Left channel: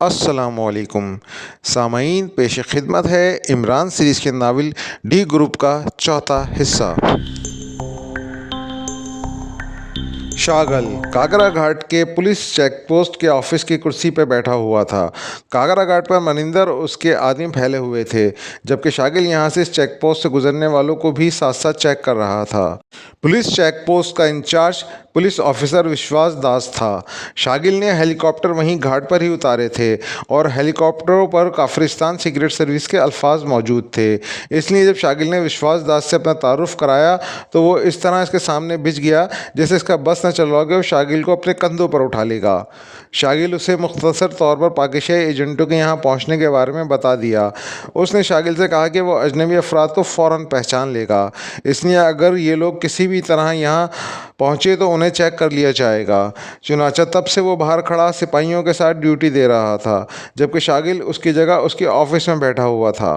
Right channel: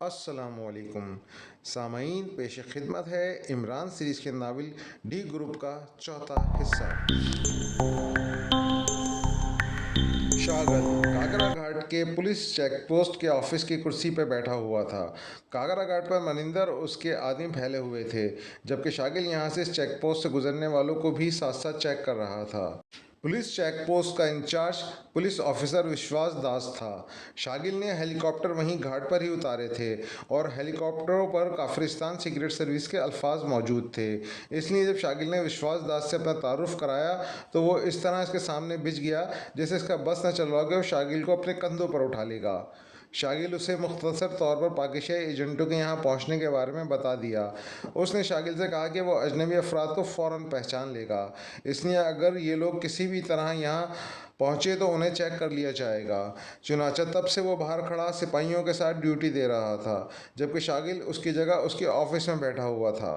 अस्सलामुअलैकुम सामईन, पेश खिदमत है इमरान सीरीज़ के नावल डी ग्रुप का चौथा हिस्सा। शागल कागरा घाट के पुलिस चेक पोस्ट के ऑफिस की कुर्सी पर बैठा हुआ था। कागरा घाट पर मनिंदर और उसके आदमी फैले हुए थे, जबकि शागिल यहाँ से इस चेक पोस्ट से गुजरने वालों को भी साथ साथ चेक कर रहा था। पुलिस चेक पोस्ट का इंचार्ज पुलिस ऑफिसर विश्वास दास था। शागिल ने हेलीकॉप्टर वहीं घाट पर ही उतारे थे और हेलीकॉप्टरों पर काफिरिस्तान सिगरेट सर्विस के अल्फाज मौजूद थे। इसलिए जब शागिल ने विश्वास दास से अपना तारुफ कराया तो वो इस तरह इसके सामने भिज गया जैसे इसका बस न चल रहा हो शागिल को अपने कंधों पर उठा लेगा। शागिल उसे मुख्तसर तौर पर पाकिस्तानी एजेंटों के यहाँ पहुँचने के बारे में बता दिया। उसने शागिल से कहा कि वो अजनबी अफराद को फ़ौरन पहचान लेगा, इसलिए अगर ये लोग किसी भी तरह यहाँ पहुँचे तो उन्हें चेक कर लिया जाएगा। चुनाचा तब से वो बाहर खड़ा सिपाहियों के साथ ड्यूटी दे रहा था, जबकि शागिल उसकी जगह उसके ऑफिस में बैठा हुआ था।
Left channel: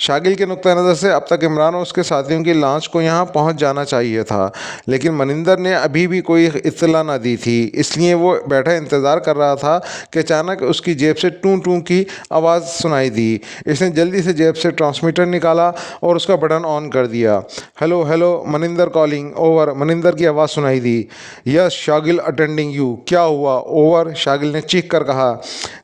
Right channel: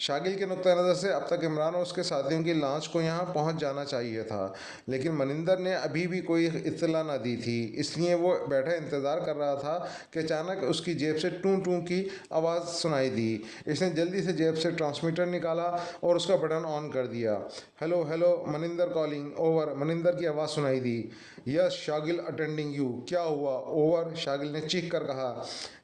शागिल के नुक्ता नज़र से अब तक इमरान और उसके साथियों की लॉन्च को यहाँ पहुँच जाना चाहिए था, लेकिन मनिंदर ने अभी भी कोई इत्तला ना दी थी। इसलिए वो बैठा इंतज़ार कर रहा था कि अचानक उसकी जेब से टूं टूं की आवाज़ सुनाई दी। इसने जल्दी से जेब से ट्रांसमीटर निकाला और उसका बटन ऑन कर दिया। Hello hello, Maninder calling, over. Maninder की आवाज़ सुनाई दी। Yes Shagil attending you. क्या हुआ? ओवर। शागिल ने चीख कर कहा,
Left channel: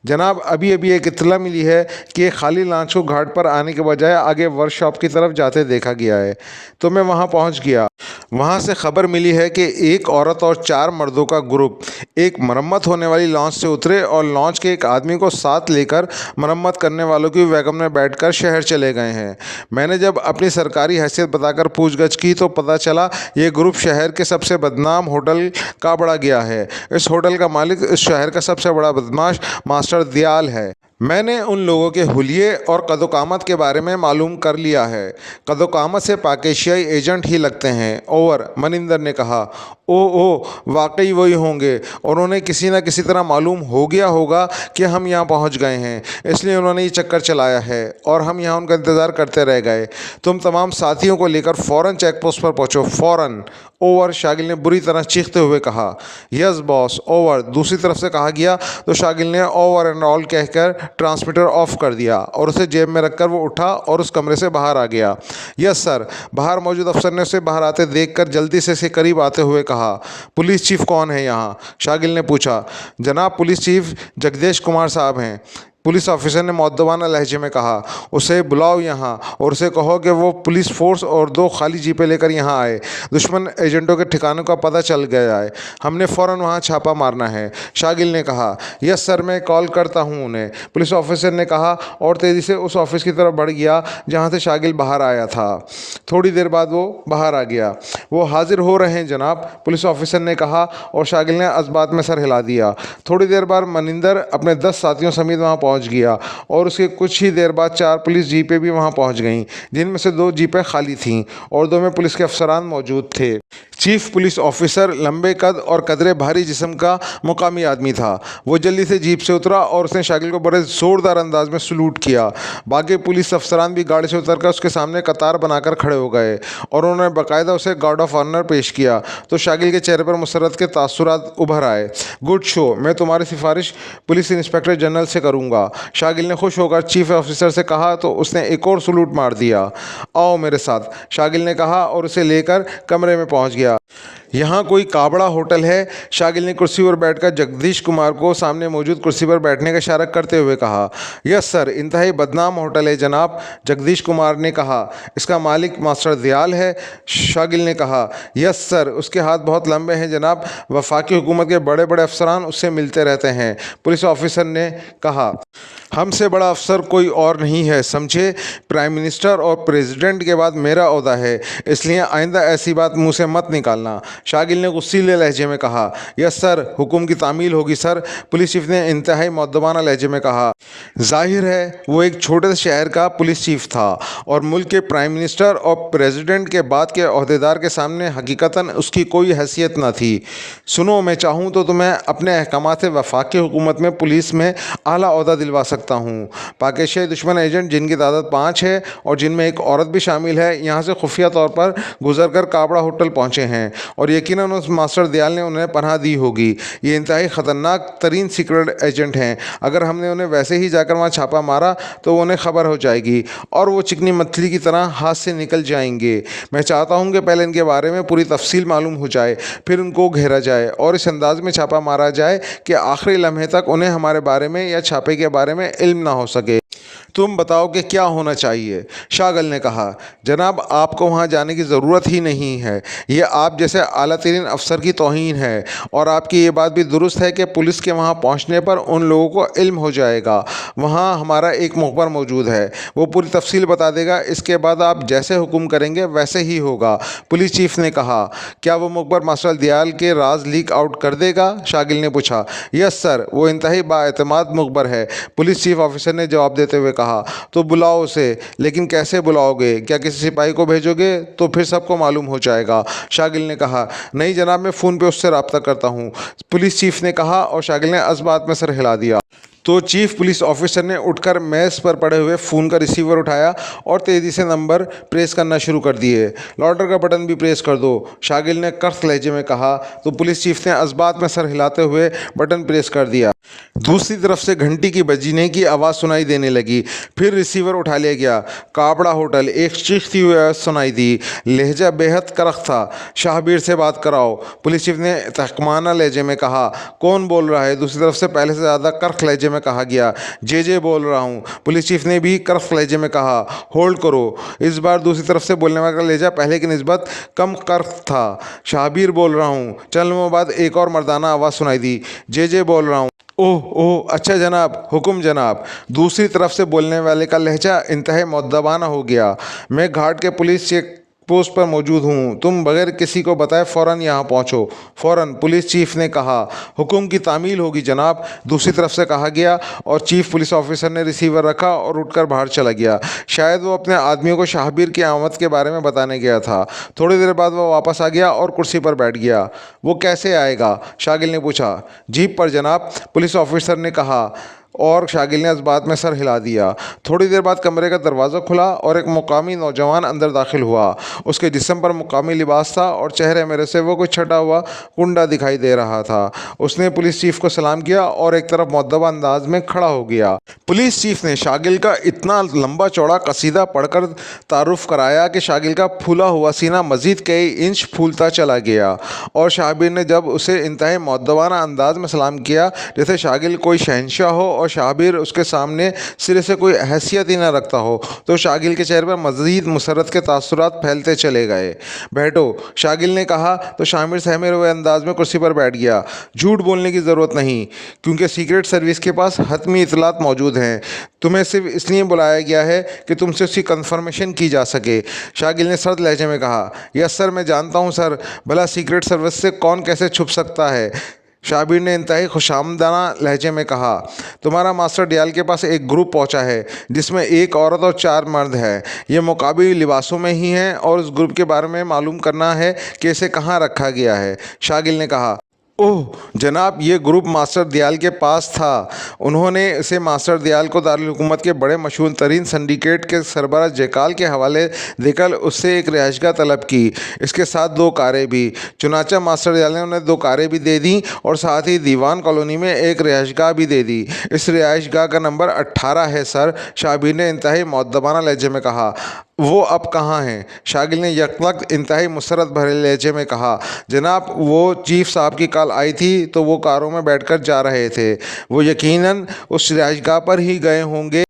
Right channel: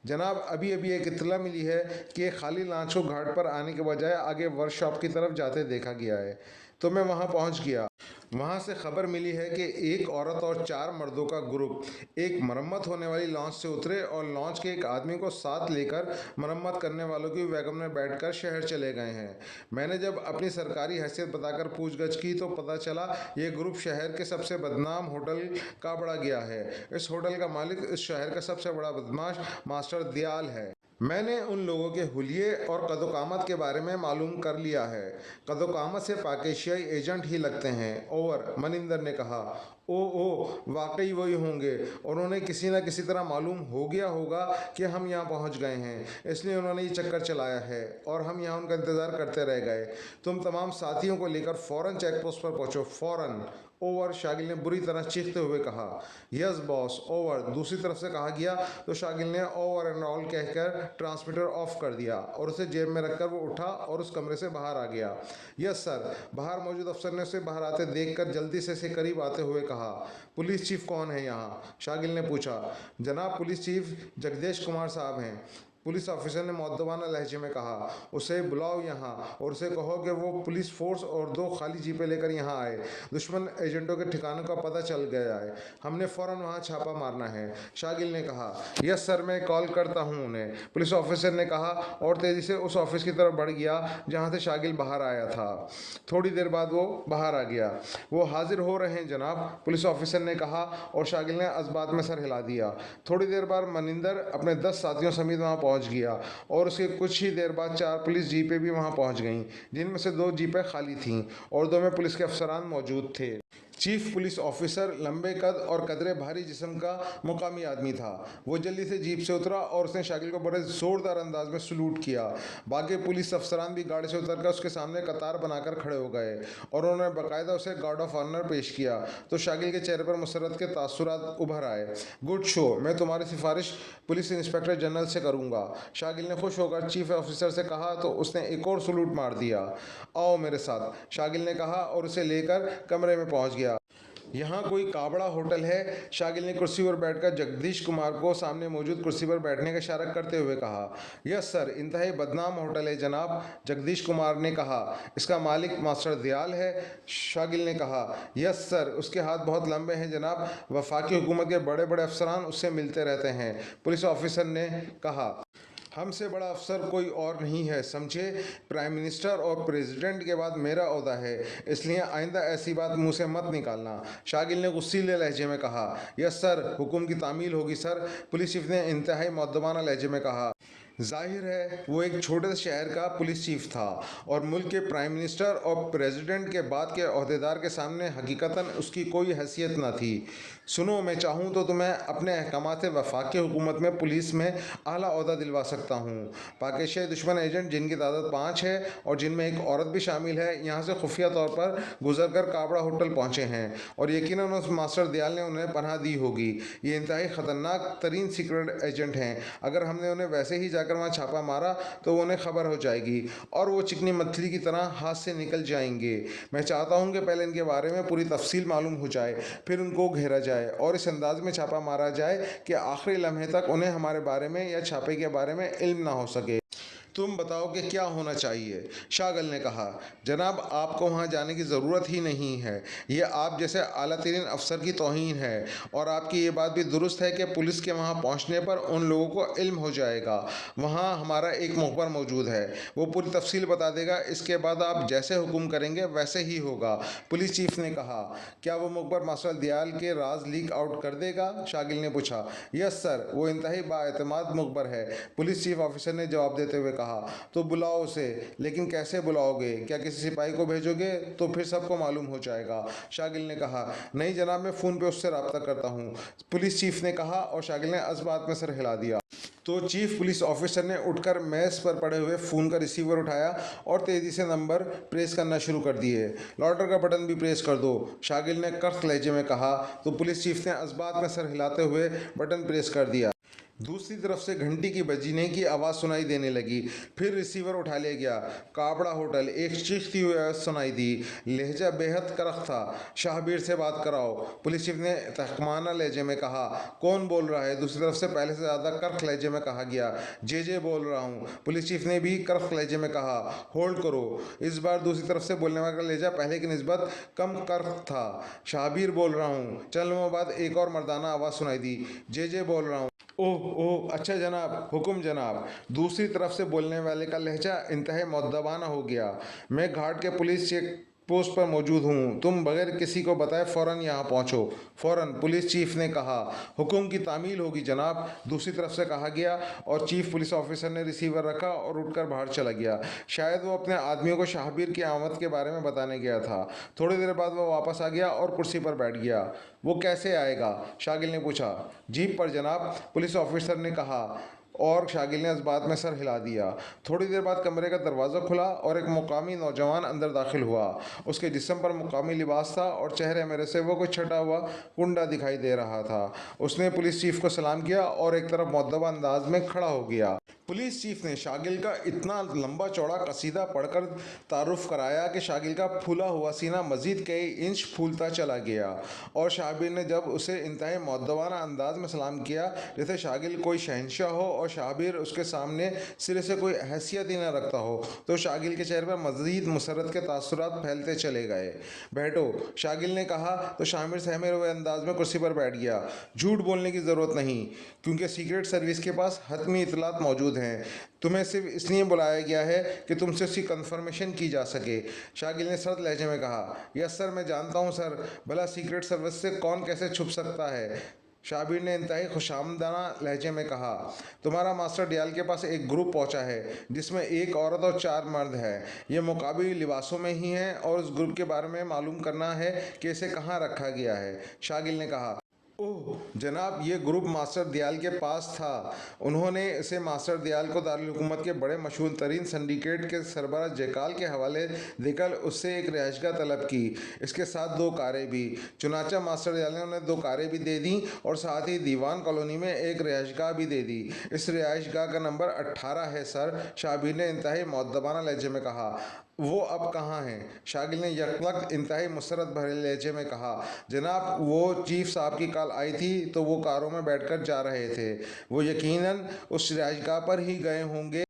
जनाब अभी अभी एक इत्तला मिली है कि खाली लॉन्च को घाट पर आने के बजाय आगे वर्कशॉप की तरफ जाते देखा गया है, तो मैं वहां पहुंच गया। वहां से खबर मिली है कि एक औरत और 4 मर्दों का ग्रुप एक मरम्मत होने वाली लॉन्च से उतरे और लॉन्च के एक आदमी को साथ लेकर मरम्मत करने वालों की वैगन में बैठकर शहर चले गए हैं। मैंने जब अपनी सरकारी हैसियत बताकर पूछगछ की तो पता चला ये ग्रुप शहर के सबसे बदनाम होटल का बड़ा गया है। इस होटल का मालिक इस शहर का सबसे बड़ा बदमाश मास्टर दयाल है। मैंने उन लोगों के हुलिये और कदोकामत के बारे में मालूम कर लिया है। कदोकामत से पाकिस्तानी एजेंट ही लगते हैं। ओवर। मनिंदर ने कहा, ओ वाकई वही होंगे और उन्हें किसी न किसी तरह मालूम हो गया होगा कि हम यहाँ पहुँच गए हैं, इसलिए उन्होंने ये चक्कर चलाया है और हम यहाँ उनका इंतज़ार करते रह गए। तुम तमाम साथियों को लेकर फ़ौरन चेक पोस्ट पर पहुँचो, फ़ौरन। ओवर। शागिल ने बुरी तरह चीखते हुए कहा। Yes boss. ओवर। दूसरी तरफ से कहा गया तो शागिल ने ओवर एंड ऑल कहकर ट्रांसमीटर ऑफ कर दिया और उसे जेब में रखकर वो उठा और उस कमरे से बाहर आ गया। Yes sir. बाहर मौजूद अफसर ने उसे बाहर आते देखकर जल्दी से इसके करीब आते हुए कहा, पुलिस चीफ कौन है यहाँ? शागिल ने पूछा। जनाब पुलिस चीफ जगदीश कुमार साहब हैं। पुलिस ऑफिसर ने मुअद्दबाना लहजे में कहा। उसे बुलाओ यहाँ और उसे कहो कि वो पुलिस फोर्स और 2 खाली जीपें लेकर यहाँ आए। दुश्मन एजेंटों के ठिकानों का पता चल गया है, हमने फ़ौरन वहाँ छापा मारना है। शागिल ने कहा। यस सर, मैं कॉल करता हूँ उन्हें, पुलिस ऑफिसर ने कहा और तेज़ी से उस ऑफिस की तरफ बढ़ गया जहाँ से शागिल बाहर आया था। थोड़ी देर बाद वो बाहर आ गया। वो हाजिर हो रहे हैं जनाब, पुलिस ऑफिसर ने कहा और शागिल ने असबात में सर हिला दिया। थोड़ी देर बाद मनिंदर अपने 10 साथियों समेत वहाँ पहुँच गया और उसके कुछ ही देर बाद 4 पुलिस जीपें भी वहाँ पहुँच गईं, जिनमें से 2 जीपें खाली थीं और 2 में पुलिस के अफसरान मौजूद थे। चीफ पुलिस ऑफिसर लंबे कद और कदरे भारी जिस्म का मुकामी आदमी था। वो जल्दी से जीप से उतरा और उसने शागिल को बड़े ज़ोरदार अंदाज में सलूट किया। बाकी पुलिस अफसरान भी गाड़ी से उतरकर उसके सामने कतार बनाकर खड़े हो गए और उन्होंने बाकायदा उसे गार्ड ऑफ ऑनर पेश किया तो शागिल के चेहरे पर मुसरत के तासुरात उभर आए। गुड शो, मैं तुम्हारी सिफारिश पुलिस इंस्पेक्टर जनरल से करूँगा। शागिल ने खुश होकर चीफ ऑफिसर से कहा तो उसने एक और सलूट मार दिया। आओ मेरे साथ, शागिल ने कहा और उसे लेकर कमरे में पहुंच गया। यहाँ कोई काबड़ा होटल है? शागिल ने कुर्सी पर बैठकर जगदीश कुमार को सामने मौजूद कुर्सी पर बैठने का इशारा करते हुए कहा। यस सर, इंतहाई बदनाम होटल है जनाब, जगदीश कुमार ने कहा। इसका मालिक मास्टर दयाल है। शागिल ने कहा। यस सर, उसके हाथ बहुत लंबे हैं जनाब, वफाकी हुकूमत के बड़े बड़े अफसरान उससे मिलते रहते हैं, पुलिस ऑफिसर ने कहा। हमसे बड़ा अफसर कोई और नहीं है, समझे? प्राइम मिनिस्टर और प्रेसिडेंट के बाद मेरा ओहदा है, इसलिए आइंदा ऐसी बात मुंह से मत निकालना। शागिल ने गुस्सीले लहजे में कहा। यस सर, हुक्म की तामील होगी सर, पुलिस चीफ ने इंतहाई मुअद्दबाना लहजे में कहा। जाहिर है वो एक छोटे से शहर का पुलिस चीफ था और मुल्क के प्राइम मिनिस्टर और प्रेसिडेंट के बाद के ओहदेदार के सामने हकीकतन उसकी कोई हैसियत न थी। सुनो, मैं चाहूँ तो तुम्हें अपने अहकामात से वफाकी हुकूमत में पुलिस में आला ओहदा दिलवा सकता हूँ। पाकिस्तानी दुश्मन एजेंट जिनकी तादाद 5 है और जिनमें एक औरत भी शामिल है, यहाँ से खुफिया तौर पर गुजर कर काबड़ा होटल पहुँचे हैं और यकीनन उस मास्टर दयाल ने उन्हें पनाह दी होगी। ये इंतहाई ख़तरनाक तरीन सीक्रेट एजेंट हैं। अगर हमने उन्हें वैसे ही जाकर वहाँ छापा मारा तो उन्हें खबर हो जाएगी और वो चिकनी मछली की तरह हाथ से निकल जाएंगे। मैं चाहता हूँ कि पहले इनके बारे में पूरी तफसील मालूम हो जाए, फिर उनको घेरा जाए और इस अंदाज में छापा मारा जाए कि आखिरी लम्हे तक उन्हें हमारे बारे में या छापे के बारे में इल्म ना हो सके। तुम बताओ कि क्या होना चाहिए? शागल ने कहा, जनाब आपको वहाँ जाने की ज़रूरत ही नहीं है। ये आप जैसे आला तरीन अफसर की तौहीन है और आपकी ये बात भी दुरुस्त है कि पुलिस के वहाँ पहुँचने पर उन लोगों को इल्म हो जाएगा। वहाँ हमारा एक मुखबर मौजूद है, वो पूरी तफसील बता देगा। इसके बाद आप जैसे हुक्म करेंगे वैसे ही होगा। पुलिस चीफ ने कहा। क्या वो मुखबर मास्टर दयाल के राज लीक आउट कर देगा? शागिल ने पूछा। यस सर, वो इंतहाई बाएतमाद मुखबर है, पुलिस चीफ ऑफिसर ने जवाब देते हुए कहा। तो बुलाओ उसे। लेकिन कैसे बुलाओगे? क्या किसी सिपाही को भेजोगे? तो फिर सबको मालूम हो जाएगा। शागिल ने कहा। नहीं जनाब, मैं फ़ोन पे उससे रब्ता करता हूँ, पुलिस चीफ ने कहा और शागिल ने इस बात में सर हिला दिया। तो चीफ पुलिस ऑफिसर ने उठकर मेज़ पर पड़े हुए फ़ोन का रिसीवर उठाया और तेज़ी से नंबर प्रेस करना शुरू कर दिए। लाउडर का बटन भी प्रेस कर दो, शागिल ने कर्ख लहजे में कहा। तो पुलिस चीफ ने इस बात में सर हिलाते हुए बटन प्रेस कर दिया। दूसरी तरफ से घंटी की बजने की आवाज़ सुनाई देने लगी। फिर रिसीवर उठा लिया गया। काबड़ा होटल, एक चीखती हुई आवाज़ सुनाई दी। लहजा बेहद करख था। शाहबीर से बात कराओ, पुलिस चीफ ने तहकमाना लहजे में कहा। कौन बोल रहा है? दूसरी तरफ से पहले से ज़्यादा करख लहजे में कहा गया। जे बोल रहा हूँ, पुलिस चीफ ने भी करख लहजे में कहा। होल्ड करो। इस बार दूसरी तरफ से बोलने वाले का लहजा पहले की निस्बत कम करख था। शाहबीर बोल रहा हूँ। चंद लम्हों बाद एक और मर्दाना आवाज़ सुनाई दी। जे बोल रहा हूँ। ओह ओह, अच्छा जनाब, हुक्म जनाब। दूसरी तरफ से बोलने वाले का लहजा इंतहाई मुअद्दबाना हो गया। मैं घाट के पुलिस चेक पोस्ट पर मौजूद हूँ, तुम बगैर किसी को बताए फ़ौरन यहाँ पहुँचो, फ़ौरन, पुलिस चीफ ने कहा। हुक्म की तामील होगी जनाब, दूसरी तरफ से कहा गया और चीफ पुलिस ऑफिसर ने रिसीवर रखा और उठकर बाहर चला गया। शायद वो अपने आदमियों को शाहबीर की आमद के बारे में बताने गया था। थोड़ी देर बाद वो वापस आ गया और कुर्सी पर बैठ गया। वो कैसे आएगा? शागिल ने पूछा। जीप पर जनाब, पुलिस ऑफिसर ने कहा और शागिल ने इस बात में सर हिला दिया। थोड़ी देर बाद कमरे का दरवाज़ा खुला और एक मुकामी नौजवान अंदर दाखिल हुआ। उसके जिस्म पर मुकामी लिबास था और चेहरे में से वो कुछ छटा हुआ कुंडा दिखाई दे रहा था। उसने पुलिस चीफ को सलाम किया और एक तरफ मुअद्दब अंदाज में खड़ा हो गया। पुलिस चीफ ने शागिल का इतना लंबा चौड़ा कसीदा पढ़कर तारुफ कराया कि शागिल का फूला हुआ सीना मज़ीद कई इंच फूलता चला गया और शाहबीर ने जब उसे इंतहाई मुअद्दबाना अंदाज में सलाम किया जैसे शागिल कोई शहंशाह हो और शाहबीर उसके सामने सिरे से कोई हैसियत ही न रखता हो, तो शागिल के चेहरे पर मज़ीद मुसरत के तासुरात फैलते चले गए। बैठो, शागिल ने कहा तो शामिर सहमे हुए अंदाज में कुर्सी पर बैठ गया। झूठ बोलने की ज़रूरत नहीं, क्योंकि सीक्रेट सर्विस के पास हतमी इतलात मौजूद हैं। तुम्हें सिर्फ इसलिए बुलाया गया है कि तुमसे उसकी कंफर्मेशन की जा सके। शागिल ने सर्द लहजे में कहा। यस सर, मैं जानता हूँ सर, भला सीक्रेट सर्विस से कौन कैसे छुप सकता है? शाबिर ने इंतहाई खुशामदाना लहजे में कहा। तुम्हारा मास्टर दयाल के पास एक ग्रुप पहुंचा है जिसमें एक औरत और 4 मर्द हैं। ये मुकाबली लिबासों में ही हैं और उस ग्रुप के बारे में मालूम करना है कि इसे कहाँ रखा गया है। शागिल ने कहा। ओह जनाब, ये ग्रुप मास्टर दयाल के पास था। उन्होंने इसे मास्टर दयाल को दारुल हुकूमत के बड़े मशहूर तरीन सिंडिकेट के सरबराह जयकाल के हवाले देकर उससे एक रिहाइशगाह तलब की, इसके साथ 2 कारें भी। चुनाचा मास्टर दयाल ने उन्हें 2 कारें भी दे दी और साथ ही दीवान कॉलोनी में एक रिहाइशगाह भी दे दी। इस रिहाइशगाह का नंबर 18 है सर, शाबिर ने इंतहाई मुअद्दबाना लहजे में कहा। वो अब कहाँ हैं? शागिल ने यकवक्त इंतहाई मुसरत भरे लहजे में कहा। जनाब, वो चीफ साहब की कॉल आई थी तो वो कारों में बैठकर जा रहे थे। वो यकीनन उस रिहाइशगाह पर ही गए होंगे।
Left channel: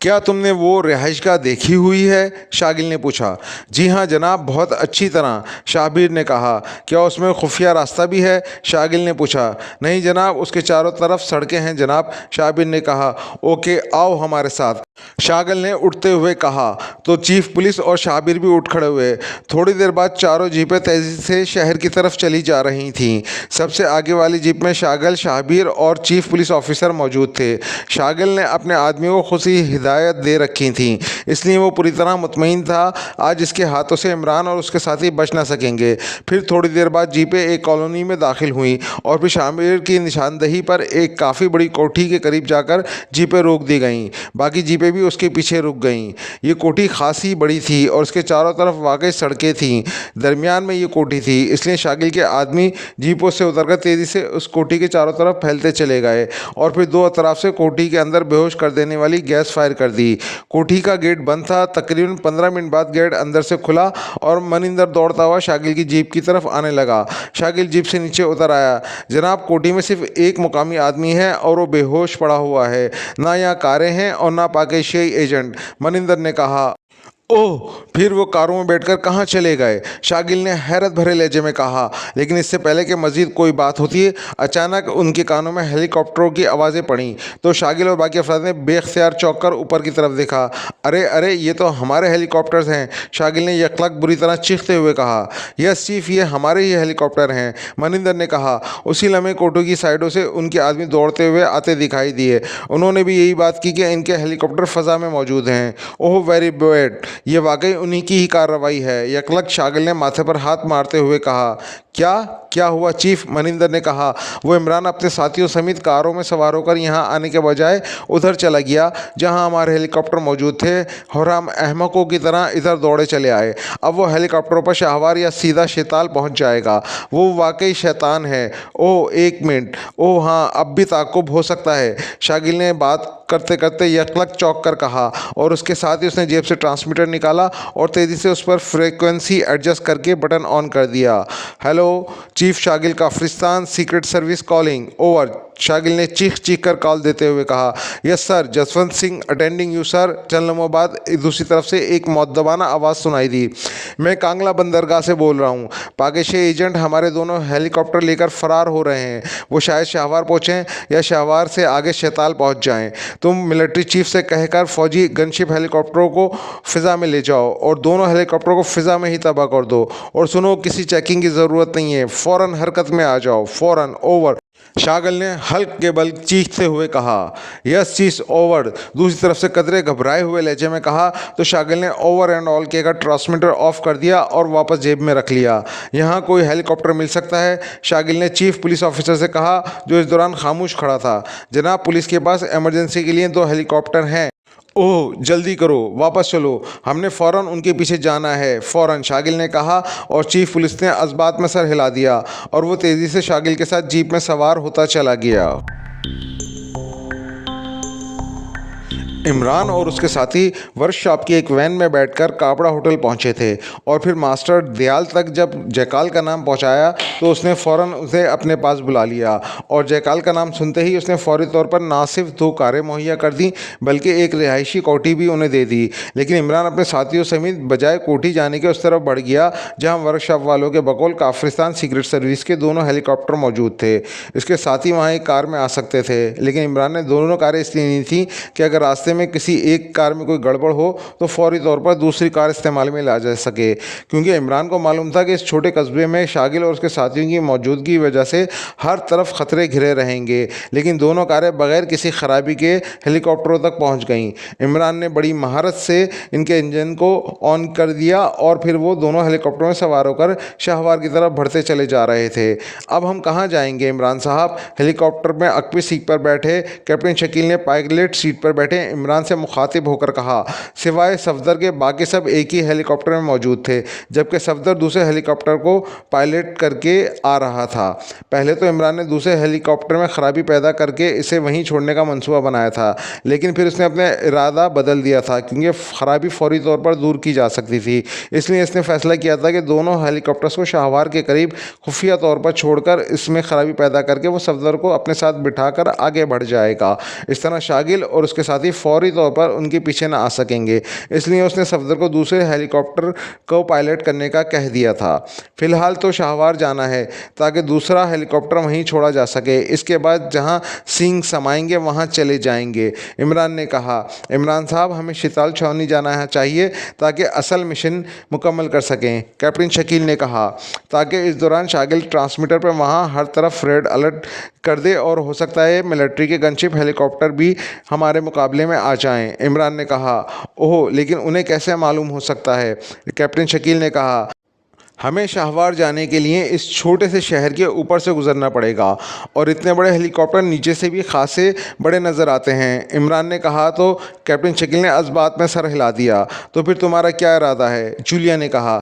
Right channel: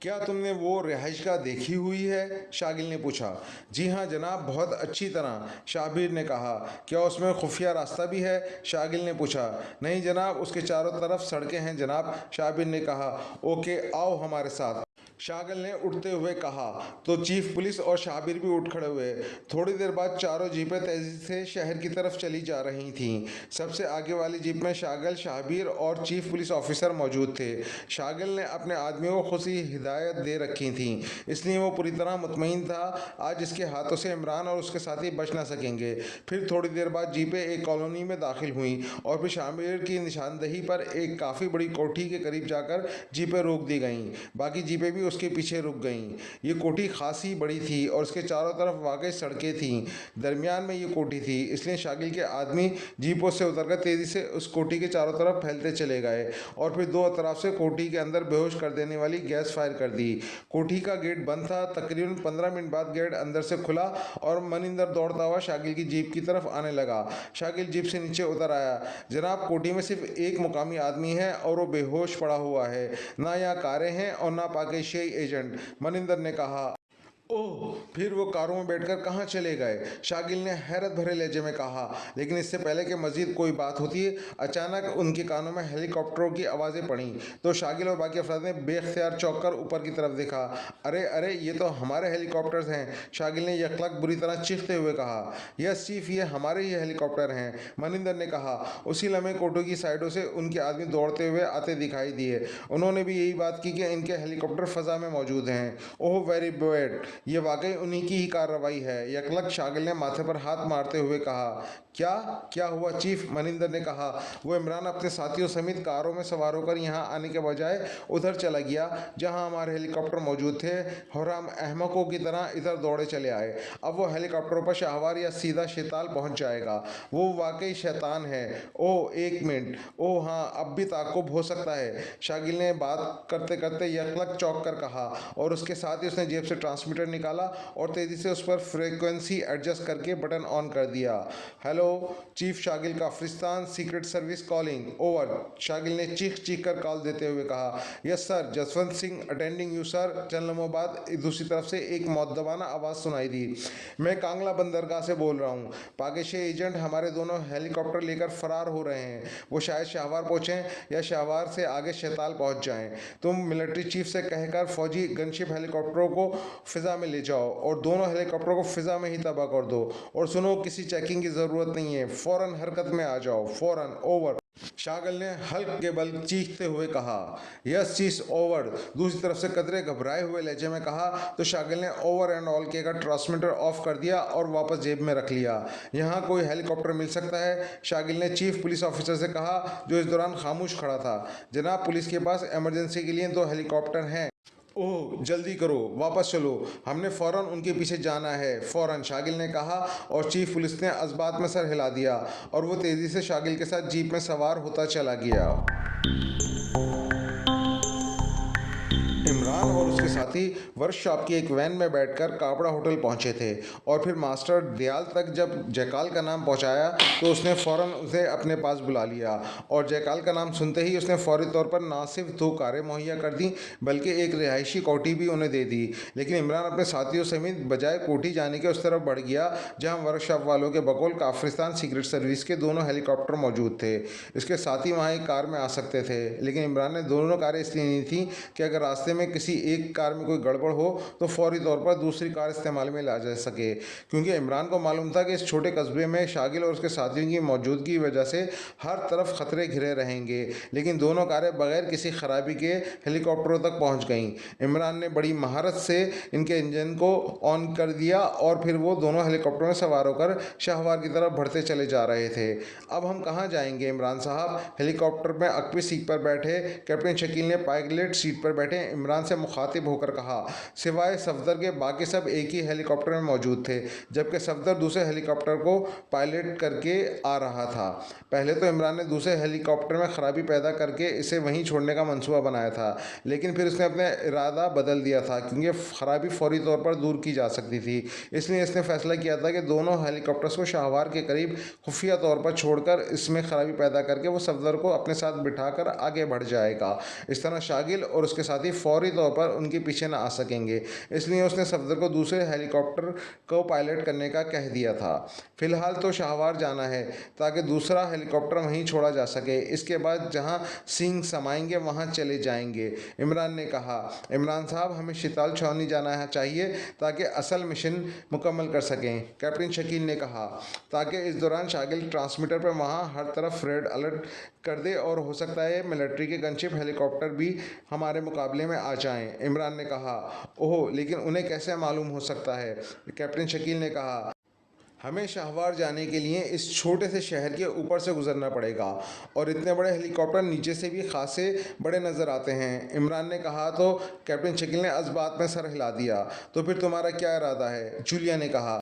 क्या तुमने वो रिहाइशगाह देखी हुई है? शागिल ने पूछा। जी हाँ जनाब, बहुत अच्छी तरह, शाबिर ने कहा। क्या उसमें खुफिया रास्ता भी है? शागिल ने पूछा। नहीं जनाब, उसके चारों तरफ सड़कें हैं जनाब, शाबिर ने कहा। ओके, आओ हमारे साथ, शागिल ने उठते हुए कहा। तो चीफ पुलिस और शाबिर भी उठ खड़े हुए। थोड़ी देर बाद चारों जीपें तेज़ी से शहर की तरफ चली जा रही थीं। सबसे आगे वाली जीप में शागिल, शाबिर और चीफ पुलिस ऑफिसर मौजूद थे। शागिल ने अपने आदमियों को खुशी हिदायत दे रखी थी, इसलिए वो पूरी तरह मुतमईन था आज इसके हाथों से इमरान और उसके साथी बच ना सकेंगे। फिर थोड़ी देर बाद जीपें एक कॉलोनी में दाखिल हुई और फिर शामिर की निशानदही पर एक काफ़ी बड़ी कोठी के करीब जाकर जीपें रोक दी गईं। बाकी जीपें बोटें भी उसके पीछे रुक गईं। ये कोठी खासी बड़ी थी और उसके चारों तरफ वाकई सड़कें थीं। दरमियान में ये कोठी थी, इसलिए शागिल के आदमी जीपों से उतरकर तेज़ी से उस कोठी के चारों तरफ फैलते चले गए और फिर दो अतराफ से कोठी के अंदर बेहोश कर देने वाली गैस फायर कर दी। कोठी का गेट बंद था। तकरीबन 15 मिनट बाद गेट अंदर से खुला और मनिंदर दौड़ता हुआ शागिल की जीप की तरफ आने लगा। शागिल जीप से नीचे उतर आया। जनाब, कोठी में सिर्फ एक मुकामी आदमी है और वो बेहोश पड़ा हुआ है। ना यहाँ कारें हैं और ना पाकिस्तानी एजेंट, मनिंदर ने कहा। ओह, फिर वो कारों में बैठकर कहाँ चले गए? शागिल ने हैरत भरे लहजे में कहा। लेकिन इससे पहले कि मजीद कोई बात होती है, अचानक उनके कानों में हेलीकॉप्टरों की आवाज़ें पड़ीं। तो शागिल और बाकी अफराद ने बेख्तियार चौंक कर ऊपर की तरफ देखा। अरे अरे, ये तो हमारे हेलीकॉप्टर्स हैं, शागिल ने यकलक बुरी तरह चीखते हुए कहा। यस चीफ, ये हमारे ही हेलीकॉप्टर हैं, मनिंदर ने कहा। उसी लम्हे कोठो की साइडों से उनके आदमी दौड़ते हुए आते दिखाई दिए। उन्होंने भी यही बात की कि इनके हेलीकॉप्टर फ़ज़ा में मौजूद हैं। ओह वेरी बैड, ये वाकई उन्हीं की ही कार्रवाई है, यकलक शागिल ने माथे पर हाथ मारते हुए कहा। क्या क्या हुआ चीफ? मनिंदर ने कहा। वो इमरान अपने साथियों समेत कारों में सवार होकर यहाँ आने के बजाय उधर चला गया जहाँ हमारे हेलीकॉप्टर मौजूद थे और हम अहमकों की तरह इधर दौड़े चले आए। अब वो हेलीकॉप्टरों पर शाहवार या सीधा शैताल पहुँच जाएगा। वो वाकई शैतान है। ओह एक मिनट, ओह हाँ, अब भी ताक़ुब हो सकता है, शागिल ने बात करते करते यकलक चौंक कर कहा और उसके साथ ही उसने जेब से ट्रांसमीटर निकाला और तेज़ी से उस पर फ्रीक्वेंसी एडजस्ट करके बटन ऑन कर दिया। Hello chief, Shagil Kafiristan secret service calling, over, Shagil ने चीख चीख कर कॉल देते हुए कहा। Yes sir, Jaswant Singh attending you sir. चंद लम्हों बाद दूसरी तरफ से एक मुअद्दबाना आवाज़ सुनाई दी। मैं कांगला बंदरगाह से बोल रहा हूँ। पाकिस्तानी एजेंट हमारे दोनों हेलीकॉप्टर लेकर फ़रार हो रहे हैं। वो शायद शाहवार पहुँचें या शाहवार से आगे शैताल पहुँच जाएँ। तुम मिलिट्री चीफ से कहकर फ़ौजी गनशिप हेलीकॉप्टरों को फ़िज़ा में ले जाओ और दोनों हेलीकॉप्टरों को फ़िज़ा में ही तबाह कर दो। और सुनो, किसी चेकिंग की ज़रूरत नहीं है, फ़ौरन हरकत में आ जाओ, फ़ौरन, ओवर, शागिल ने हल्क के बल चीखते हुए कहा। यस चीफ, ओवर, दूसरी तरफ से कदरे घबराए हुए लहजे में कहा तो शागिल ने ओवर एंड ऑल कहकर ट्रांसमीटर ऑफ कर दिया और वापस जेब में रख लिया। यहाँ कोई हेलीकॉप्टर मिल सकता है? शागिल ने चीफ पुलिस ऑफिसर से कहा जो इस दौरान खामोश खड़ा था। जनाब, पुलिस के पास इमरजेंसी के लिए 2 हेलीकॉप्टर हैं। ओह जल्दी करो, वापस चलो, हमने फ़ौरन उनके पीछे जाना है, फ़ौरन, शागिल ने कहा और चीफ पुलिस ने अज़बात में सर हिला दिया और वो तेज़ी से शागिल के साथ जीप में सवार होता चला गया। इमरान और उसके साथी वर्कशॉप की एक वैन में बैठकर काबड़ा होटल पहुंचे थे और फिर मास्टर दयाल तक जब जयकाल का नाम पहुंचाया तो उसने फ़ौरन उसे अपने पास बुला लिया और जयकाल का नाम सुनते ही उसने फौरी तौर पर ना सिर्फ 2 कारें मुहैया कर दी बल्कि एक रिहायशी कोठी भी उन्हें दे दी। लेकिन इमरान अपने साथियों समेत बजाय कोठी जाने के उस तरफ बढ़ गया जहाँ वर्कशॉप वालों के बकौल काफरिस्तान सीक्रेट सर्विस के दोनों हेलीकॉप्टर मौजूद थे। इसके साथ ही वहाँ एक कार में आ सकते थे, लेकिन इमरान ने दोनों कारें इसलिए नहीं थी कि अगर रास्ते में किसी एक कार में कोई गड़बड़ हो तो फौरी तौर पर दूसरी कार इस्तेमाल में ला जा सके, क्योंकि इमरान को मालूम था कि इस छोटे कस्बे में शागिल और उसके साथियों की मौजूदगी की वजह से हर तरफ खतरे घिरे रहेंगे। लेकिन दोनों कारें बगैर किसी खराबी के हेलीकॉप्टरों तक पहुंच गईं। इमरान ने बड़ी महारत से इनके इंजन को ऑन कर दिया और फिर वो दोनों हेलीकॉप्टरों में सवार होकर शाहवार की तरफ बढ़ते चले जा रहे थे। अब हम कहाँ जाएंगे इमरान साहब? हेलीकॉप्टर में अक्वी सीट पर बैठे कैप्टन शकील ने पायलट सीट पर बैठे इमरान से मुखातिब होकर कहा। सिवाय सफदर के बाकी सब एक ही हेलीकॉप्टर में मौजूद थे, जबकि सफदर दूसरे हेलीकॉप्टर को पायलट करके आ रहा था। पहले तो इमरान ने दूसरे हेलीकॉप्टर में खराबी पैदा करके इसे वहीं छोड़ने का मंसूबा बनाया था, लेकिन फिर उसने अपना इरादा बदल दिया था क्योंकि खराबी फौरी तौर पर दूर की जा सकती थी। इसलिए इसने फैसला किया था कि दोनों हेलीकॉप्टर्स को शाहवार के करीब खुफिया तौर पर छोड़कर इसमें खराबी पैदा करके वो सफदर को अपने साथ बिठाकर आगे बढ़ जाएगा। इस तरह शागिल और उसके साथी फौरी तौर पर उनके पीछे न आ सकेंगे। इसलिए उसने सफदर को दूसरे हेलीकॉप्टर को पायलट करने का कह दिया था। फिलहाल तो शाहवार जाना है ताकि दूसरा हेलीकॉप्टर वहीं छोड़ा जा सके, इसके बाद जहां सिंह समाएंगे वहां चले जाएंगे, इमरान ने कहा। इमरान साहब, हमें शिताल छावनी जाना है चाहिए ताकि असल मिशन मुकम्मल कर सकें, कैप्टन शकील ने कहा, ताकि इस दौरान शागिल ट्रांसमीटर पर वहां हर तरफ रेड अलर्ट कर दे और हो सकता है मिलिट्री के गनशिप हेलीकॉप्टर भी हमारे मुकाबले में आ जाएं, इमरान ने कहा। ओह, लेकिन उन्हें कैसे मालूम हो सकता है? कैप्टन शकील ने कहा। हमें शाहवार जाने के लिए इस छोटे से शहर के ऊपर से गुजरना पड़ेगा और इतने बड़े हेलीकॉप्टर नीचे से भी खासे बड़े नज़र आते हैं। इमरान ने कहा तो कैप्टन शकील ने इस बात में सर हिला दिया। तो फिर तुम्हारा क्या इरादा है? जूलिया ने कहा।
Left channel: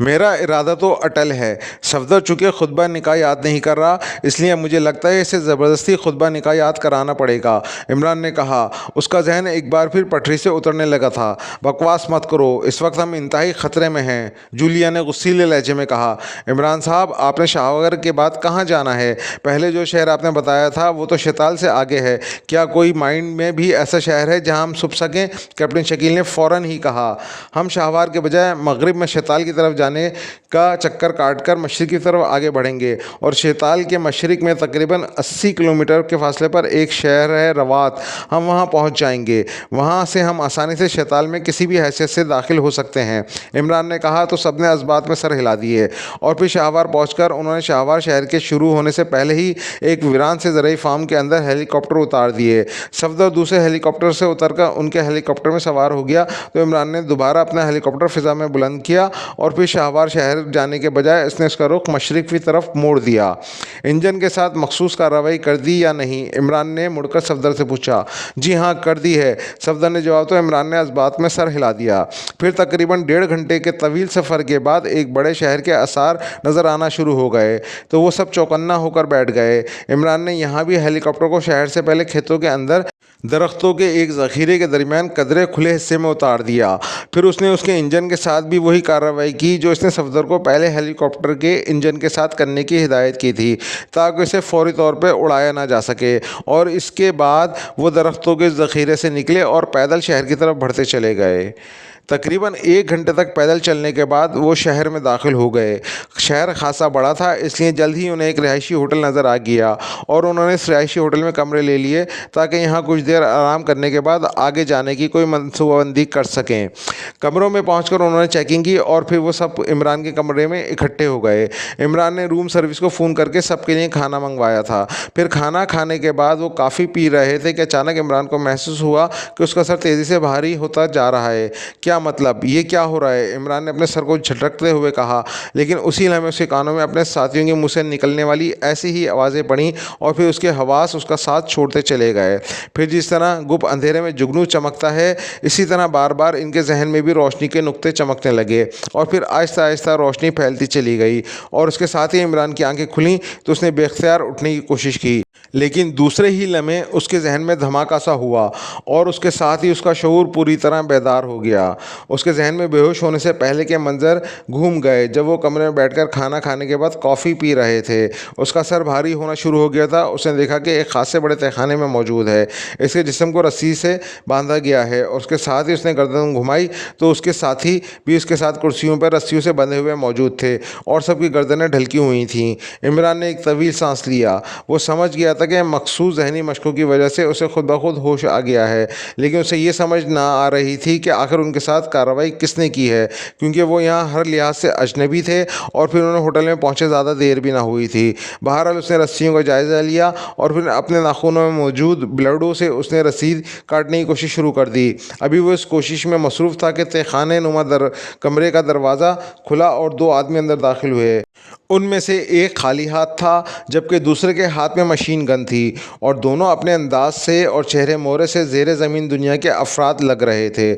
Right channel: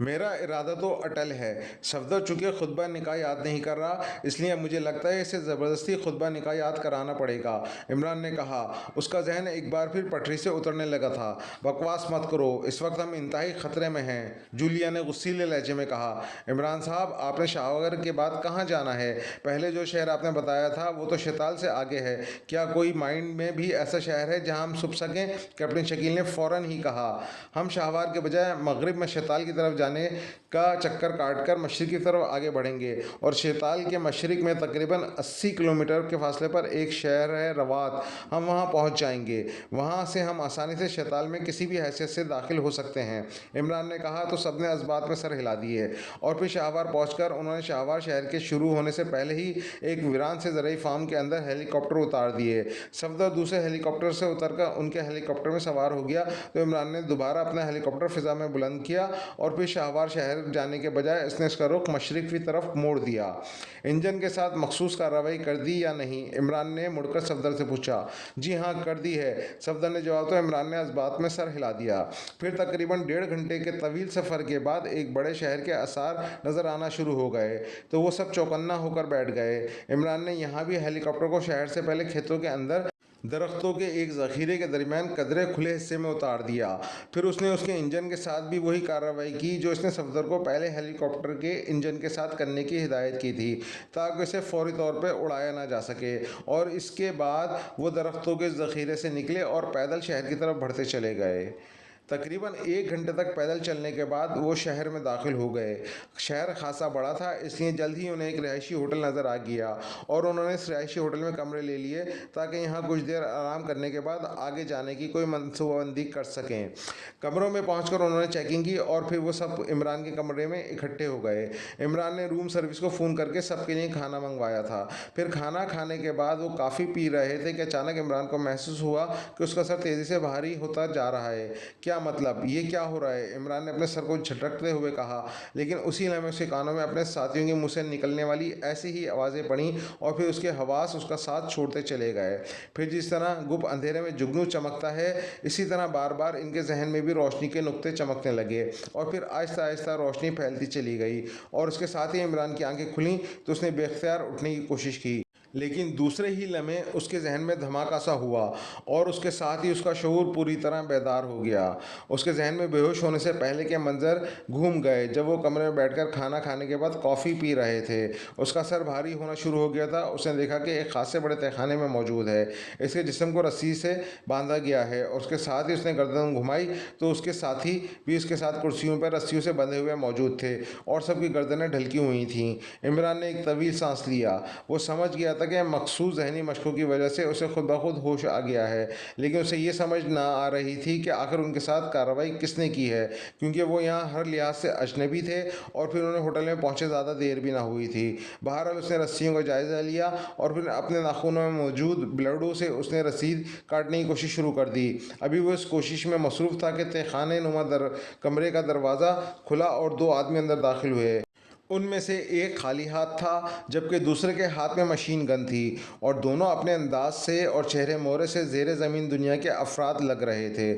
मेरा इरादा तो अटल है। सफदर चूँकि खुतबा निकाह याद नहीं कर रहा, इसलिए मुझे लगता है इसे ज़बरदस्ती खुतबा निकाह याद कराना पड़ेगा। इमरान ने कहा। उसका जहन एक बार फिर पटरी से उतरने लगा था। बकवास मत करो, इस वक्त हम इंतहाई ख़तरे में हैं, जूलिया ने गुस्सीले लहजे में कहा। इमरान साहब, आपने शाहगर के बाद कहाँ जाना है? पहले जो शहर आपने बताया था वो तो शैताल से आगे है। क्या कोई माइंड में भी ऐसा शहर है जहाँ हम छुप सकें? कैप्टन शकील ने फ़ौरन ही कहा। हम शाहवार के बजाय मगरिब में शैताल की तरफ जाने का चक्कर काटकर मशरिक की तरफ आगे बढ़ेंगे और शैताल के मशरिक में तकरीबन 80 किलोमीटर के फासले पर एक शहर है रवात। हम वहाँ पहुँच जाएंगे। वहाँ से हम आसानी से शैताल में किसी भी हैसियत से दाखिल हो सकते हैं, इमरान ने कहा। तो सबने इस बात में सर हिला दिए और फिर शाहवार पहुंचकर उन्होंने शाहवार शहर के शुरू होने से पहले ही एक वीरान से ज़रई फार्म के अंदर हेलीकॉप्टर उतार दिए। सफदर दूसरे हेलीकॉप्टर से उतरकर उनके हेलीकॉप्टर में सवार हो गया। तो इमरान ने दोबारा अपना हेलीकॉप्टर फ़िज़ा में बुलंद किया और फिर शाहवार शहर जाने के बजाय इसने उसका रुख मशरिक की तरफ मोड़ दिया। इंजन के साथ मखसूस कार्रवाई कर दी या नहीं? इमरान ने मुड़कर सफदर से पूछा। जी हाँ, कर दी है, सफदर ने जवाब। तो इमरान ने इस बात में सर हिला दिया। फिर तकरीबन 1.5 घंटे के तवील सफ़र के बाद एक बड़े शहर के आसार नज़र आना शुरू हो गए। तो वो सब चौकन्ना होकर बैठ गए। इमरान ने यहाँ भी हेलीकॉप्टर को शहर से पहले खेतों के अंदर दरख्तों के एक ज़ख़ीरे के दरमियान कदरे खुले हिस्से में उतार दिया। फिर उसने उसके इंजन के साथ भी वही कार्रवाई की जो इसने सफदर को पहले हेलीकॉप्टर के इंजन के साथ करने की हिदायत की थी, ताकि उसे फौरी तौर पर उड़ाया ना जा सके। और इसके बाद वो दरख्तों के ज़ख़ीरे से निकले और पैदल शहर की तरफ बढ़ते चले गए। तकरीबन 1 घंटे तक पैदल चलने के बाद वो शहर में दाखिल हो गए। शहर खासा बड़ा था, इसलिए जल्द ही उन्हें एक रिहायशी होटल नज़र आ गया और उन्होंने इस रिहायशी होटल में कमरे ले लिए ताकि यहाँ कुछ देर आराम करने के बाद आगे जाने की कोई मनसूबाबंदी कर सकें। कमरों में पहुंचकर उन्होंने चेकिंग की और फिर वो सब इमरान के कमरे में इकट्ठे हो गए। इमरान ने रूम सर्विस को फ़ोन करके सबके लिए खाना मंगवाया था। फिर खाना खाने के बाद वो काफ़ी पी रहे थे कि अचानक इमरान को महसूस हुआ कि उसका सर तेज़ी से भारी होता जा रहा है। क्या मतलब? ये क्या हो रहा है? इमरान ने अपने सर को झटकते हुए कहा। लेकिन उसी लम्हे उसके कानों में अपने साथियों के मुंह से निकलने वाली ऐसी ही आवाज़ें पड़ी और फिर उसके हवास उसका साथ छोड़ते चले गए। फिर जिस तरह गुप्त अंधेरे में जुगनू चमकता है, इसी तरह बार बार इनके जहन में भी रोशनी के नुक्ते चमकने लगे और फिर आहिस्ता आहिस्ता रोशनी फैलती चली गई और उसके साथ ही इमरान की आंखें खुलीं तो उसने बेख्तियार उठने की कोशिश की। लेकिन दूसरे ही लम्हे उसके जहन में धमाका सा हुआ और उसके साथ ही उसका शऊर पूरी तरह बेदार हो गया। उसके जहन में बेहोश होने से पहले के मंजर घूम गए जब वो कमरे में बैठकर खाना खाने के बाद कॉफ़ी पी रहे थे। उसका सर भारी होना शुरू हो गया था। उसने देखा कि एक खासे बड़े तहखाने में मौजूद है। इसके जिस्म को रस्सी से बांधा गया है और उसके साथ ही उसने गर्दन घुमाई तो उसके साथी भी उसके साथ कुर्सियों पर रस्सियों से बंधे हुए मौजूद थे और सबकी गर्दनें ढलकी हुई थीं। इमरान ने एक तवील सांस लिया। वो समझ गया था कि मखसूस जहनी मशकों की वजह से उसे खुद ब खुद होश आ गया है, लेकिन उसे ये समझ ना आ रही थी कि आखिर उनके साथ कार्रवाई किसने की है, क्योंकि वो यहाँ हर लिहाज से अजनबी थे और फिर उन्हें होटल में पहुँचे ज़्यादा देर भी ना हुई थी। बहरहाल उसने रस्सियों का जायज़ा लिया और फिर अपने नाखूनों में मौजूद ब्लेडों से उसने रसीद काटने की कोशिश शुरू कर दी। अभी वो इस कोशिश में मसरूफ़ था कि तहखाने नुमा कमरे का दरवाज़ा खुला और 2 आदमी अंदर दाखिल हुए। उनमें से एक खाली हाथ था जबकि दूसरे के हाथ में मशीन गन थी और दोनों अपने अंदाज से और चेहरे मोहरे से ज़ेरे ज़मीन दुनिया के अफराद लग रहे थे।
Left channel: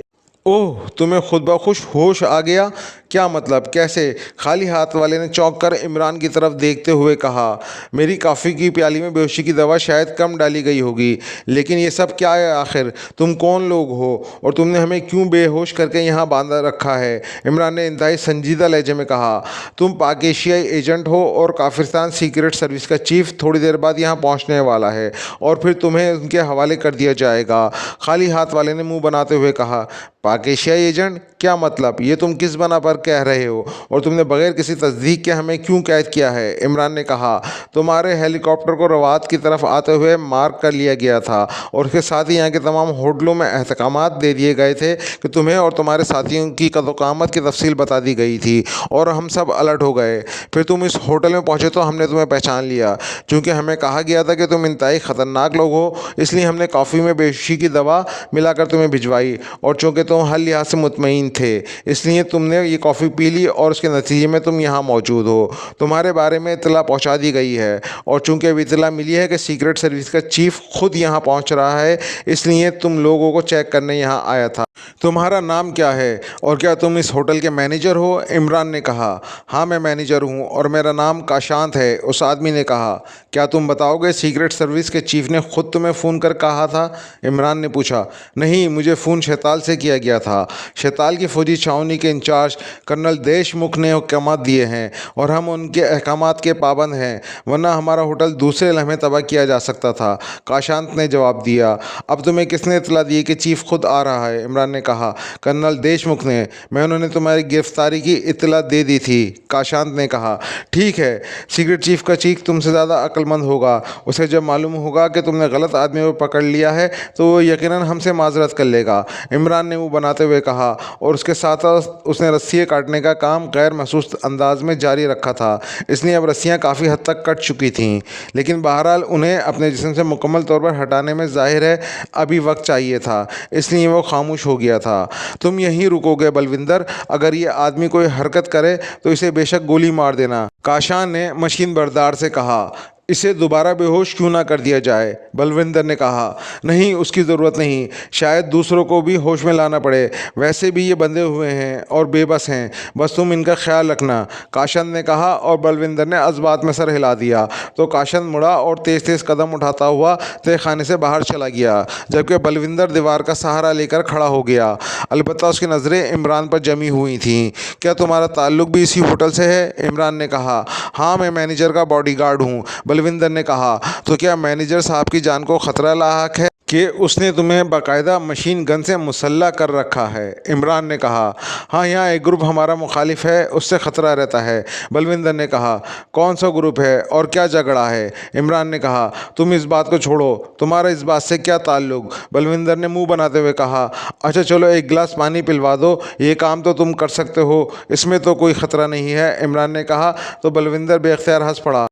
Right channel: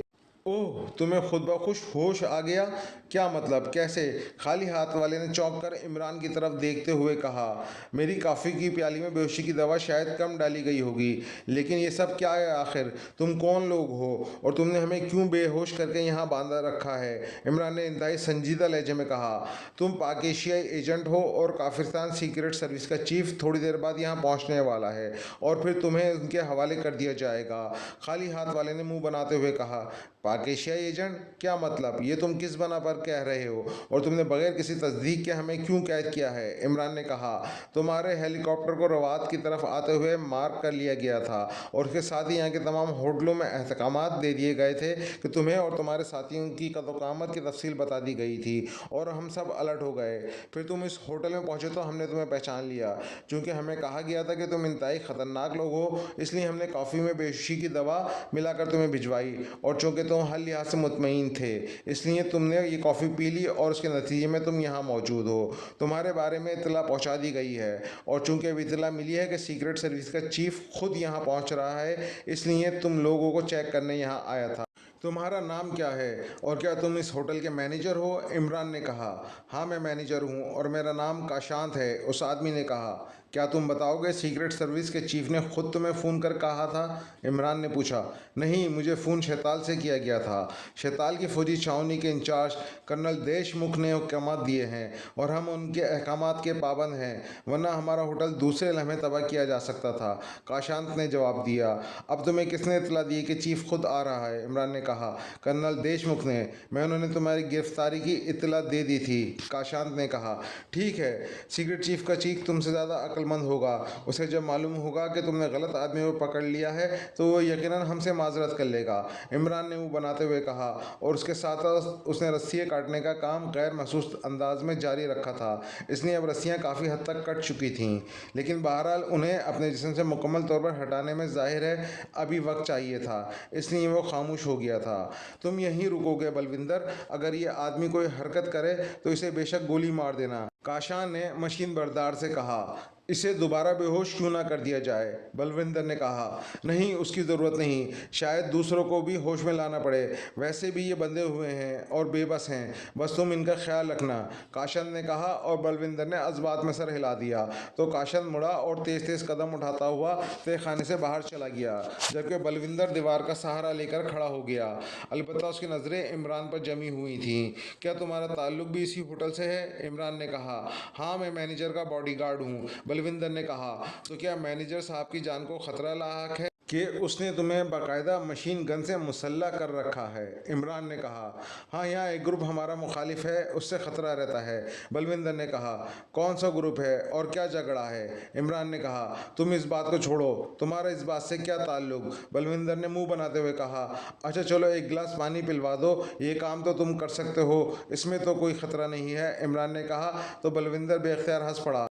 ओह, तुम्हें खुद ब खुश होश आ गया? क्या मतलब? कैसे? खाली हाथ वाले ने चौंक कर इमरान की तरफ देखते हुए कहा। मेरी कॉफ़ी की प्याली में बेहोशी की दवा शायद कम डाली गई होगी, लेकिन ये सब क्या है आखिर? तुम कौन लोग हो और तुमने हमें क्यों बेहोश करके यहाँ बांधा रखा है? इमरान ने इंतहाई संजीदा लहजे में कहा। तुम पाक एशियाई एजेंट हो और काफिरस्तान सीक्रेट सर्विस का चीफ थोड़ी देर बाद यहाँ पहुँचने वाला है और फिर तुम्हें उनके हवाले कर दिया जाएगा, खाली हाथ वाले ने मुँह बनाते हुए कहा। पाक एशियाई एजेंट? क्या मतलब? ये तुम किस बना पर कह रहे हो और तुमने बगैर किसी तस्दीक के हमें क्यों कैद किया है? इमरान ने कहा। तुम्हारे हेलीकॉप्टर को रवात की तरफ आते हुए मार्क कर लिया गया था और उसके साथ ही यहाँ के तमाम होटलों में अहकामात दे दिए गए थे कि तुम्हें और तुम्हारे साथियों की कदोकामत की तफसील बता दी गई थी और हम सब अलर्ट हो गए। फिर तुम इस होटल में पहुँचे तो हमने तुम्हें पहचान लिया। चूँकि हमें कहा गया था कि तुम इंतहाई ख़तरनाक लोग हो, इसलिए हमने कॉफ़ी में बेहोशी की दवा मिलाकर तुम्हें भिजवाई और चूँकि तुम हर लिहाज से मुतमईन थे, इसलिए तुमने ये कॉफ़ी पी ली और उसके नतीजे में तुम यहाँ मौजूद हो। तुम्हारे बारे में इत्तला पहुँचा दी गई है और चूंकि अभी इत्तला मिली है कि सीक्रेट सर्विस का चीफ खुद यहाँ पहुँच रहा है, इसलिए तुम लोगों को चेक करने यहाँ आया था। तुम्हारा नाम क्या है और क्या तुम इस होटल के मैनेजर हो? इमरान ने कहा। हाँ, मैं मैनेजर हूँ और मेरा नाम काशांत है, उस आदमी ने कहा। क्या तुम बताओगे सीक्रेट सर्विस के चीफ ने खुद तुम्हें फ़ोन कर कहा था? इमरान ने पूछा। नहीं, मुझे फ़ोन शैताल से किया गया था। शैताल की फौजी छावनी के इंचार्ज कर्नल देशमुख ने अहकामात दिए हैं और हम उनके अहकामात के पाबंद हैं, वरना हमारा होटल दूसरे लम्हे तबाह किया जा सकता था, काशांत ने जवाब दिया। अब तुम्हें किसने इतला दी कि चीफ खुद आ रहा है? इमरान ने कहा। कर्नल देशमुख ने। मैं उन्होंने तुम्हारी गिरफ्तारी की इतला दे दी थी, काशांत ने कहा। ठीक है, सीक्रेट चीफ का चीफ तुमसे ज़्यादा अक्लमंद होगा। उसे जब मालूम होगा कि तुमने गलत आदमी को पकड़ लिया है तो वो यकीनन हमसे माजरत कर लेगा, इमरान ने मुँह बनाते हुए कहा और उसके साथ उसने रस्सियाँ काटने का काम गैर महसूस अंदाज में जारी रखा था। इसलिए अब रस्सियाँ काफ़ी हद तक कट चुकी थीं, लेकिन बहरहाल उन्हें अपने जिस्म से मुकम्मल तौर पर हटाने में ज़ाहिर है अभी वक्त चाहिए था, इसलिए वो खामोश हो गया था। तुम यहीं रुकोगे बलविंदर? अगर ये आदमी कोई हरकत करे तो इसे बेशक गोली मार देना, काशान ने मशीन बरदार से कहा। इसे दोबारा बेहोश क्यों ना कर दिया जाए? बलविंदर ने कहा। नहीं, उसकी ज़रूरत नहीं, शायद दूसरों को भी होश में लाना पड़े। वैसे भी ये बंधे हुए हैं और बेबस हैं, बस तुम इनका ख्याल रखना, काशन ने कहा और बलविंदर ने अज़बात में सर हिला दिया। तो काशन मुड़ा और तेज़ तेज़ कदम उठाता हुआ तहखाने से बाहर चला गया, जबकि बलविंदर दीवार का सहारा लेकर खड़ा हो गया। अलबत्ता उसकी नज़रें इमरान पर जमी हुई थीं। क्या तुम्हारा ताल्लुक़ भी इसी होटल से है? इमरान ने कहा। हाँ, मैं मैनेजर का बॉडीगार्ड हूँ, बलविंदर ने कहा। तो क्या मैनेजर साहब की जान को खतरा लाहक है कि उसने तुम्हें बाकायदा मशीन गन से मुसल्ला कर रखा है? इमरान ने कहा। हाँ, यहाँ एक ग्रुप हमारा मुखालिफ है, उससे ख़तरा रहता है, बलविंदर ने कहा। कौन सा ग्रुप है और क्या झगड़ा है? इमरान ने कहा। तुम इस बात को छोड़ो, तुम्हारा इस बात से क्या ताल्लुक़? बलविंदर ने मुंह बनाते हुए कहा। अच्छा चलो, एक गिलास पानी पिलवा दो, ये काम तो तुम कर सकते हो, इसमें तो कोई ख़तरा नहीं है, इमरान ने कहा। तो बलविंदर बेख्तियार हंस पड़ा।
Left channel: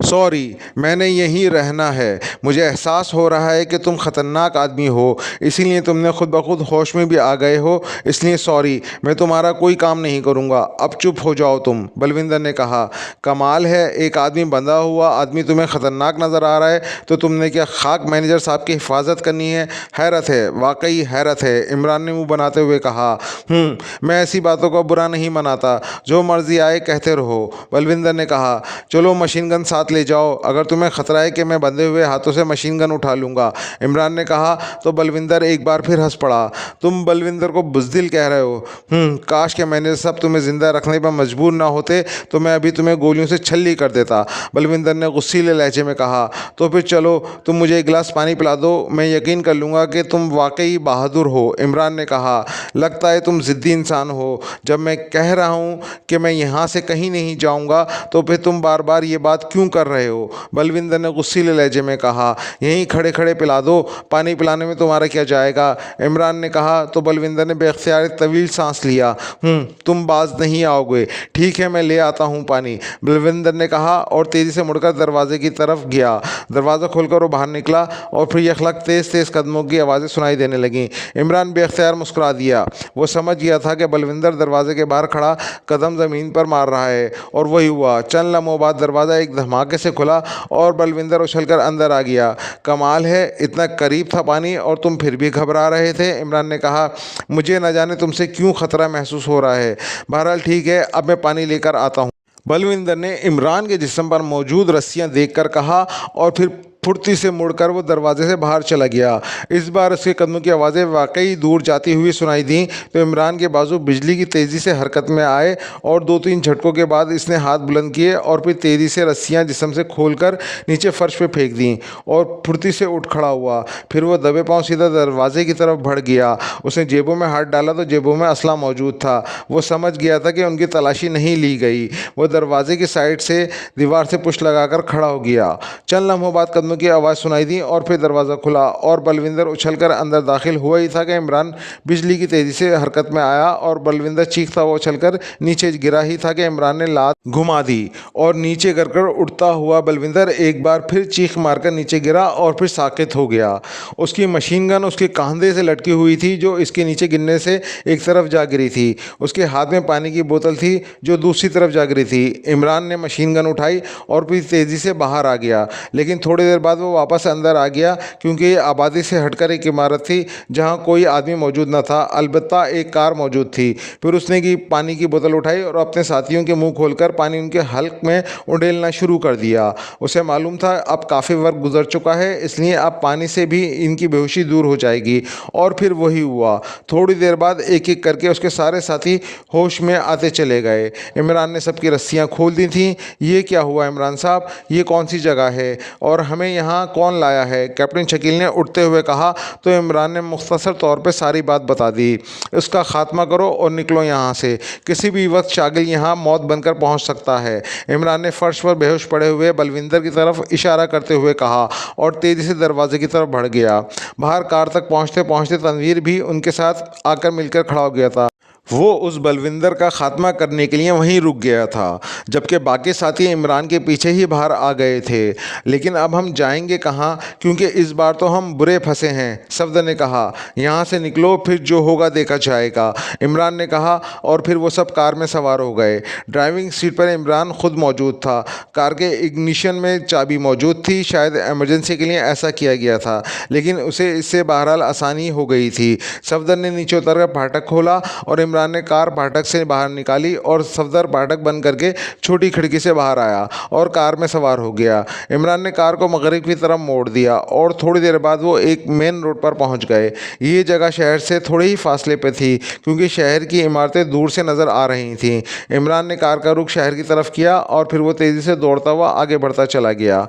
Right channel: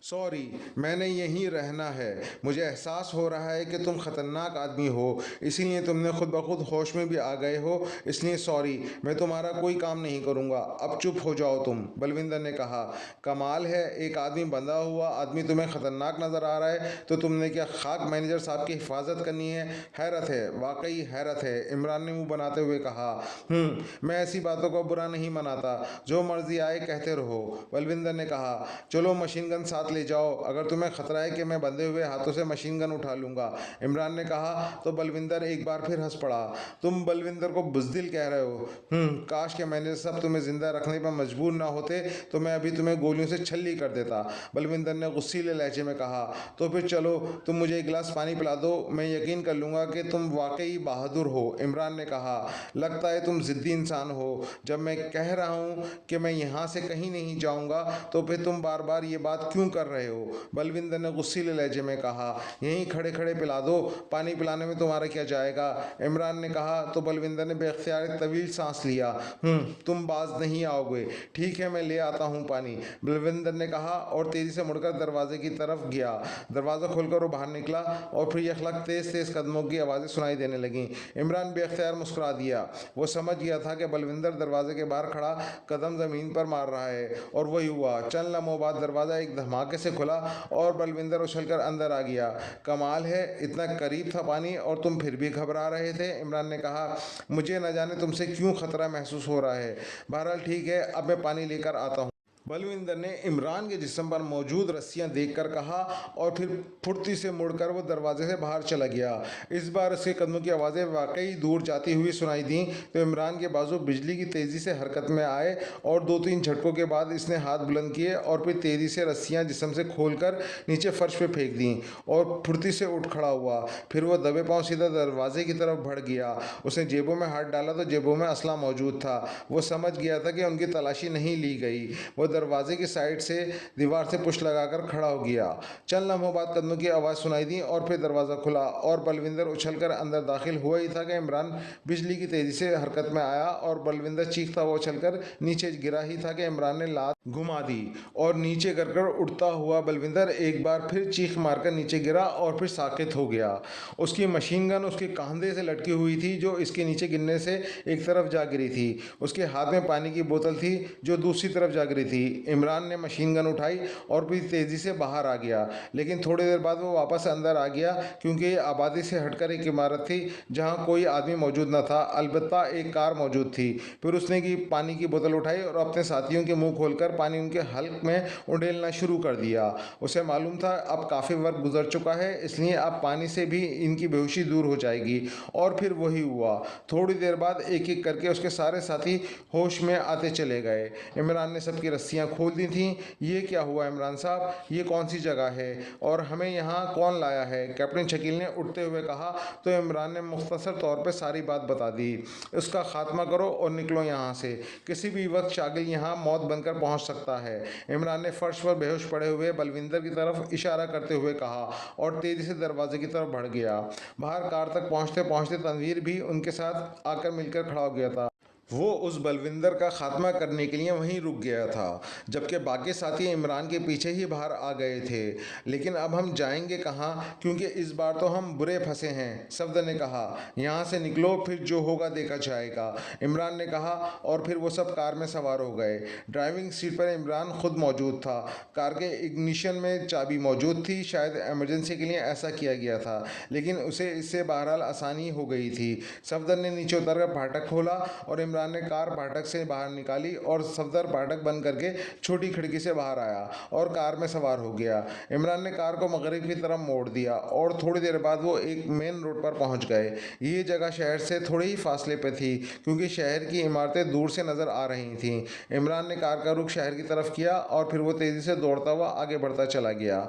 सॉरी, मैंने यहीं रहना है। मुझे एहसास हो रहा है कि तुम ख़तरनाक आदमी हो, इसीलिए तुमने खुद ब खुद होश में भी आ गए हो, इसलिए सॉरी, मैं तुम्हारा कोई काम नहीं करूँगा। अब चुप हो जाओ तुम, बलविंदर ने कहा। कमाल है, एक आदमी बंधा हुआ आदमी तुम्हें ख़तरनाक नज़र आ रहा है तो तुमने क्या खाक मैनेजर साहब की हिफाजत करनी है? हैरत है, वाकई हैरत है, इमरान ने मुँह बनाते हुए कहा। मैं ऐसी बातों को बुरा नहीं मनाता, जो मर्जी आए कहते रहो, बलविंदर ने कहा। चलो मशीन गन साथ ले जाओ, अगर तुम्हें ख़तरा है कि मैं बंधे हुए हाथों से मशीन गन उठा लूँगा, इमरान ने कहा। तो बलविंदर एक बार फिर हंस पड़ा। तुम बलविंदर को बुज़दिल कह रहे हो? काश के मैनेजर साहब तुम्हें ज़िंदा रखने पर मजबूर ना होते तो मैं अभी तुम्हें गोलियों से छल्ली कर देता, बलविंदर ने गुस्सीले लहजे में कहा। तो फिर चलो, तुम मुझे एक गिलास पानी पिला दो, मैं यकीन कर लूँगा कि तुम वाकई बहादुर हो, इमरान ने कहा। लगता है तुम ज़िद्दी इंसान हो। जब मैं कह रहा हूँ कि मैं यहाँ से कहीं नहीं जाऊँगा तो फिर तुम बार बार ये बात क्यों कर रहे हो, बलविंदर ने गुस्सीले लहजे में कहा। यहीं खड़े खड़े पिला दो, पानी पिलाने में तुम्हारा क्या जाएगा, इमरान ने कहा। तो बलविंदर ने बेख्तियार तवील सांस लिया। तुम बाज नहीं आओगे, ठीक है, मैं ले आता हूँ पानी, बलविंदर ने कहा और तेज़ी से मुड़कर दरवाजे की तरफ गया। दरवाज़ा खोलकर वो बाहर निकला और फिर यखलक तेज़ तेज़ कदमों की आवाज़ें सुनाई देने लगीं। इमरान बेख्तियार मुस्कुरा दिया। वो समझ गया था कि बलविंदर दरवाजे के बाहर खड़ा कदम ज़मीन पर मार रहा है, और वही हुआ। चंद लम्हों बाद दरवाज़ा एक धमाके से खुला और बलविंदर उछलकर अंदर आ गया। कमाल है, इतना करीब था पानी और तुम फिर भी घबरा रहे थे, इमरान ने कहा। मुझे न जाने तुमसे क्यों खतरा महसूस हो रहा है। बहरहाल ठीक है, अब मैं पानी लेकर आता हूँ, बलविंदर ने इमरान के जिस्म पर मौजूद रस्सियां देखकर कहा और फिर फुर्ती से मुड़कर वो दरवाजे से बाहर चला गया। इस बार उसके कदमों की आवाज़ें वाकई दूर जाती हुई सुनाई दी तो इमरान के बाजू बिजली की तेज़ी से हरकत में आए और दो तीन झटकों के बाद इसने हाथ बुलंद किए और फिर तेज़ी से रस्सियां जिस्म से खोलकर नीचे फर्श पे फेंक दी और फुर्ती से उठ खड़ा हुआ। फिर वो दबे पाँव सीधा दरवाजे की तरफ बढ़ गया। उसने जेबों में हाथ डाला तो जेबों में असला मौजूद था। वो समझ गया था कि उनकी तलाशी नहीं ली गई। वो दरवाजे की साइड से दीवार से पुश लगाकर खड़ा हो गया। चंद लम्हों बाद कदमों शब्दों की आवाज़ सुनाई दी और फिर दरवाज़ा खुला और बलविंदर उछलकर अंदर दाखिल हुआ ही था कि इमरान बिजली की तेज़ी से हरकत में आया और बलविंदर चीखता हुआ उछलकर नीचे गिरा ही था कि इमरान ने लात घुमा दी और नीचे गिरकर उठता हुआ बलविंदर एक बार फिर चीख मारकर नीचे गिरा और फिर साकित हो गया। उसकी मशीन गन उसके कंधे से लटकी हुई थी जो इसके नीचे गिरने से एक तरफ जा गिरी थी। उसके हाथ में पानी की बोतल थी जो दूसरी तरफ जा गिरी थी। इमरान ने मशीन गन उठाई और फिर तेज़ी से बाहर आ गया, लेकिन थोड़ी देर बाद वो वापस अंदर आ गया क्योंकि ये आबादी से हटकर एक इमारत थी जहाँ कोई आदमी मौजूद न था, अलबत्ता एक कार मौजूद थी। फिर उसने पानी की बोतल उठाई और अपने साथियों के मुंह खोलकर पानी उनके हल्क में उंडेलना शुरू कर दिया। उसे मालूम था अब काफ़ी वक्त गुजर चुका है, इसलिए अब पानी से भी इनकी बेहोशी दूर हो जाएगी। और फिर वही हुआ। थोड़ी देर बाद एक एक करके उसके सारे साथी होश में आते चले गए। इमरान ने सबकी रस्सियां खोल दी थीं। ये क्या हुआ इमरान साहब, ये कौन सी जगह है और हमें यहाँ कौन लाया है? कैप्टन शकील ने उठते हुए कहा। तो इमरान ने मुख्तसर तौर पर सारी बात बता दी। इसका खात्मा करो और निकलो यहाँ से, किसी भी वक्त शागिल यहाँ मौत बनकर पहुँच सकता है। इमरान ने फर्श पर बेहोश पड़े हुए बलविंदर की तरफ इशारा करते हुए कहा और तेज़ी से दरवाजे की तरफ बढ़ गया। बाहर कार तक पहुँचते पहुँचते तनवीर भी उनके साथ आकर मिलकर खड़ा हो गया था। वो उस बलविंदर का खात्मा करने के लिए वहीं रुक गया था, जबकि बाकी साथी इमरान के पीछे ही बाहर आ गए थे। लेकिन अब हम जाएंगे कहाँ, क्योंकि इस बार तो हम बुरे फंसे हैं, सफदर ने कहा। यहाँ से निकलो, फिर जो होगा देखा जाएगा, इमरान ने कहा और फिर वो सब कार में सवार हो गए। ड्राइविंग सीट पर इमरान खुद मौजूद था। कार के इग्निशन में चाबी मौजूद थी, शायद इमरजेंसी के लिए ऐसा किया गया था, लेकिन उसे इससे बहरहाल आसानी हो गई थी। सफदर ने नीचे उतरकर फाटक खोला और इमरान ने कार फाटक से बाहर निकाली और सफदर फाटक बंद करके छोटी खिड़की से बाहर आया और कार में सवार हो गया। इमरान ने कार को मगरिब की तरफ मोड़ दिया और थोड़ी देर बाद वो एक मेन रोड पर पहुंच गए। ये जगह शहर से थोड़े ही फासले पे थी क्योंकि शहर की इमारतें दूर से नज़र आ रही थीं। इमरान ने कार का रुख शहर की तरफ किया और फिर वो तेज़ी से दौड़ता हुआ आगे बढ़ता चला गया।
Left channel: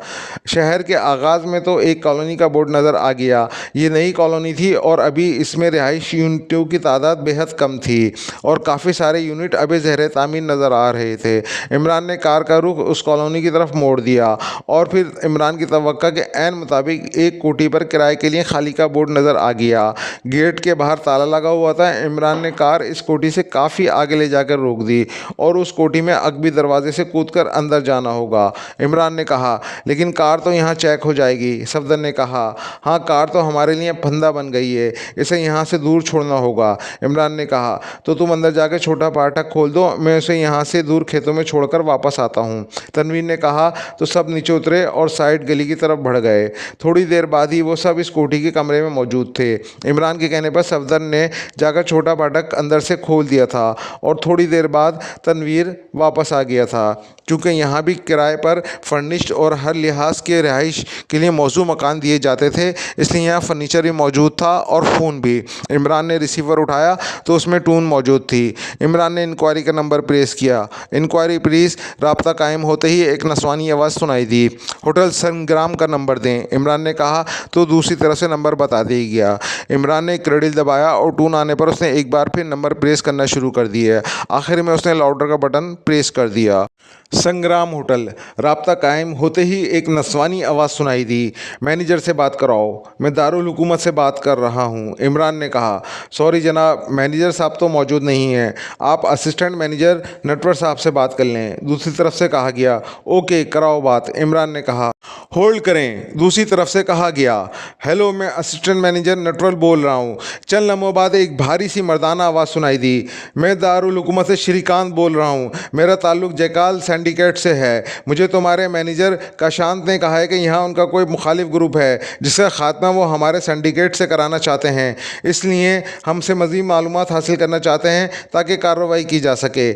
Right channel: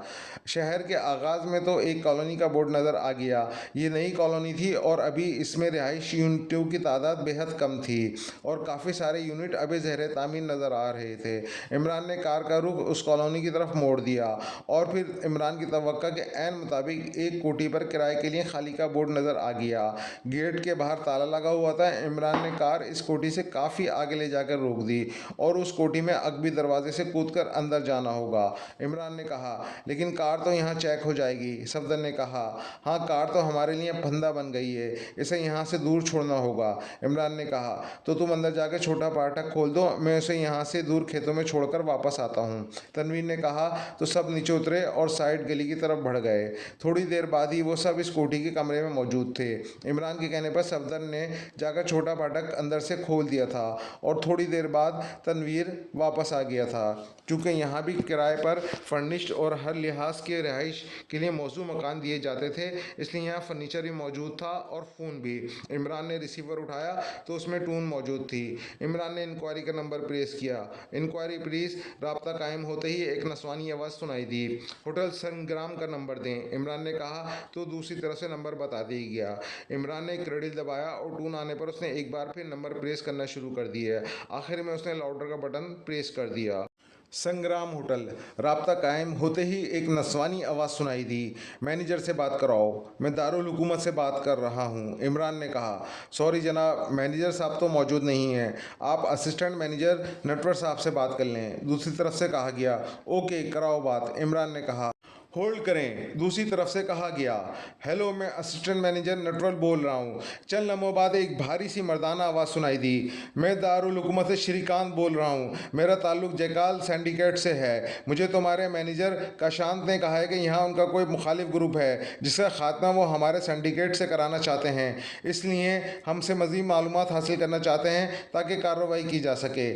शहर के आगाज़ में तो एक कॉलोनी का बोर्ड नज़र आ गया। ये नई कॉलोनी थी और अभी इसमें रिहाइश यूनिटों की तादाद बेहद कम थी और काफ़ी सारे यूनिट अभी ज़ेर तामीर नज़र आ रहे थे। इमरान ने कार का रुख उस कॉलोनी की तरफ मोड़ दिया और फिर इमरान की तवक्का के ऐन मुताबिक एक कोठी पर किराए के लिए खाली का बोर्ड नज़र आ गया। गेट के बाहर ताला लगा हुआ था। इमरान ने कार इस कोठी से काफ़ी आगे ले जाकर रोक दी और उस कोठी में अकबी दरवाजे से कूदकर अंदर जाना होगा। इमरान ने कहा, लेकिन कार तो यहाँ चेक हो जाएगी। सफदर ने कहा, हाँ, कार तो हमारे लिए फंदा बन गई है, इसे यहाँ से दूर छोड़ना होगा। इमरान ने कहा, तो तुम अंदर जाकर छोटा फाटक खोल दो, मैं उसे यहाँ से दूर खेतों में छोड़कर वापस आता हूँ। तनवीर ने कहा। तो सब नीचे उतरे और साइड गली की तरफ बढ़ गए। थोड़ी देर बाद ही वो सब इस कोठी के कमरे में मौजूद थे। इमरान के कहने पर सफदर ने जाकर छोटा फाटक अंदर से खोल दिया था और थोड़ी देर बाद तनवीर वापस आ गया था। चूँकि यहाँ भी किराए पर फर्निश्ड और हर लिहाज के रिहाइश के लिए मौजू मकान दिए जाते थे, इसलिए यहाँ फर्नीचर भी मौजूद था और फ़ोन भी। इमरान ने रिसीवर उठाया तो उसमें टून मौजूद थी। इमरान ने इंक्वायरी का नंबर प्रेस किया। Inquiry please. राब्ता कायम होते ही एक नस्वानी आवाज़ सुनाई दी। होटल संग्राम का नंबर दें, इमरान ने कहा। तो दूसरी तरफ से नंबर बता दिया गया। इमरान ने क्रेडिल दबाया और टून आने पर उसने एक बार फिर नंबर प्रेस करना शुरू कर दिया। आखिर में उसने लाउडर का बटन प्रेस कर दिया। संग्राम होटल। राब्ता कायम होते ही एक नस्वानी आवाज़ सुनाई दी। मैनेजर से बात कराओ, मैं दारुल हुकूमत से बात कर रहा हूँ, इमरान ने कहा। सॉरी जनाब, मैनेजर साहब तो मौजूद नहीं हैं, आप असिस्टेंट मैनेजर नटवर साहब से बात कर लें, दूसरी तरफ से कहा गया। ओके, कराओ बात, इमरान ने कहा। होल्ड करें, दूसरी तरफ से कहा गया। हेलो, मैं असिस्टेंट मैनेजर नटवर बोल रहा हूँ। चंद लम्हों बाद एक भारी सी मर्दाना आवाज़ सुनाई दी। मैं दारुल हुकूमत से श्रीकांत बोल रहा हूँ, मेरा ताल्लुक जयकाल सिंडिकेट से है। मुझे तुम्हारे मैनेजर काशांत ने कहा है कि यहाँ उनका कोई मुखालिफ ग्रुप है जिसका खात्मा वो हमारे सिंडिकेट से कराना चाहते हैं, इसलिए हमसे मज़ीद मालूमात हासिल करना चाहते हैं ताकि कार्रवाई की जा सके।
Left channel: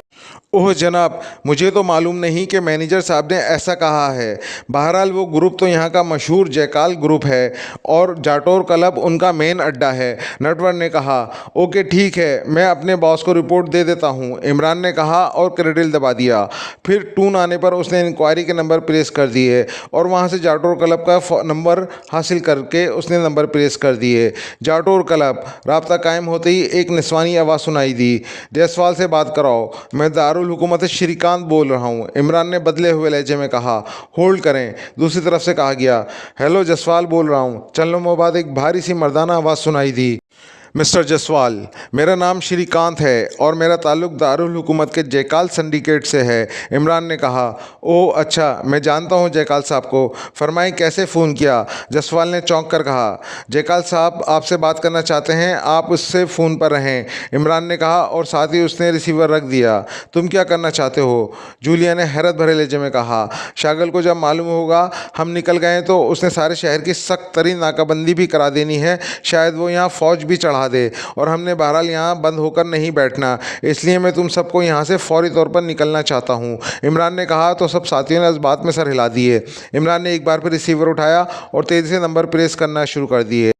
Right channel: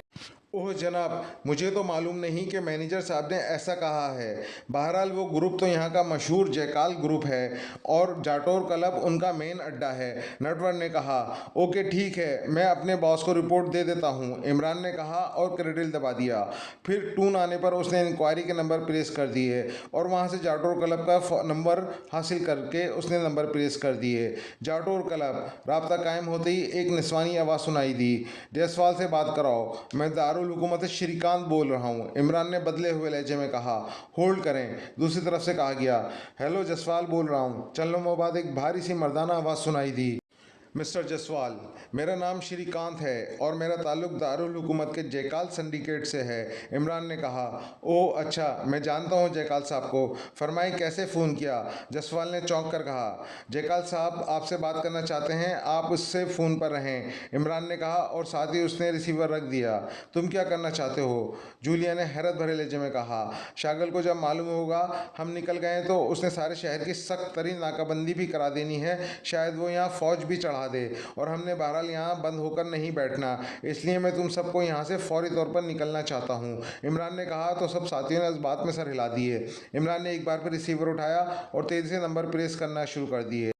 ओह जनाब, मुझे तो मालूम नहीं कि मैनेजर साहब ने ऐसा कहा है। बहरहाल वो ग्रुप तो यहाँ का मशहूर जयकाल ग्रुप है और जाटोर क्लब उनका मेन अड्डा है, नटवर ने कहा। ओके ठीक है, मैं अपने बॉस को रिपोर्ट दे देता हूँ, इमरान ने कहा और क्रेडिल दबा दिया। फिर टून आने पर उसने इंक्वायरी के नंबर प्रेस कर दिए और वहाँ से जाटोर क्लब का नंबर हासिल करके उसने नंबर प्रेस कर दिए। जाटोर क्लब। राब्ता कायम होते ही एक निस्वानी आवाज़ सुनाई दी। जयसवाल से बात कराओ, मैं दारुल हुकूमत श्रीकांत बोल रहा हूँ, इमरान ने बदले हुए लहजे में कहा। होल्ड करें, दूसरी तरफ से कहा गया। हेलो, जसवाल बोल रहा हूँ। चंद लम्हों बाद एक भारी सी मर्दाना आवाज़ सुनाई दी। मिस्टर जसवाल, मेरा नाम श्रीकांत है और मेरा ताल्लुक़ दारुल हुकूमत के जयकाल सिंडिकेट से है, इमरान ने कहा। ओह अच्छा, मैं जानता हूँ जयकाल साहब को। फरमाएं, कैसे फ़ोन किया? जसवाल ने चौंक कर कहा। जयकाल साहब आपसे बात करना चाहते हैं, आप उससे फ़ोन पर रहें, इमरान ने कहा और साथ ही उसने रिसीवर रख दिया। तुम क्या करना चाहते हो? जूलिया ने हैरत भरे लहजे में कहा। शागल को जब मालूम होगा हम निकल गए तो उसने सारे शहर की सख्त तरीन नाकाबंदी भी करा देनी है। शायद वो यहाँ फ़ौज भी चढ़ा दे और हमने बहरहाल यहाँ बंद होकर नहीं बैठना, इसलिए मैं तुम सबको यहाँ से फौरी तौर पर निकलना चाहता हूँ, इमरान ने कहा। तो सब साथियों ने इस बात में सर हिला दिए। इमरान ने एक बार फिर रिसीवर उठाया और तेज़ी से नंबर प्रेस करना शुरू कर दिए।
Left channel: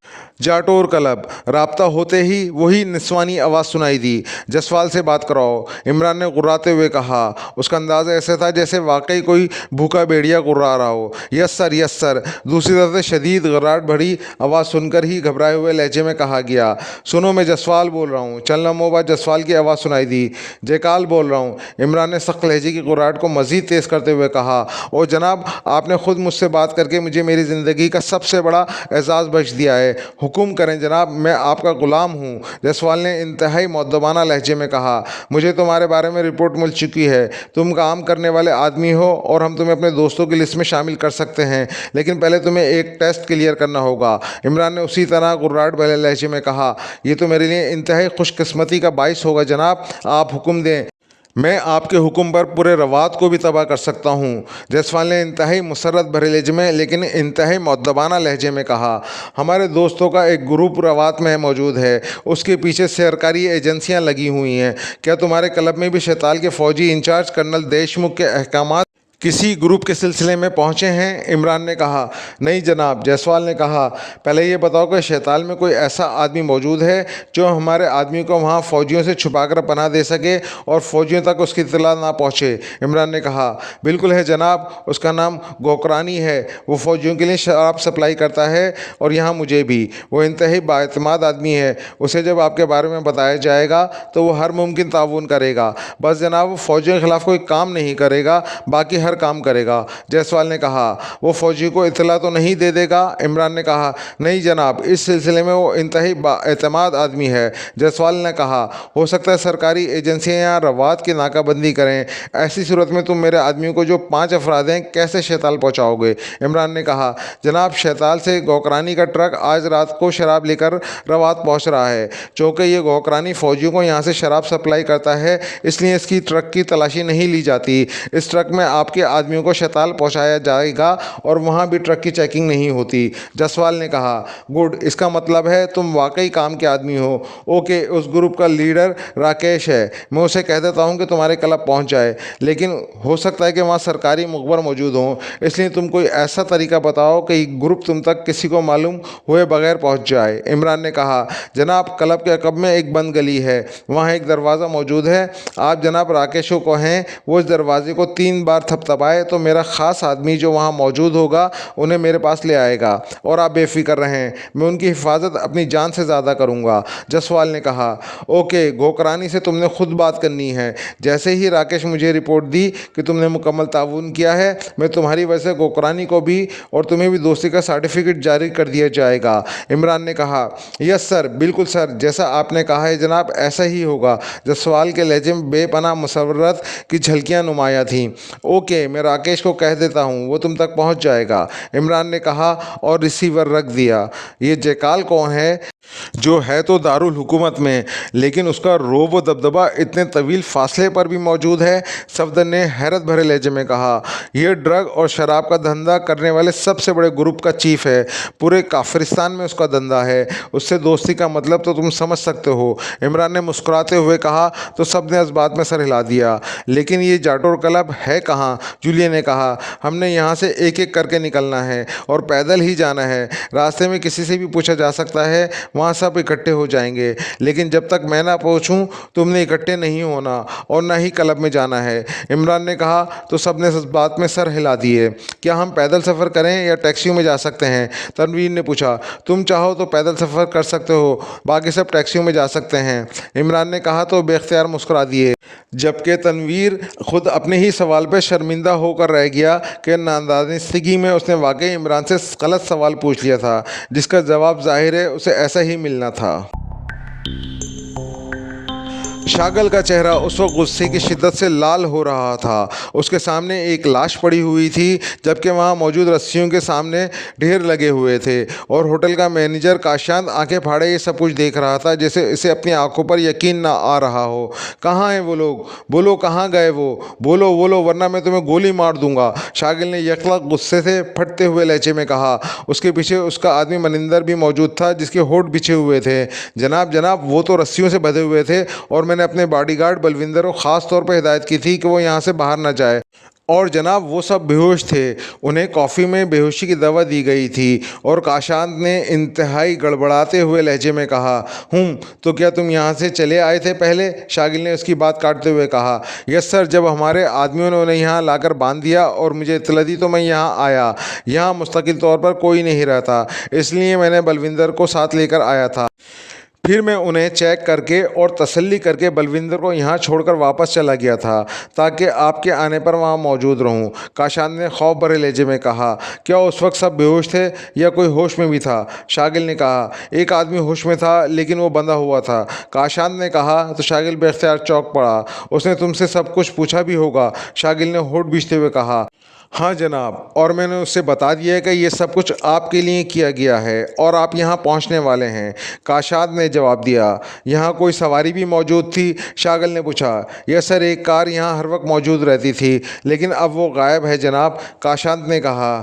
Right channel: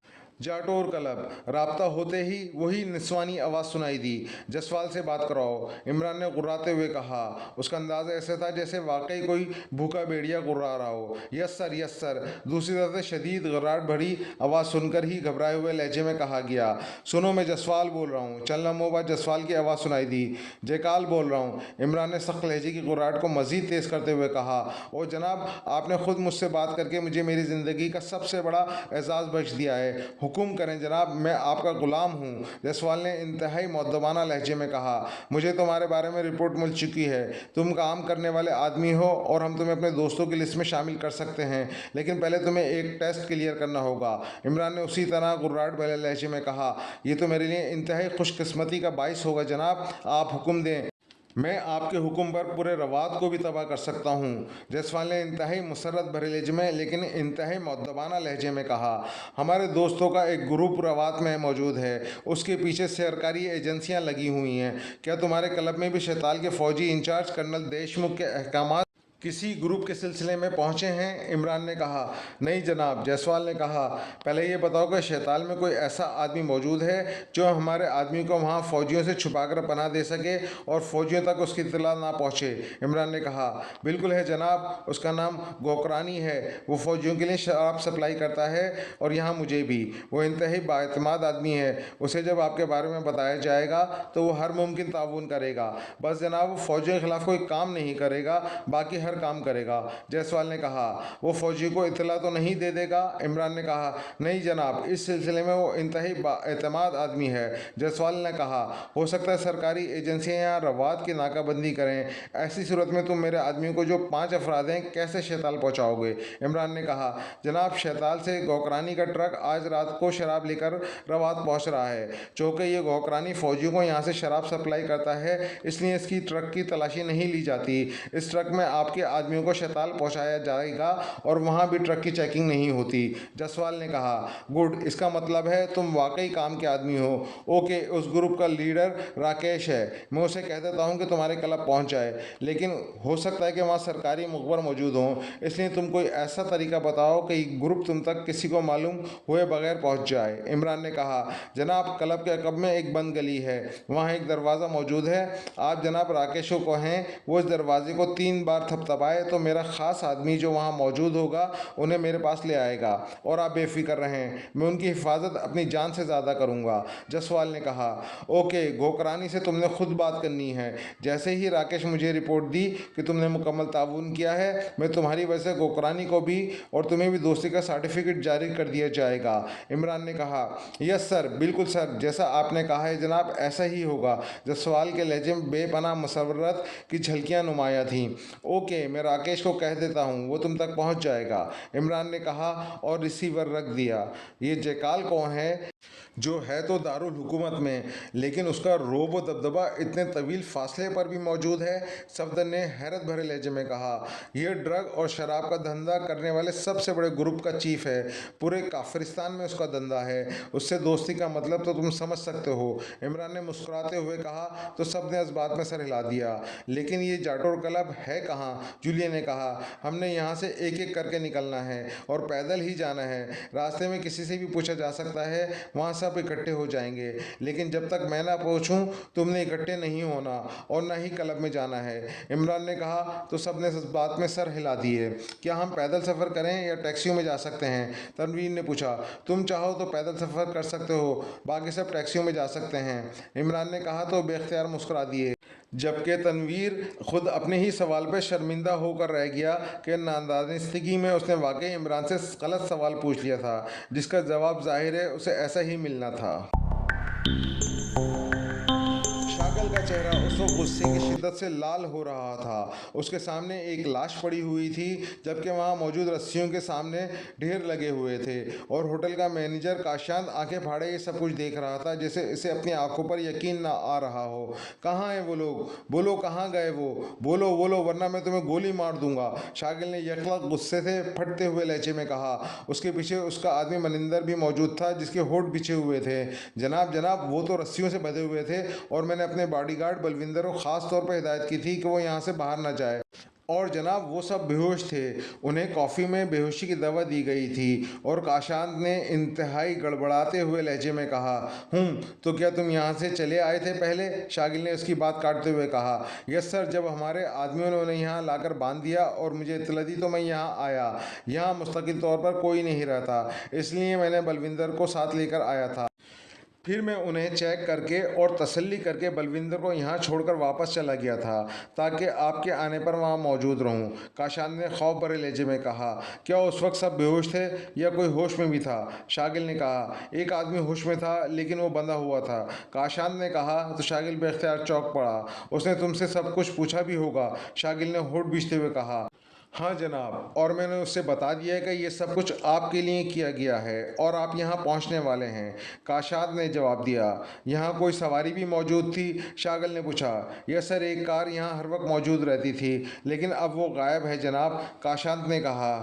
जाटोर क्लब। राब्ता होते ही वही निस्वानी आवाज़ सुनाई दी। जसवाल से बात कराओ, इमरान ने गुर्राते हुए कहा। उसका अंदाज़ ऐसे था जैसे वाकई कोई भूखा भेड़िया गुर्रा रहा हो। यस सर, यस सर, दूसरी तरफ से शदीद घबराहट भरी आवाज़ सुनकर ही घबराए हुए लहजे में कहा गया। सुनो, मैं जसवाल बोल रहा हूँ। चंद लम्हों बाद जसवाल की आवाज़ सुनाई दी। जयकाल बोल रहा हूँ, इमरान ने सख्त लहजे की गुर्राहट को मज़ीद तेज़ करते हुए कहा। और जनाब, आपने खुद मुझसे बात करके मुझे मेरी ज़िंदगी का सबसे बड़ा एजाज़ बख्श दिया है। हुक्म करें जनाब, मैं आपका ग़ुलाम हूँ, जसवाल ने इंतहाई मुअद्दबाना लहजे में कहा। मुझे तुम्हारे बारे में रिपोर्ट मिल चुकी है। तुम काम करने वाले आदमी हो और हम तुम्हें अपने दोस्तों की लिस्ट में शामिल कर सकते हैं, लेकिन पहले तुम्हें एक टेस्ट क्लियर करना होगा, इमरान ने उसी तरह गुर्राहट भरे लहजे में कहा। ये तो मेरे लिए इंतहाई खुशकिस्मती का बाइस होगा जनाब, आप हुक्म दें, मैं आपके हुक्म पर पूरे रवात को भी तबाह कर सकता हूँ, जसवाल ने इंतहाई मुसर्रत भरे लहजे में लेकिन इंतहाई मुअद्दबाना लहजे में कहा। हमारे दोस्तों का एक ग्रुप रवात में मौजूद है, उसके पीछे सरकारी एजेंसियाँ लगी हुई हैं। क्या तुम्हारे क्लब में भी शैताल के फ़ौजी इंचार्ज कर्नल देशमुख के अहकामात किसी ग्रुप के सिलसिले में पहुंचे हैं, इमरान ने कहा। नहीं जनाब, जायसवाल ने कहा। पहले ये बताओ कि शैताल में कोई ऐसा आदमी मौजूद है जो हमारे आदमी को वहाँ फ़ौजियों से छुपाकर पनाह दे सके और फ़ौजियों तक उसकी इत्तला ना पहुँचे, इमरान ने कहा। बिल्कुल है जनाब, उसका नाम गोकरानी है, वो फ़ौजियों के लिए शराब सप्लाई करता है और यहाँ मुझे भी। वो इंतहाई बाएतमाद आदमी है, उसे जब आपके बारे में बताया जाएगा तो वो हर मुमकिन ताउन करेगा। बस जनाब, वो फ़ौजियों के ख़िलाफ़ कोई काम नहीं करेगा, बाकी काम करेगा, जायसवाल ने कहा। वो फौजी को इत्तला तो नहीं दे देगा, इमरान ने कहा। नहीं जनाब, इस सिलसिले में वो इंतहाई बाएतमाद आदमी है, जायसवाल ने कहा। हो सकता है सरकारी एजेंसियां यहाँ रवात की नाकाबंदी करें, ऐसी सूरत में तुम मेरे आदमियों को जो 5 अफराद हैं कैसे शैताल पहुँचाओगे, इमरान ने कहा। जनाब, शैताल से गोकरानी का ट्रक आज रात को शराब लेकर रवात पहुँच रहा है। चूँकि ये गोकरानी फ़ौजियों को यहाँ से शराब सप्लाई करता है, इसलिए इसकी ट्रक की तलाशी नहीं ली जाती। इस ट्रक में आपके आदमियों को शैताल पहुंचाया जाएगा और वहां भी ट्रक की चेकिंग नहीं होती, जायसवाल ने कहा। गुड, इसका मतलब है तुम वाकई काम के आदमी हो। ओके, उस ग्रुप का लीडर राकेश है, मैं उसे कह देता हूं कि तुम्हारे क्लब पहुंच जाए, लेकिन हो सकता है कि वहां सरकारी मुखबर मौजूद हों, इसलिए तुम कोई ऐसा तरीका बताओ कि ग्रुप तुम तक किसी को मालूम हुए बगैर पहुँच जाए, इमरान ने कहा। जनाब, क्लब के अकब में एक बंद गली है, वहाँ एक दरवाज़ा मौजूद है। आप जनाब राकेश को कहें वो इस दरवाजे को 3 बार थपथपाए तो मेरा ख़ास आदमी जो वहाँ मौजूद होगा उन्हें मेरे पास ले आएगा और आप बेफिक्र रहें, मैं उनकी हिफाजत अपनी जान से ज़्यादा करूँगा, जायसवाल ने कहा। ओके, गोकरानी से तुमने खुद बात करनी है। जैसे ही राकेश मुझे रिपोर्ट दी कि तुमने मुकम्मल ताउन किया है, मैं तुम्हारी वजह से गोकरानी को भी और तुम्हें भी दोस्ती का सर्टिफिकेट जारी कर दिया जाएगा, इमरान ने कहा। यस सर, बिल्कुल सर, जैसा आपने कहा है जनाब, ऐसा ही होगा, जायसवाल के लहजे में बेपनाह मुसर्रत की झलकियाँ नुमाया थीं। ओके, मैं राकेश को कह देता हूँ, वो तुम तक पहुँच जाएगा, इमरान ने कहा और रिसीवर रख दिया। ये जयकाल कौन है? जो है तो दारुल हुकूमत में, लेकिन उसका रोब व दबदबा इतने तवील फासले पर भी मौजूद है, सफदर ने हैरत भरे लहजे में कहा। यह ड्रग और शराब का धंधा करने वाले सबसे बड़े ग्रुप का चीफ है, पूरे काफिरिस्तान में उसका धंधा है, उससे दोस्ती का मतलब तो तुम समझ सकते हो, इमरान ने मुस्कुराते हुए कहा। तो सब ने इस बात में सर हिला दिया। लेकिन ये जाटोर क्लब है कहाँ? जूलिया ने कहा। हमने यहाँ से एक एक करके निकलना है और पैदल ही जाना है, रास्ते में किसी से भी पूछा जा सकता है, वहाँ सब इकट्ठे हो जाएंगे, लेकिन जब तक मैं ना पहुँचूँ तुमने इकट्ठे नहीं होना और ना ही क्लब में जाना है, इमरान ने कहा। तो सब ने इस बात में सर हिला दिए। क्या हम पैदल सफ़र करें या टैक्सियों में जा सकते हैं? तनवीर ने पूछा। तुम चाहो तो पैदल सफ़र कर सकते हो, बाकी सब टैक्सियों में जा सकते हैं, इमरान ने कहा। तो बेख्तियार मुस्कुरा दिए। जबकि तनवीर खुद अपने ही सवाल पर शर्मिंदा होकर रह गया कि नादानिस्तगी में उसने वाकई इमरान से गलत सवाल पूछ लिया था, जिसका जवाब ज़ाहिर है उसे ऐसा ही मिलना था। शागल का चेहरा उस वक्त गुस्से की शिद्दत से लाल हो रहा था। उसके सामने एक लाश पड़ी हुई थी, जबकि वहाँ मौजूद रस्सियों के सामने ढेर लगे हुए थे, और होटल का मैनेजर काशांत आंखें फाड़े ये सब कुछ देख रहा था, जैसे इसे अपनी आंखों पर यकीन ना आ रहा हो। कहाँ हैं वो लोग? बोलो, कहाँ गए वो? बोलो बोलो, वरना मैं तुम्हें गोली मार दूंगा, शागिल ने यकलक गुस्से से फटते हुए लहजे में कहा। उसके पीछे उसका आदमी मनिंदर भी मौजूद था, जिसके होठ बिछे हुए थे। जनाब जनाब, वो तो रस्सियों से बंधे हुए थे, और मैंने अपने बॉडीगार्ड बलविंदर को ख़ास तौर पर हिदायत की थी कि वो यहाँ से बाहर ना जाए। और जनाब, वो सब बेहोश थे, उन्हें कॉफ़ी में बेहोशी की दवा दी गई थी। और काशांत ने इंतहाई गड़बड़ाते हुए लहजे में कहा। तो क्या तुम यहाँ से चले आए थे पहले? शागिल ने उसकी बात काटते हुए कहा। यस सर, जब हमारे आदमियों ने उन्हें यहाँ लाकर बांध दिया और मुझे इत्तला दी तो मैं यहाँ आया। यहाँ मुस्तकिल तौर पर कोई नहीं रहता, इसलिए मैंने बलविंदर को साथ लेकर आया था। फिर मैं उन्हें चेक करके और तसल्ली करके बलविंदर को यहाँ छोड़कर वापस चला गया था, ताकि आपके आने पर वहाँ मौजूद रहूँ। काशान ने खौफ भरे लहजे में कहा। क्या उस वक्त सब बेहोश थे या कोई होश में भी था? शागिल ने कहा। एक आदमी होश में था, लेकिन वो बंधा हुआ था, काशान ने कहा। तो शागिल बेख्तियार चौंक पड़ा। उसने तुमसे सब कुछ पूछा भी होगा, शागिल ने होठ बीछते हुए कहा। हाँ जनाब, और मैंने उससे बता दिया है कि ये सब कुछ आपके लिए किया गया है और आप यहाँ पहुँचने वाले हैं, काशाद ने जवाब दिया। यहाँ कोई सवारी भी मौजूद थी? शागल ने पूछा। यस सर, एक कार यहाँ हर वक्त मौजूद रहती थी, लेकिन अब वो गायब है जनाब, काशाद ने कहा।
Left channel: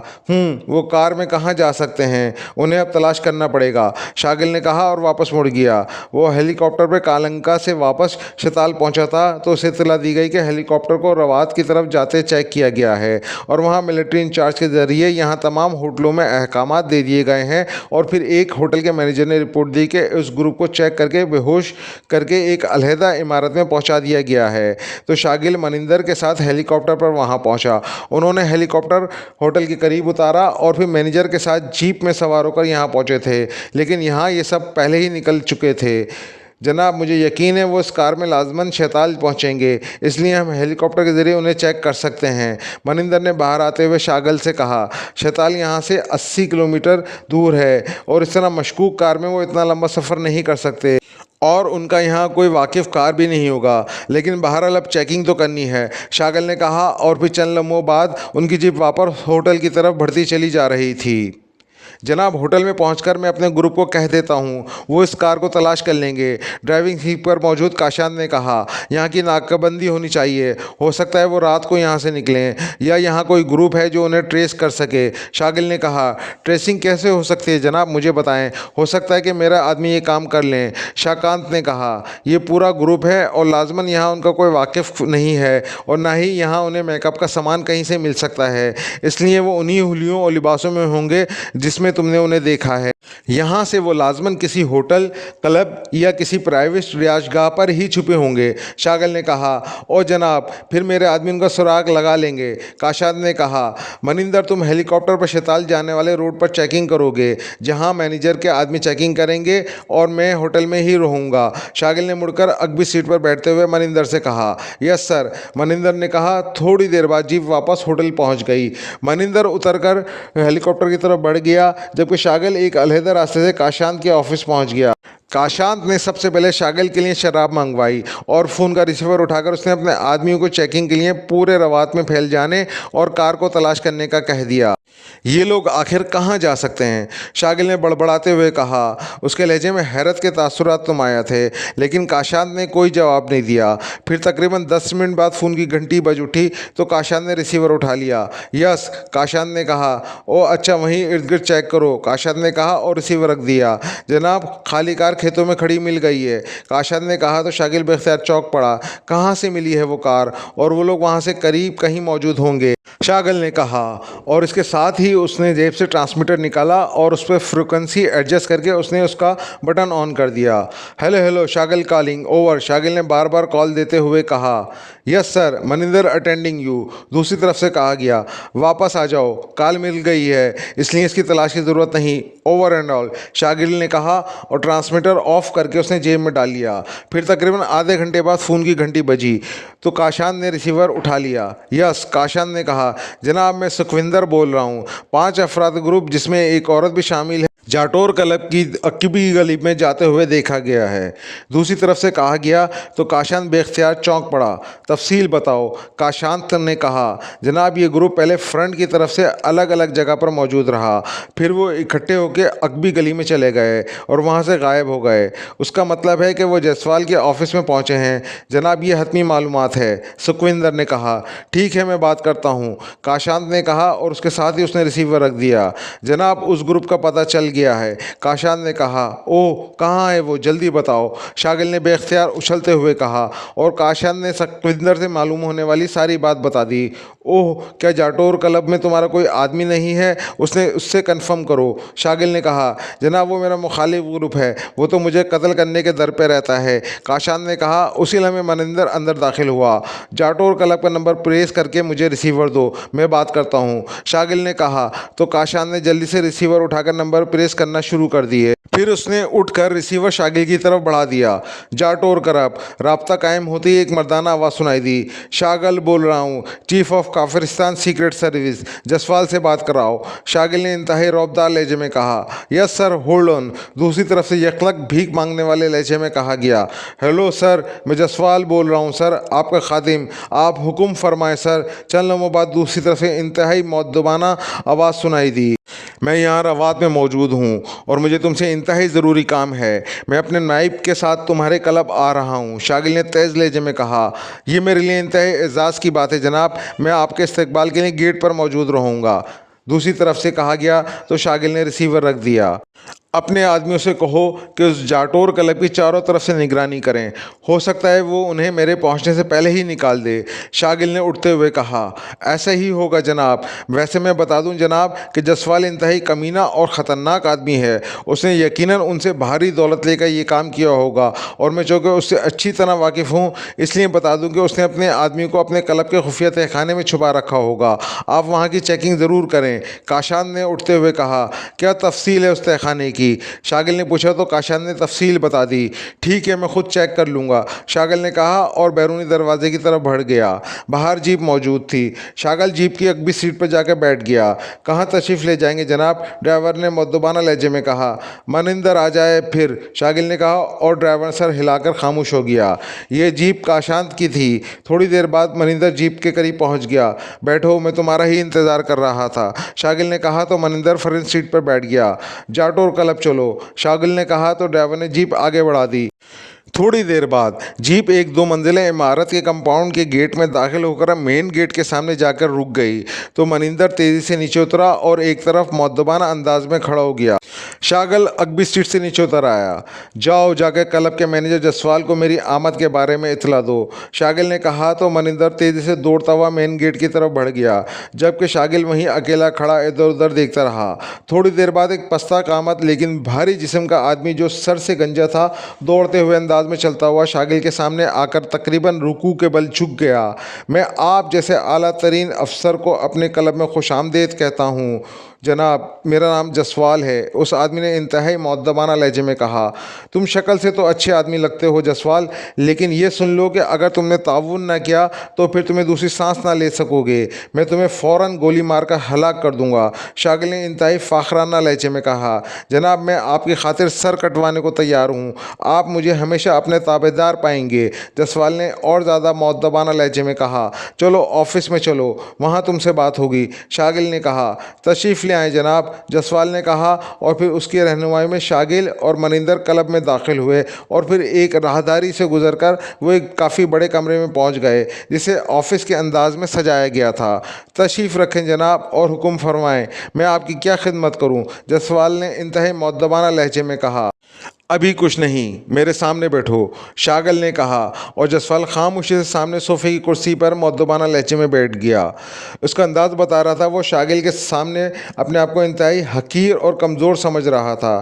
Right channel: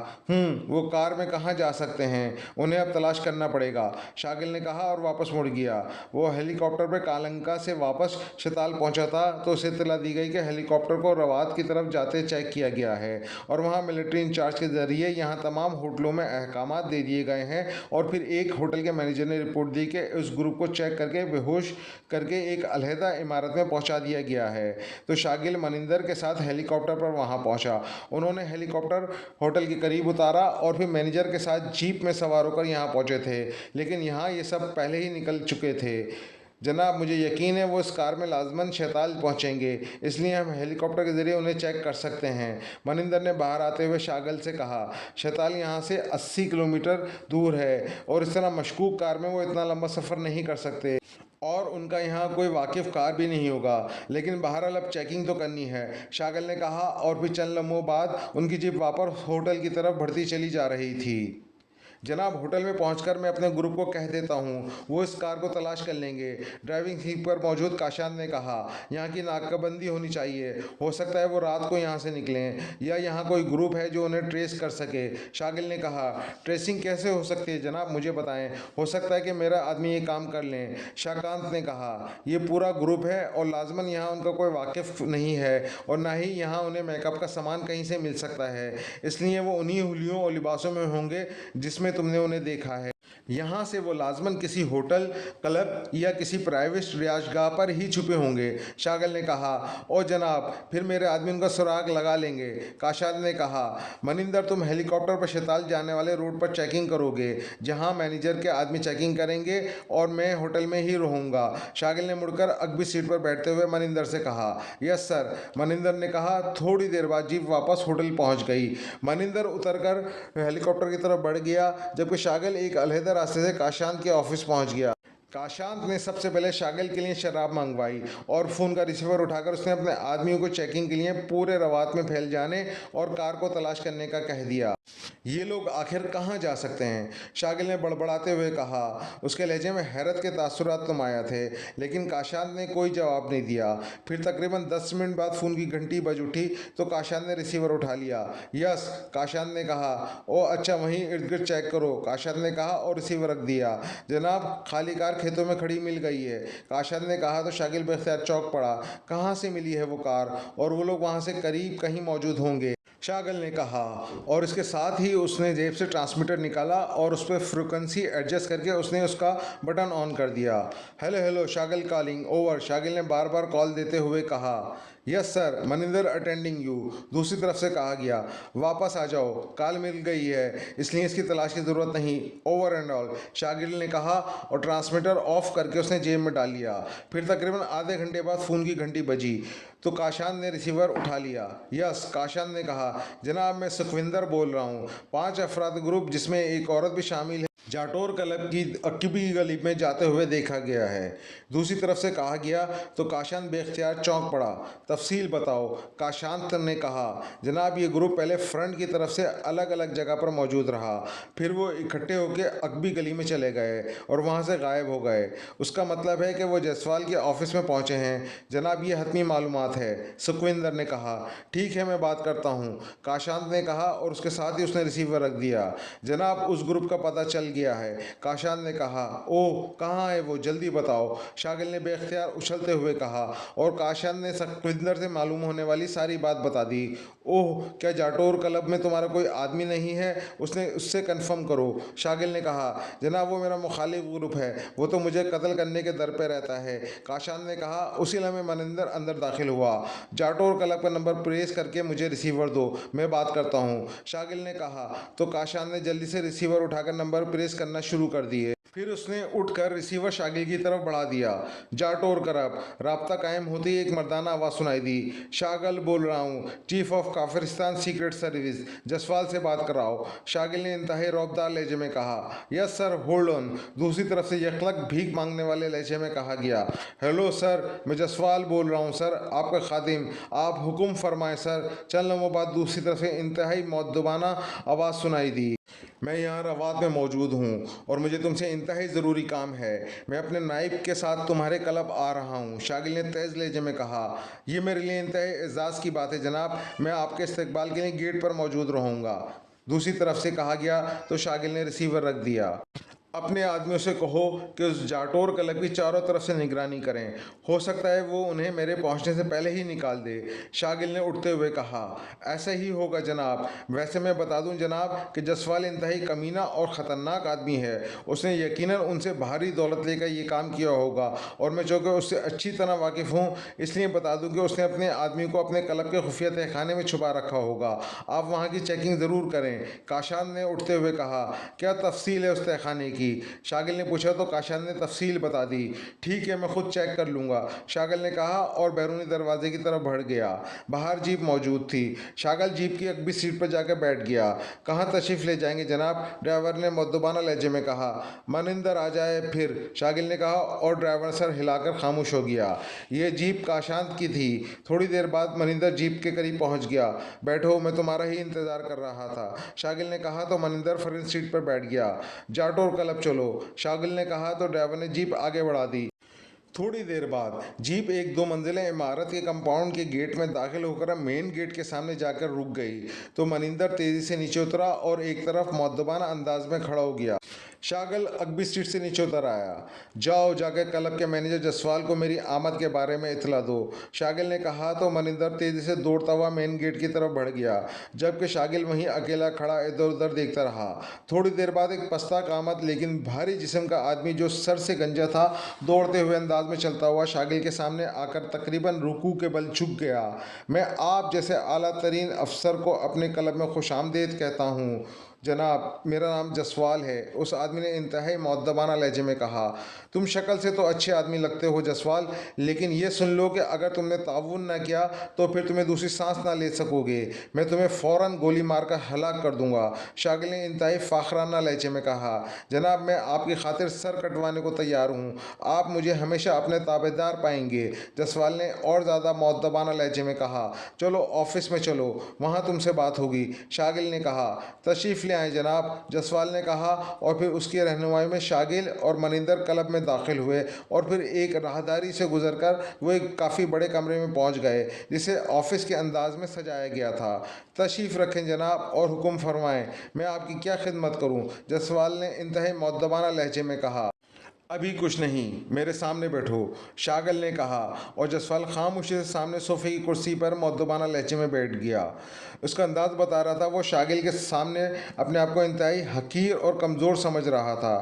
वो कार में कहाँ जा सकते हैं? उन्हें अब तलाश करना पड़ेगा, शागिल ने कहा और वापस मुड़ गया। वो हेलीकॉप्टर पर कालंका से वापस शताल पहुँचा था तो उसे इत्तला दी गई कि हेलीकॉप्टर को रवात की तरफ जाते चेक किया गया है, और वहाँ मिलिट्री इंचार्ज के ज़रिए यहाँ तमाम होटलों में अहकामात दे दिए गए हैं। और फिर एक होटल के मैनेजर ने रिपोर्ट दी कि उस ग्रुप को चेक करके बेहोश करके एक अलहदा इमारत में पहुँचा दिया गया है। तो शागिल मनिंदर के साथ हेलीकॉप्टर पर वहाँ पहुँचा। उन्होंने हेलीकॉप्टर होटल के करीब उतारा और फिर मैनेजर के साथ जीप में सवार होकर यहाँ पहुँचे थे, लेकिन यहाँ ये सब पहले ही निकल चुके थे। जनाब, मुझे यकीन है वो इस कार में लाजमन शैताल पहुंचेंगे, इसलिए हम हेलीकॉप्टर के ज़रिए उन्हें चेक कर सकते हैं, मनिंदर ने बाहर आते हुए शागल से कहा। शैताल यहाँ से 80 किलोमीटर दूर है, और इस तरह मशकूक कार में वो इतना लंबा सफ़र नहीं कर सकते, और उनका यहाँ कोई वाकिफ़ कार भी नहीं होगा। लेकिन बहरहाल अब चेकिंग तो करनी है, शागल ने कहा। और फिर चंद लम्हों बाद उनकी जीप वापस होटल की तरफ बढ़ती चली जा रही थी। जनाब, होटल में पहुंचकर मैं अपने ग्रुप को कह देता हूं, वो इस कार को तलाश कर लेंगे, ड्राइविंग सीट पर मौजूद काशान ने कहा। यहाँ की नाकाबंदी होनी चाहिए, हो सकता है वो रात को यहाँ से निकलें, या यहाँ कोई ग्रुप है जो उन्हें ट्रेस कर सके, शागिल ने कहा। ट्रेसिंग कैसे हो सकती है जनाब, मुझे बताएं, हो सकता है कि मेरा आदमी ये काम कर लें, शाकांत ने कहा। ये पूरा ग्रुप है और लाजमन यहाँ उनका कोई वाकिफ़ नहीं है, और ना ही यहाँ उन्हें मेकअप का सामान कहीं से मिल सकता है, इसलिए वो उन्हीं हुलियों और लिबासों में होंगे जिसमें तुमने उन्हें देखा है। यहाँ से वो लाजमन किसी होटल, क्लब या किसी प्राइवेट रिहायशगाह पर ही छुपे होंगे, शागल ने कहा। और जनाब, फिर मेरे आदमी उनका सुराग लगा लेंगे, काशाद ने कहा। मनिंदर, तुम हेलीकॉप्टर पर शैताल जाने वाले रोड पर चेकिंग करोगे, जहाँ मैनेजर के आदमी चेकिंग करेंगे, और मैं होटल में ही रहूँगा, शागिल ने मुड़कर अगली सीट पर बैठते हुए मनिंदर से कहा। यस सर, मनिंदर ने कहा। थोड़ी देर बाद जीप वापस होटल पहुँच गई। मनिंदर उतरकर हेलीकॉप्टर की तरफ बढ़ गया, जबकि शागिल एक अलहदा रास्ते से काशांत के ऑफिस पहुंच गया। काशांत ने सबसे पहले शागिल के लिए शराब मंगवाई, और फ़ोन का रिसीवर उठाकर उसने अपने आदमियों को चेकिंग के लिए पूरे रवात में फैल जाने और कार को तलाश करने का कह दिया। ये लोग आखिर कहाँ जा सकते हैं, शागिल ने बड़बड़ाते हुए कहा। उसके लहजे में हैरत के तासुरात नुमाया थे, लेकिन काशांत ने कोई जवाब नहीं दिया। फिर तकरीबन 10 मिनट बाद फ़ोन की घंटी बज उठी तो काशांत ने रिसीवर उठा लिया। यस, काशांत ने कहा। ओ अच्छा, वहीं इर्द गिर्द चेक करो, काशांत ने कहा और रिसीवर रख दिया। जनाब, खाली कार खेतों में खड़ी मिल गई है, काशांत ने कहा। तो शागिल बेख्तियार चौंक पड़ा। कहाँ से मिली है वो कार, और वो लोग वहाँ से करीब कहीं मौजूद होंगे। शागल ने कहा, और इसके साथ ही उसने जेब से ट्रांसमीटर निकाला और उस पर फ्रिक्वेंसी एडजस्ट करके उसने उसका बटन ऑन कर दिया। Hello hello, Shagal calling over, Shagil ने बार बार कॉल देते हुए कहा। Yes sir, Maninder attending you, दूसरी तरफ से कहा गया। वापस आ जाओ, कॉल मिल गई है, इसलिए इसकी तलाश की ज़रूरत नहीं, ओवर एंड ऑल, शागिल ने कहा और ट्रांसमीटर ऑफ करके उसने जेब में डाल लिया। फिर तकरीबन आधे घंटे बाद फ़ोन की घंटी बजी तो काशान ने रिसीवर उठा लिया। यस, काशान ने कहा, जनाब मैं सुखविंदर बोल रहा हूँ। 5 अफराद ग्रुप जिसमें एक औरत भी शामिल है जाटोर क्लब की अक्बी गली में जाते हुए देखा गया है। दूसरी तरफ से कहा गया तो काशांत बेख्तियार चौंक पड़ा। तफसील बताओ, काशांत ने कहा। जनाब ये ग्रुप पहले फ्रंट की तरफ से अलग अलग जगह पर मौजूद रहा, फिर वो इकट्ठे होकर अक्बी गली में चले गए और वहाँ से गायब हो गए। उसका मतलब है कि वो जायसवाल के ऑफिस में पहुँचे हैं। जनाब ये हतमी मालूमात है, सुखविंदर ने कहा। ठीक है, मैं बात करता हूँ, काशांत ने कहा और उसके साथ ही उसने रिसीवर रख दिया। जनाब उस ग्रुप का पता चल गया है, काशांत ने कहा। ओह, कहाँ है वो, जल्दी बताओ, शागिल ने बेख्तियार उछलते हुए कहा और काशांत ने सुखविंदर से मालूम होने वाली सारी बात बता दी। ओह, क्या जाटोर क्लब में तुम्हारा कोई आदमी नहीं है, उसने उससे कन्फर्म करो, शागिल ने कहा। जनाब वो मेरा मुखालिफ ग्रुप है, वो तो मुझे कत्ल करने के दर पे रहता है, काशांत ने कहा। उसी लम्हे मनिंदर अंदर दाखिल हुआ। जाटोर क्लब का नंबर प्रेस करके मुझे रिसीवर दो, मैं बात करता हूँ, शागिल ने कहा। तो काशांत ने जल्दी से रिसीवर उठाकर नंबर प्रेस करना शुरू कर दिए। फिर उसने उठकर रिसीवर शागिल की तरफ बढ़ा दिया। जाटोर करब, राब्ता कायम होते ही एक मर्दाना आवाज़ सुनाई दी। शागिल बोल रहा हूँ, chief of Kafiristan secret service, Jaswal से बात कराओ, शागिल ने इंतहाई रौबदार लहजे में कहा। यस सर, होल्ड ऑन, दूसरी तरफ से यकलक भीख मांगने वाले लहजे में कहा गया। हेलो सर, मैं जसवाल बोल रहा हूँ सर, आपका खादिम, आप हुक्म फरमाएं सर। चंद लम्हों बाद दूसरी तरफ से इंतहाई मौदबाना आवाज़ सुनाई दी। मैं यहाँ रवात में मौजूद हूँ और मुझे तुमसे इंतहाई ज़रूरी काम है। मैं अपने नाइब के साथ तुम्हारे क्लब आ रहा हूँ, शागिल ने तेज़ लहजे में कहा। यह मेरे लिए इंतहाई एजाज़ की बात है जनाब, मैं आपके इस्तकबाल के लिए गेट पर मौजूद रहूँगा, दूसरी तरफ से कहा गया। तो शागिल ने रिसीवर रख दिया। अपने आदमियों से कहो कि उस जाटोर क्लब की चारों तरफ से निगरानी करें, हो सकता है वो उन्हें मेरे पहुंचने से पहले ही निकाल दे, शागिल ने उठते हुए कहा। ऐसा ही होगा जनाब। वैसे मैं बता दूं जनाब कि जसवाल इंतहाई कमीना और ख़तरनाक आदमी है, उसने यकीनन उनसे भारी दौलत लेकर ये काम किया होगा और मैं चूँकि उससे अच्छी तरह वाकिफ़ हूँ इसलिए बता दूँ कि उसने अपने आदमी को अपने क्लब के खुफिया तहखाने में छुपा रखा होगा। आप वहाँ की चेकिंग ज़रूर करें, काशान ने उठते हुए कहा। क्या तफसील है उस तहखाने की, शागिल ने पूछा। तो काशान ने तफसील बता दी। ठीक है, मैं खुद चेक कर लूँगा, शागिल ने कहा और बैरूनी दरवाजे की तरफ बढ़ गया। बाहर जीप मौजूद थी। शागिल जीप की अगली सीट पर जाकर बैठ गया। कहाँ तशरीफ़ ले जाएंगे जनाब, ड्राइवर ने मुद्दबाना लहजे में कहा। मनिंदर आ जाए फिर, शागिल ने कहा और ड्राइवर सर हिलाकर खामोश हो गया। ये जीप काशांत की थी। थोड़ी देर बाद मनिंदर जीप के करीब पहुंच गया। बैठो, मैं तुम्हारा ही इंतज़ार कर रहा था, शागिल ने कहा। तो मनिंदर फ्रंट सीट पर बैठ गया। जाटोर क्लब चलो, शागिल ने कहा। तो ड्राइवर ने जीप आगे बढ़ा दी। थोड़ी देर बाद जीप एक 2 मंजिला इमारत के कंपाउंड के गेट में दाखिल होकर मेन गेट के सामने जाकर रुक गई। तो मनिंदर तेज़ी से नीचे उतरा और एक तरफ मौदबाना अंदाज में खड़ा हो गया। शागिल अकबी स्ट्रीट से नीचे उतर आया। जाओ, जाकर क्लब के मैनेजर जसवाल को मेरी आमद के बारे में इतला दो, शागिल ने कहा। तो मनिंदर तेज़ी से दौड़ता हुआ मेन गेट की तरफ बढ़ गया, जबकि शागिल वहीं अकेला खड़ा इधर उधर देखता रहा। थोड़ी देर बाद एक पस्ता कामत लेकिन भारी जिस्म का आदमी जो सर से गंजा था, दौड़ते हुए अंदाज में चलता हुआ शागिल के सामने आकर तकरीबन रुकू के बल झुक गया। मैं आप जैसे आला तरीन अफसर को अपने क्लब में खुशामदीद कहता हूँ जनाब, मेरा नाम जसवाल है, उस आदमी ने इंतहाई मुअद्दबाना लहजे में कहा। तुम शक्ल से तो अच्छे आदमी लगते हो जसवाल, लेकिन ये सुन लो कि अगर तुमने ताउन ना किया तो फिर तुम्हें दूसरी सांस ना ले सकोगे, मैं तुम्हें फ़ौरन गोली मारकर हलाक कर दूंगा, शागिल ने इंतहाई फ़ाखराना लहजे में कहा। जनाब, मैं आपकी खातिर सर कटवाने को तैयार हूँ, आप मुझे हमेशा अपने ताबेदार पाएंगे, जसवाल ने और ज़्यादा मुअद्दबाना लहजे में कहा। चलो ऑफिस में चलो, वहाँ तुमसे बात होगी, शागिल ने कहा। तशरीफ़ ले आए जनाब, जसवाल ने कहा और फिर उसकी रहनुमाई में शागिल और मनिंदर क्लब में दाखिल हुए और फिर एक राहदारी से गुजरकर वो एक काफ़ी बड़े कमरे में पहुंच गए जिसे ऑफिस के अंदाज में सजाया गया था। तशरीफ़ रखें जनाब और हुक्म फरमाएं, मैं आपकी क्या खिदमत करूं, जसवाल ने इंतहाई मुअद्दबाना लहजे में कहा। अभी कुछ नहीं, मेरे सामने बैठो, शागिल ने कहा। और जसपाल खामोशी से सामने सोफे की कुर्सी पर मुअद्दबाना लहजे में बैठ गया। उसका अंदाज बता रहा था वो शागिल के सामने अपने आप को इंतहाई हकीर और कमज़ोर समझ रहा था।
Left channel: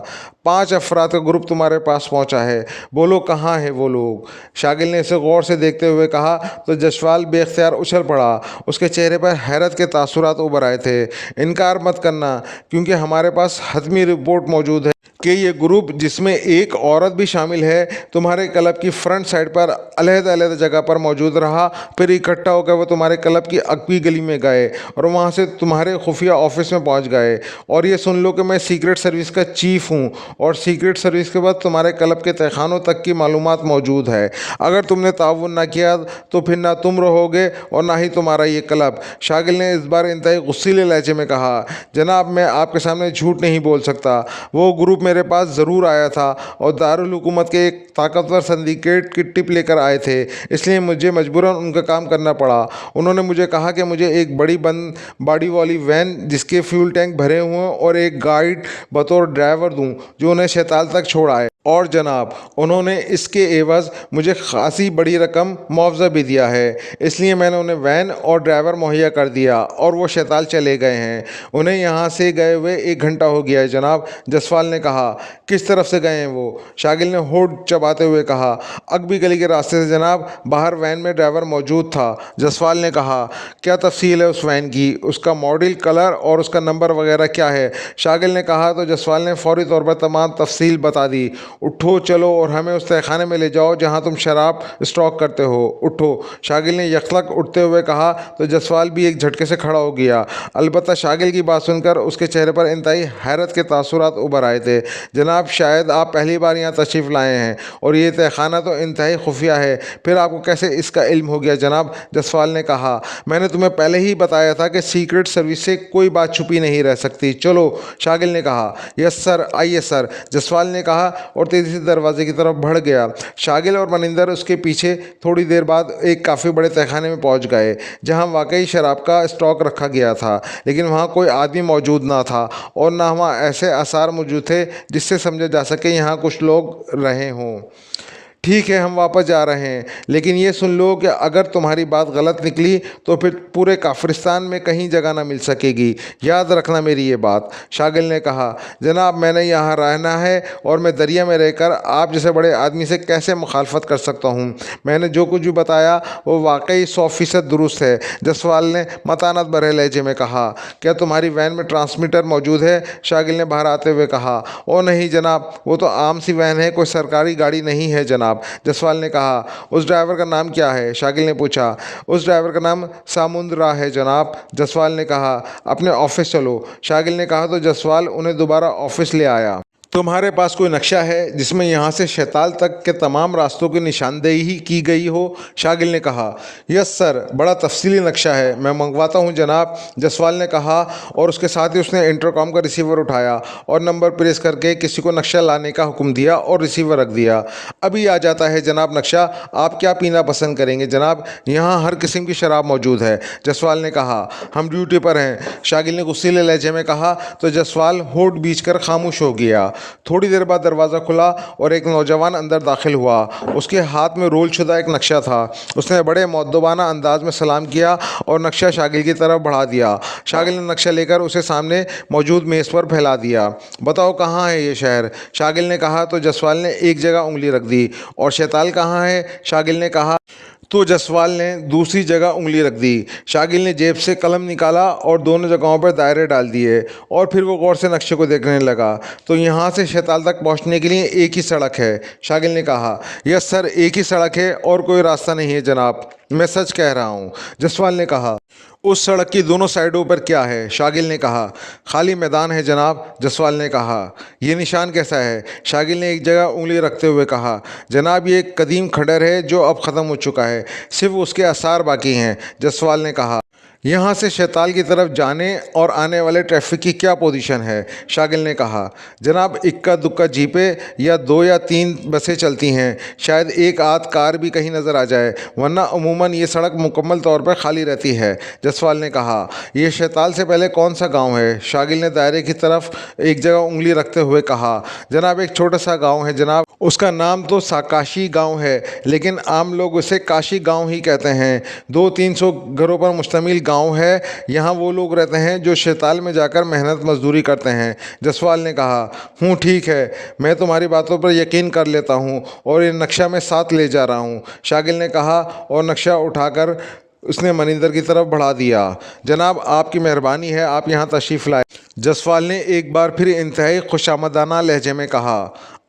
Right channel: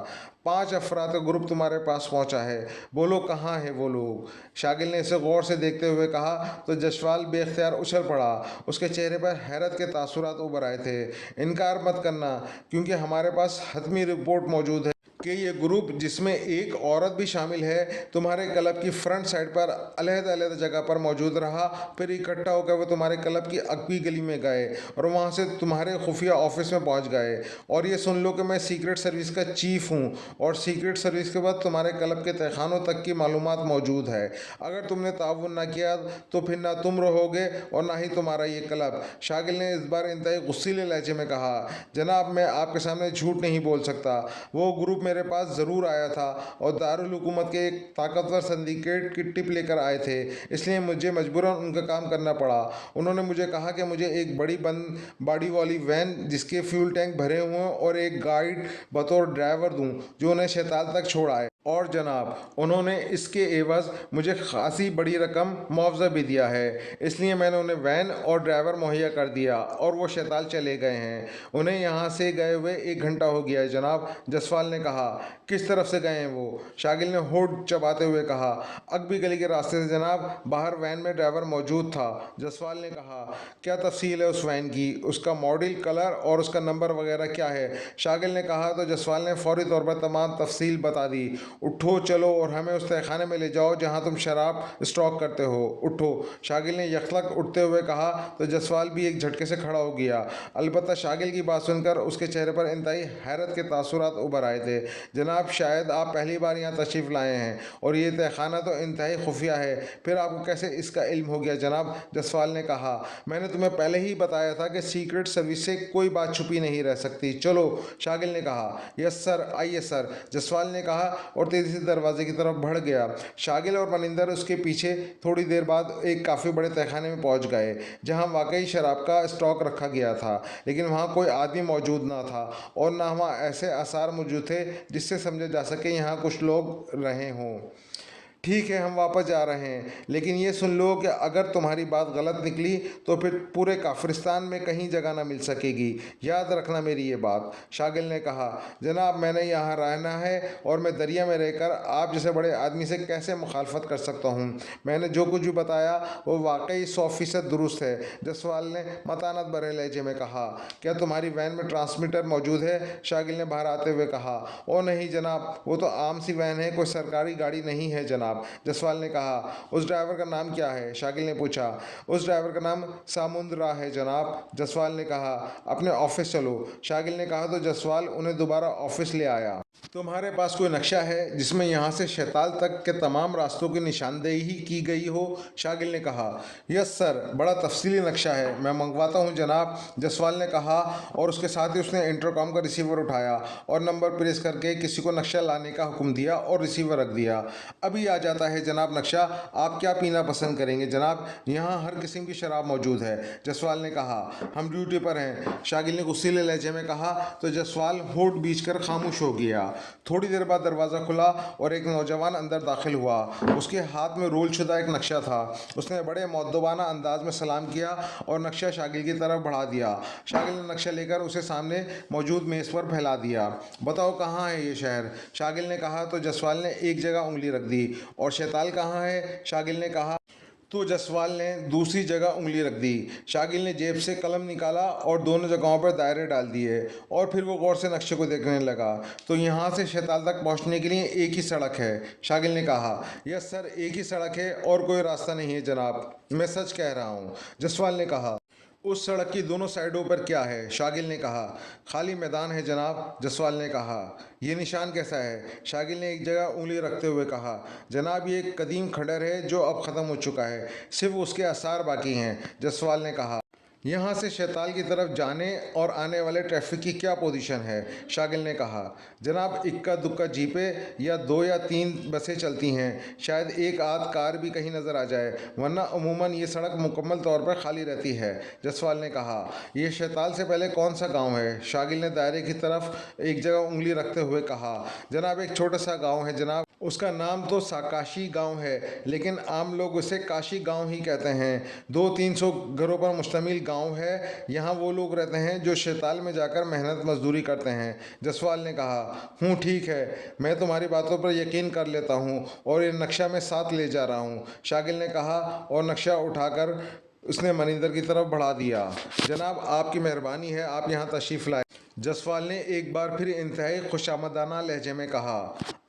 5 अफराद का ग्रुप तुम्हारे पास पहुंचा है, बोलो कहाँ है वो लोग? शागिल ने इसे गौर से देखते हुए कहा तो जसपाल बेख्तियार उछल पड़ा। उसके चेहरे पर हैरत के तासुरात उभर आए थे। इनकार मत करना, क्योंकि हमारे पास हतमी रिपोर्ट मौजूद है कि ये ग्रुप, जिसमें एक औरत भी शामिल है, तुम्हारे क्लब की फ्रंट साइड पर अलग-अलग जगह पर मौजूद रहा। फिर इकट्ठा होकर वो तुम्हारे क्लब की अगली गली में गए और वहाँ से तुम्हारे खुफिया ऑफिस में पहुँच गए। और ये सुन लो कि मैं सीक्रेट सर्विस का चीफ हूँ और सीक्रेट सर्विस के बाद तुम्हारे क्लब के तहखानों तक की मालूमात मौजूद है। अगर तुमने ताउन ना किया तो फिर ना तुम रहोगे और ना ही तुम्हारा ये क्लब। शागिल ने इस बार इंतहाई गुस्सीले लहजे में कहा, जनाब मैं आपके सामने झूठ नहीं बोल सकता। वो ग्रुप मेरे पास ज़रूर आया था और दारुल हुकूमत के एक ताकतवर सिंडिकेट की टिप लेकर आए थे, इसलिए मुझे मजबूरन उनका काम करना पड़ा। उन्होंने मुझे कहा कि मुझे एक बड़ी बंद बाड़ी वाली वैन जिसके फ्यूल टैंक भरे हुए हैं और एक गाइड बतौर ड्राइवर दूं जो उन्हें शैताल तक छोड़ आए। और जनाब, उन्होंने इसके एवज़ मुझे खासी बड़ी रकम मुआवजा भी दिया है, इसलिए मैंने उन्हें वैन और ड्राइवर मुहैया कर दिया और वो शैताल चले गए हैं। उन्हें यहाँ से गए हुए 1 घंटा हो गया है जनाब, जसपाल ने कहा। किस तरफ से गए हैं वो? शागिल ने होठ चबाते हुए कहा। अगबी गली के रास्ते से जनाब, बाहर वैन में ड्राइवर मौजूद था। जसपाल ने कहा। क्या तफसील है उस वैन की? उसका मॉडल, कलर और उसका नंबर वगैरह क्या है? शागिल ने कहा तो जसपाल ने फौरी तौर पर तमाम तफसील बता दी। उठो चलो और हमें उस तहखाने में ले जाओ जहाँ तुम शराब स्टॉक करते हो। उठो, शागिल ने यकलक उठते हुए कहा तो जसपाल भी एक झटके से खड़ा हो गया। अलबत्ता शागिल की बात सुनकर उसके चेहरे पर इंतहाई हैरत के तासुरात उभर आए थे। जनाब, शायद आप पहली बार यहाँ तशरीफ़ लाए हैं और ये तहखाना तो इंतहाई खुफिया है, फिर आपको कैसे इसका इल्म हो गया जनाब? जसपाल ने कहा। मैंने तुम्हें पहले ही बताया था कि सीक्रेट सर्विस से कोई बात छुपी नहीं रह सकती। चलो, शागिल ने कहा। यस सर, आइए सर, जसपाल ने कहा और तेज़ी से दरवाजे की तरफ बढ़ गया। शागिल और मनिंदर उसके पीछे। थोड़ी देर बाद एक काफ़ी बड़े तहखाने में पहुंच गए जहां वाकई शराब का स्टॉक रखा गया था, लेकिन वहां कोई आदमी मौजूद ना था और ना वहां ऐसे आसार मौजूद थे जिससे समझा जा सके यहाँ कुछ लोग रहे हों। ठीक है, हम वापस जा रहे हैं, लेकिन ये सुन लो कि अगर तुम्हारी बात गलत निकली तो फिर पूरे काफिरिस्तान में कहीं जगह ना मिल सकेगी। याद रखना मेरी ये बात। शागिल ने कहा। जनाब, मैंने यहाँ रहना है और मैं दरिया में रहकर आप जैसे बड़े आदमी से कैसे मुखालफत कर सकता हूँ? मैंने जो कुछ भी बताया वो वाकई 100% दुरुस्त है, जसवाल ने मतानत भरे लहजे में कहा। क्या तुम्हारी वैन में ट्रांसमीटर मौजूद है? शागिल ने बाहर आते हुए कहा। ओ नहीं जनाब, वो तो आम सी वैन है, कोई सरकारी गाड़ी नहीं है जनाब, जसवाल ने कहा। उस ड्राइवर का नाम क्या है? शागिल ने पूछा। उस ड्राइवर का नाम सामुंद्रा है जनाब, जसवाल ने कहा। अपने ऑफिस चलो, शागिल ने कहा तो जसवाल उन्हें दोबारा ऑफिस ले आया। तुम्हारे पास कोई नक्शा है जिसमें यहाँ से शैताल तक के तमाम रास्तों की निशानदेही की गई हो? शागिल ने कहा। यस सर, बड़ा तफसीली नक्शा है, मैं मंगवाता हूँ जनाब, जसवाल ने कहा और उसके साथ ही उसने इंटरकॉम का रिसीवर उठाया और नंबर प्रेस करके किसी को नक्शा लाने का हुक्म दिया और रिसीवर रख दिया। अभी आ जाता है जनाब नक्शा, आप क्या पीना पसंद करेंगे जनाब? यहाँ हर किस्म की शराब मौजूद है, जसवाल ने कहा। हम ड्यूटी पर हैं, शागिल ने गुस्सीले लहजे में कहा तो जसवाल होठ बीच कर खामोश हो गया। थोड़ी देर बाद दरवाज़ा खुला और एक नौजवान अंदर दाखिल हुआ। उसके हाथ में रोल शुदा एक नक्शा था। उसने बड़े मुअद्दबाना अंदाज में सलाम किया और नक्शा शागिल की तरफ बढ़ा दिया। शागिल ने नक्शा लेकर उसे सामने मौजूद मेज़ पर फैला दिया। बताओ कहाँ है ये शहर? शागिल ने कहा तो जसवाल ने एक जगह उंगली रख दी। और शैताल कहाँ है? शागिल ने कहा तो जसवाल ने दूसरी जगह उंगली रख दी। शागिल ने जेब से कलम निकाला और दोनों जगहों पर दायरे डाल दिए और फिर वो गौर से नक्शे को देखने लगा। तो यहाँ से शैताल तक पहुँचने के लिए एक ही सड़क है, शागिल ने कहा। यस सर, एक ही सड़क है और कोई रास्ता नहीं है जनाब, मैं सच कह रहा हूँ, जसवाल ने कहा। उस सड़क की दोनों साइडों पर क्या है? शागिल ने कहा। खाली मैदान है जनाब, जसवाल ने कहा। ये निशान कैसा है? शागिल ने एक जगह उंगली रखते हुए कहा। जनाब, ये एक कदीम खंडर है जो अब ख़त्म हो चुका है, सिर्फ उसके आसार बाकी हैं, जसवाल ने कहा। यहाँ से शैताल की तरफ जाने और आने वाले ट्रैफिक की क्या पोजीशन है? शागिल ने कहा। जनाब, इक्का दुक्का जीपें या 2 या 3 बसें चलती हैं, शायद एक आध कार भी कहीं नज़र आ जाए, वरना अमूमन ये सड़क मुकम्मल तौर पर खाली रहती है। जसवाल ने कहा। ये शैताल से पहले कौन सा गांव है? शागिल ने दायरे की तरफ एक जगह उंगली रखते हुए कहा। जनाब, एक छोटा सा गाँव है जनाब, उसका नाम तो साकाशी गांव है, लेकिन आम लोग उसे काशी गांव ही कहते हैं। 200-300 घरों पर मुश्तमिल गांव है। यहाँ वो लोग रहते हैं जो शैताल में जाकर मेहनत मजदूरी करते हैं। जसवाल ने कहा। ठीक है, मैं तुम्हारी बातों पर यकीन कर लेता हूँ और ये नक्शा मैं साथ ले जा रहा हूँ, शागिल ने कहा और नक्शा उठाकर उसने मनिंदर की तरफ बढ़ा दिया। जनाब, आपकी मेहरबानी है, आप यहाँ तशरीफ़ लाए। जसवाल ने एक बार फिर इंतहाई खुशामदाना लहजे में कहा।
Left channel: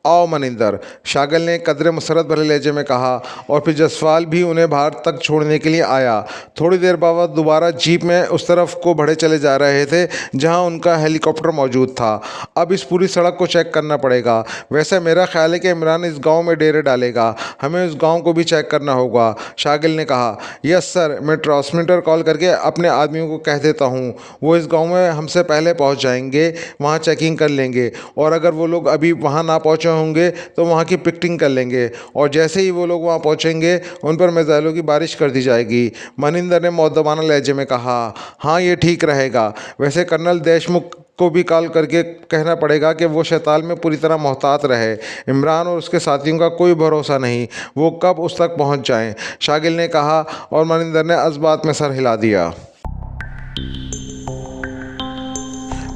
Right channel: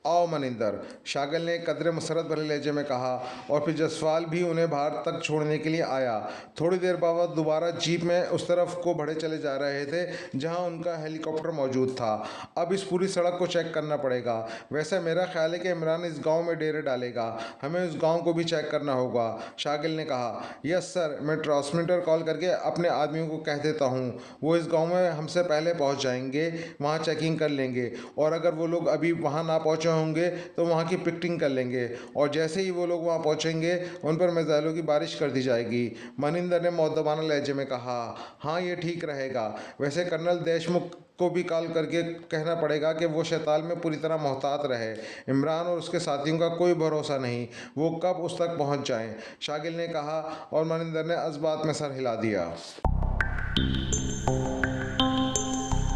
आओ मनिंदर, शागिल ने कदरे मुसरत भरे लहजे में कहा और फिर जसवाल भी उन्हें बाहर तक छोड़ने के लिए आया। थोड़ी देर बाद दोबारा जीप में उस तरफ को बढ़े चले जा रहे थे जहां उनका हेलीकॉप्टर मौजूद था। अब इस पूरी सड़क को चेक करना पड़ेगा। वैसे मेरा ख्याल है कि इमरान इस गांव में डेरे डालेगा, हमें उस गांव को भी चेक करना होगा, शागिल ने कहा। यस सर, मैं ट्रांसमीटर कॉल करके अपने आदमियों को कह देता हूँ, वो इस गाँव में हमसे पहले पहुँच जाएंगे, वहाँ चेकिंग कर लेंगे और अगर वो लोग अभी वहाँ ना पहुँचे होंगे तो वहाँ की पिकटिंग कर लेंगे और जैसे ही वो लोग वहाँ पहुँचेंगे उन पर मिसाइलों की बारिश कर दी जाएगी। मनिंदर ने मौदबाना लहजे में कहा। हाँ, ये ठीक रहेगा। वैसे कर्नल देशमुख को भी कॉल करके कहना पड़ेगा कि वो शैताल में पूरी तरह मोहतात रहे। इमरान और उसके साथियों का कोई भरोसा नहीं, वो कब उस तक पहुंच जाएं, शागिल ने कहा और मनिंदर ने अज़बात में सर हिला दिया।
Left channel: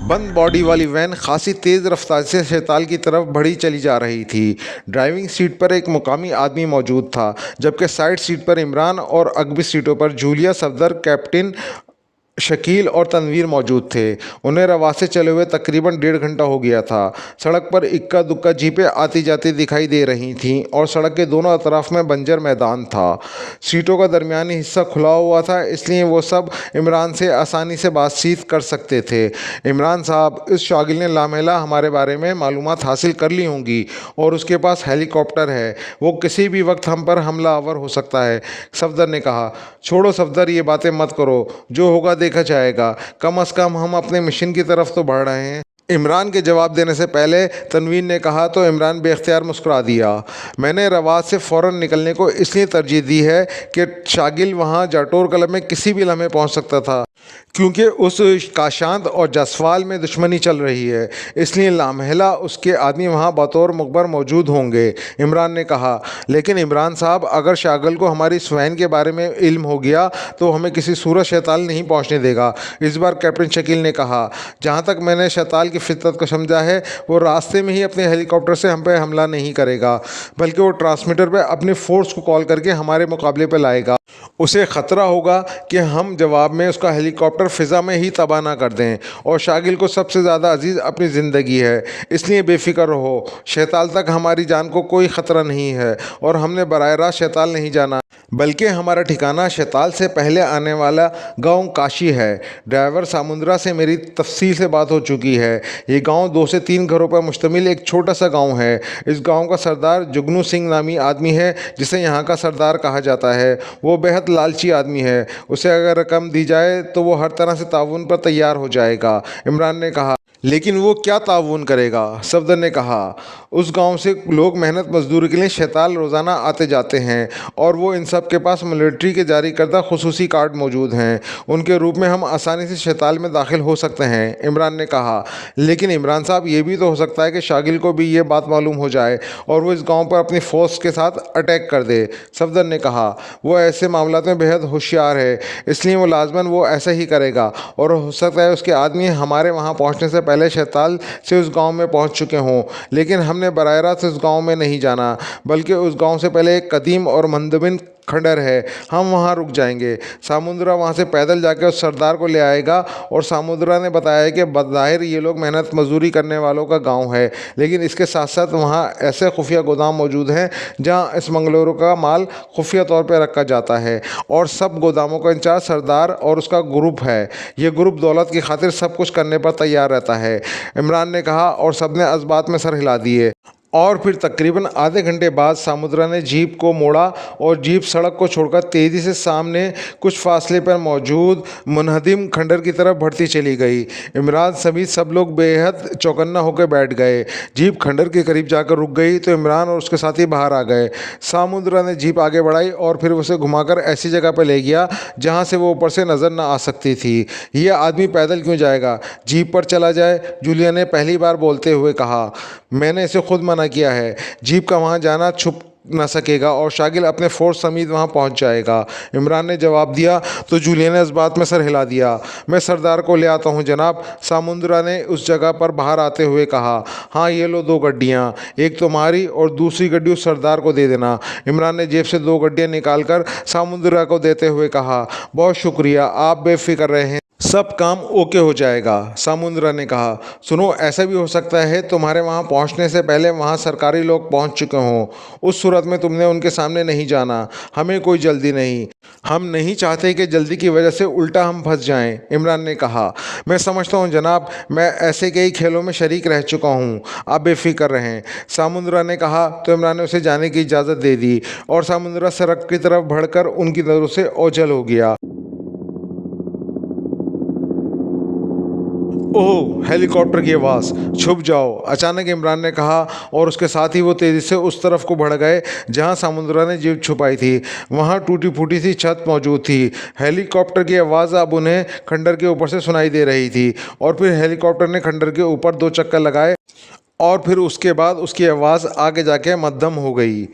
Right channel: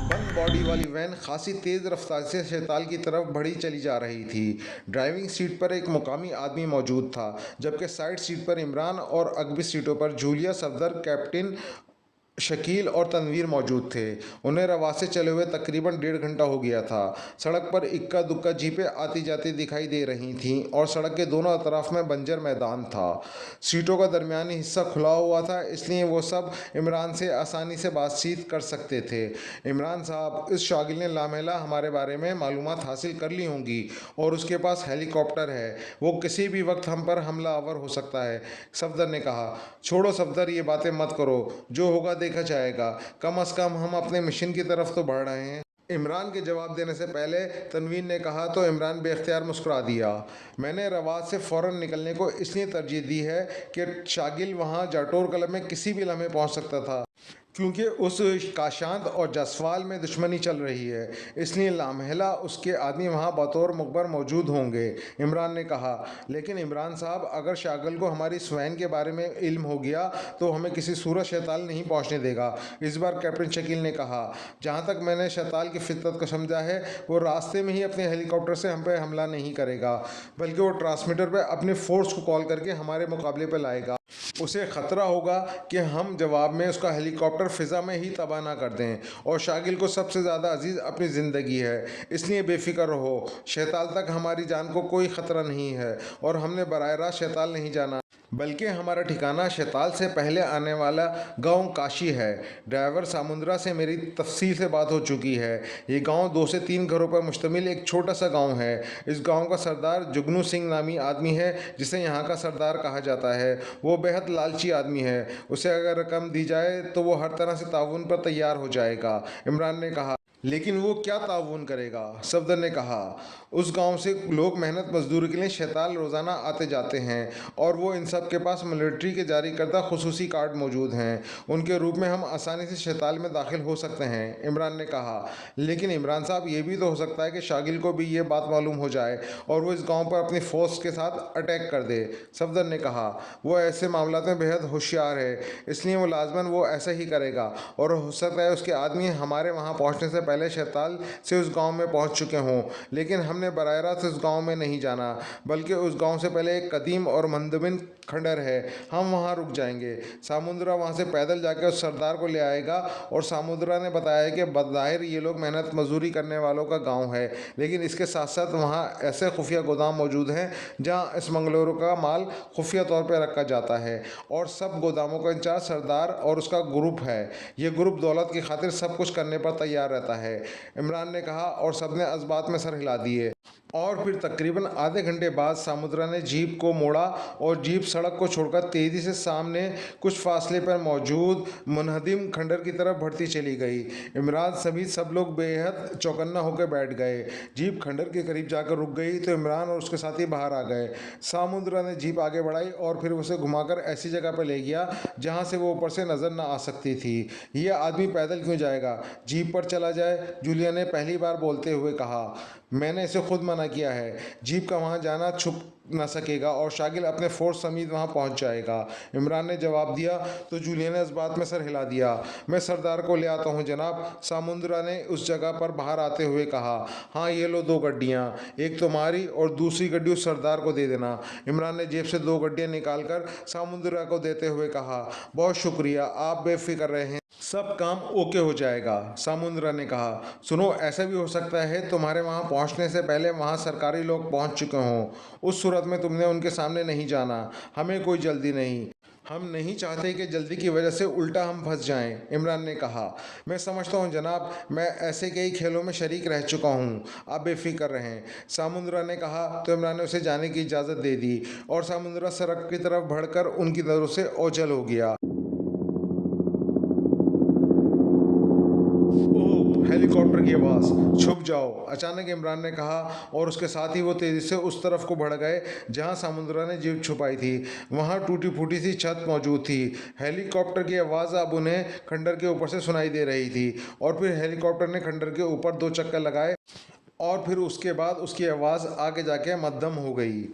बंद बॉडी वाली वैन खासी तेज़ रफ्तार से शैताल की तरफ बढ़ी चली जा रही थी। ड्राइविंग सीट पर एक मुकामी आदमी मौजूद था, जबकि साइड सीट पर इमरान और अगबी सीटों पर जूलिया, सफदर, कैप्टन शकील और तनवीर मौजूद थे। उन्हें रवास से चले हुए तकरीबन 1.5 घंटा हो गया था। सड़क पर इक्का दुक्का जीपें आती जाती दिखाई दे रही थीं और सड़क के दोनों अतराफ में बंजर मैदान था। सीटों का दरमियानी हिस्सा खुला हुआ था, इसलिए वो सब इमरान से आसानी से बातचीत कर सकते थे। इमरान साहब, इस शागिल ने लामेला हमारे बारे में मालूमात हासिल कर ली होंगी और उसके पास हेलीकॉप्टर है, वो किसी भी वक्त हम पर हमला आवर हो सकता है, सफदर ने कहा। छोड़ो सफदर, ये बातें मत करो, जो होगा देखा जाएगा। कम से कम हम अपने मिशन की तरफ तो बढ़ रहे हैं। इमरान के जवाब देने से पहले तनवीर ने कहा तो इमरान बेख्तियार मुस्कुरा दिया। मैंने रवाज से फ़ौरन निकलने को इसलिए तरजीह दी है कि शागिल वहाँ जाटोर कलब में किसी भी लम्हे पहुँच सकता था, क्योंकि उस काशांत और जसवाल में दुश्मनी चल रही है, इसलिए लामहला उसके आदमी वहाँ बतौर मुखबर मौजूद होंगे, इमरान ने कहा। लेकिन इमरान साहब, अगर शागिल को हमारी स्वैन के बारे में इल्म हो गया तो हमें किसी सूरत शैताल नहीं पहुँचने देगा, इस बार कैप्टन शकील ने कहा। जहाँ तक मैंने शैताल की फितरत को समझा है, वो रास्ते में ही अपने हेलीकॉप्टर से हम पे हमला नहीं करेगा, बल्कि वो ट्रांसमीटर पे अपनी फोर्स को कॉल करके हमारे मुकाबले पे लाएगा। उसे ख़तरा होगा कि हम जवाब में उसका हेलीकॉप्टर फ़िज़ा में ही तबाह ना कर दें, और शागिल को सबसे ज़्यादा अजीज़ अपनी ज़िंदगी है, इसलिए बेफ़िक्र रहो। शैताल तक हमारी जान को कोई ख़तरा नहीं है और हमने बराह रास्त शैताल नहीं जाना, बल्कि हमारा ठिकाना शैताल से पहले आने वाला गांव काशी है। ड्राइवर सामुंद्रा से मेरी तफसील से बात हो चुकी है। ये गांव 2 से 3 घरों पर मुश्तमिल एक छोटा सा गांव है। इस गांव का सरदार जुगनू सिंह नामी आदमी है, जिसे यहाँ का सरदार कहा जाता है। वो बेहद लालची आदमी है, उसे अगर रकम दी जाए तो वो हर तरह से ताउन पर तैयार हो जाएगा, इमरान ने कहा। लेकिन वो क्या ताउन करेगा, सफदर ने कहा। उस गांव से लोग मेहनत मजदूरी के लिए शैताल रोज़ाना आते जाते हैं और वो इन सब के पास मिलिट्री के जारी करदा खुसूसी कार्ड मौजूद हैं। उनके रूप में हम आसानी से शैताल में दाखिल हो सकते हैं, इमरान ने कहा। लेकिन इमरान साहब, ये भी तो हो सकता है कि शागिल को भी ये बात मालूम हो जाए और वो इस गाँव पर अपनी फ़ोर्स के साथ अटैक कर दे, सफदर ने कहा। वो ऐसे मामलों में बेहद होशियार है, इसलिए वो लाजमन वो ऐसा ही करेगा और हो सकता है उसके आदमी हमारे वहाँ पहुँचने से पहले शैताल से उस गाँव में पहुँच चुके हों। लेकिन हमने बराह रास्त उस गाँव में नहीं जाना, बल्कि उस गाँव से पहले एक कदीम और मंदबिन खंडर है, हम वहाँ रुक जाएंगे। सामुंद्रा वहाँ से पैदल जाकर उस सरदार को ले आएगा और सामुंद्रा ने बताया कि बज़ाहिर ये लोग मेहनत मजदूरी करने वालों का गांव है, लेकिन इसके साथ साथ वहाँ ऐसे खुफिया गोदाम मौजूद हैं जहाँ इस मंगलोरों का माल खुफिया तौर पर रखा जाता है और सब गोदामों का इंचार्ज सरदार और उसका ग्रुप है। ये ग्रुप दौलत की खातिर सब कुछ करने पर तैयार रहता है, इमरान ने कहा और सबने इस बात में सर हिला दिए। और फिर तकरीबन आधे घंटे बाद सामुद्रा ने जीप को मोड़ा और जीप सड़क को छोड़कर तेज़ी से सामने कुछ फासले पर मौजूद मुनहदिम खंडर की तरफ बढ़ती चली गई। इमरान समेत सब लोग बेहद चौकन्ना होकर बैठ गए। जीप खंडर के करीब जाकर रुक गई तो इमरान और उसके साथी बाहर आ गए। सामुद्रा ने जीप आगे बढ़ाई और फिर उसे घुमाकर ऐसी जगह पर ले गया जहाँ से वो ऊपर से नज़र न आ सकती थी। यह आदमी पैदल क्यों जाएगा, जीप पर चला जाए, जूलिया ने पहली बार बोलते हुए कहा। मैंने इसे खुद मना किया है। जीप का वहाँ जाना छुप न सकेगा और शागिल अपने फोर्स समेत वहाँ पहुँच जाएगा। इमरान ने जवाब दिया तो जूलिया ने इस बात में सर हिला दिया। मैं सरदार को ले आता हूँ जनाब, सामुद्रा ने उस जगह पर बाहर आते हुए कहा। हाँ, ये लो 2 गड्डियाँ, एक तुम्हारी और दूसरी गड्डी उस सरदार को दे देना। इमरान ने जेब से 2 गड्डियाँ निकाल कर सामुद्रा को देते हुए कहा। बहुत शुक्रिया, आप बेफिक्र रहें, सब काम ओके हो जाएगा। सामुद्रा ने कहा। सुनो, ऐसा भी हो सकता है तुम्हारे वहाँ पहुँचने से पहले वहाँ सरकारी लोग पहुँच चुके हों। उस सूरत में तुमने उनके सामने नहीं जाना। हमें कोई जल्दी नहीं, हम नहीं चाहते कि जल्दी की वजह से उल्टा हम फंस जाएं। इमरान ने कहा। मैं समझता हूँ जनाब, मैं ऐसे कई खेलों में शरीक रह चुका हूँ, आप बेफिक्र रहें, सामुद्रा ने कहा। तो इमरान ने उसे जाने की इजाज़त दे दी और सामुद्रा सड़क की तरफ बढ़कर उनकी नज़रों से ओझल हो गया। ओह, हेलीकॉप्टर की आवाज़, छुप जाओ, अचानक इमरान ने कहा और उसके साथ ही वो तेज़ी से उस तरफ को बढ़ गए जहां सामुद्रा ने जीप छुपाई थी। वहां टूटी फूटी सी छत मौजूद थी। हेलीकॉप्टर की आवाज़ अब उन्हें खंडर के ऊपर से सुनाई दे रही थी और फिर हेलीकॉप्टर ने खंडर के ऊपर 2 चक्कर लगाए और फिर उसके बाद उसकी आवाज़ आगे जाके मद्धम हो गई।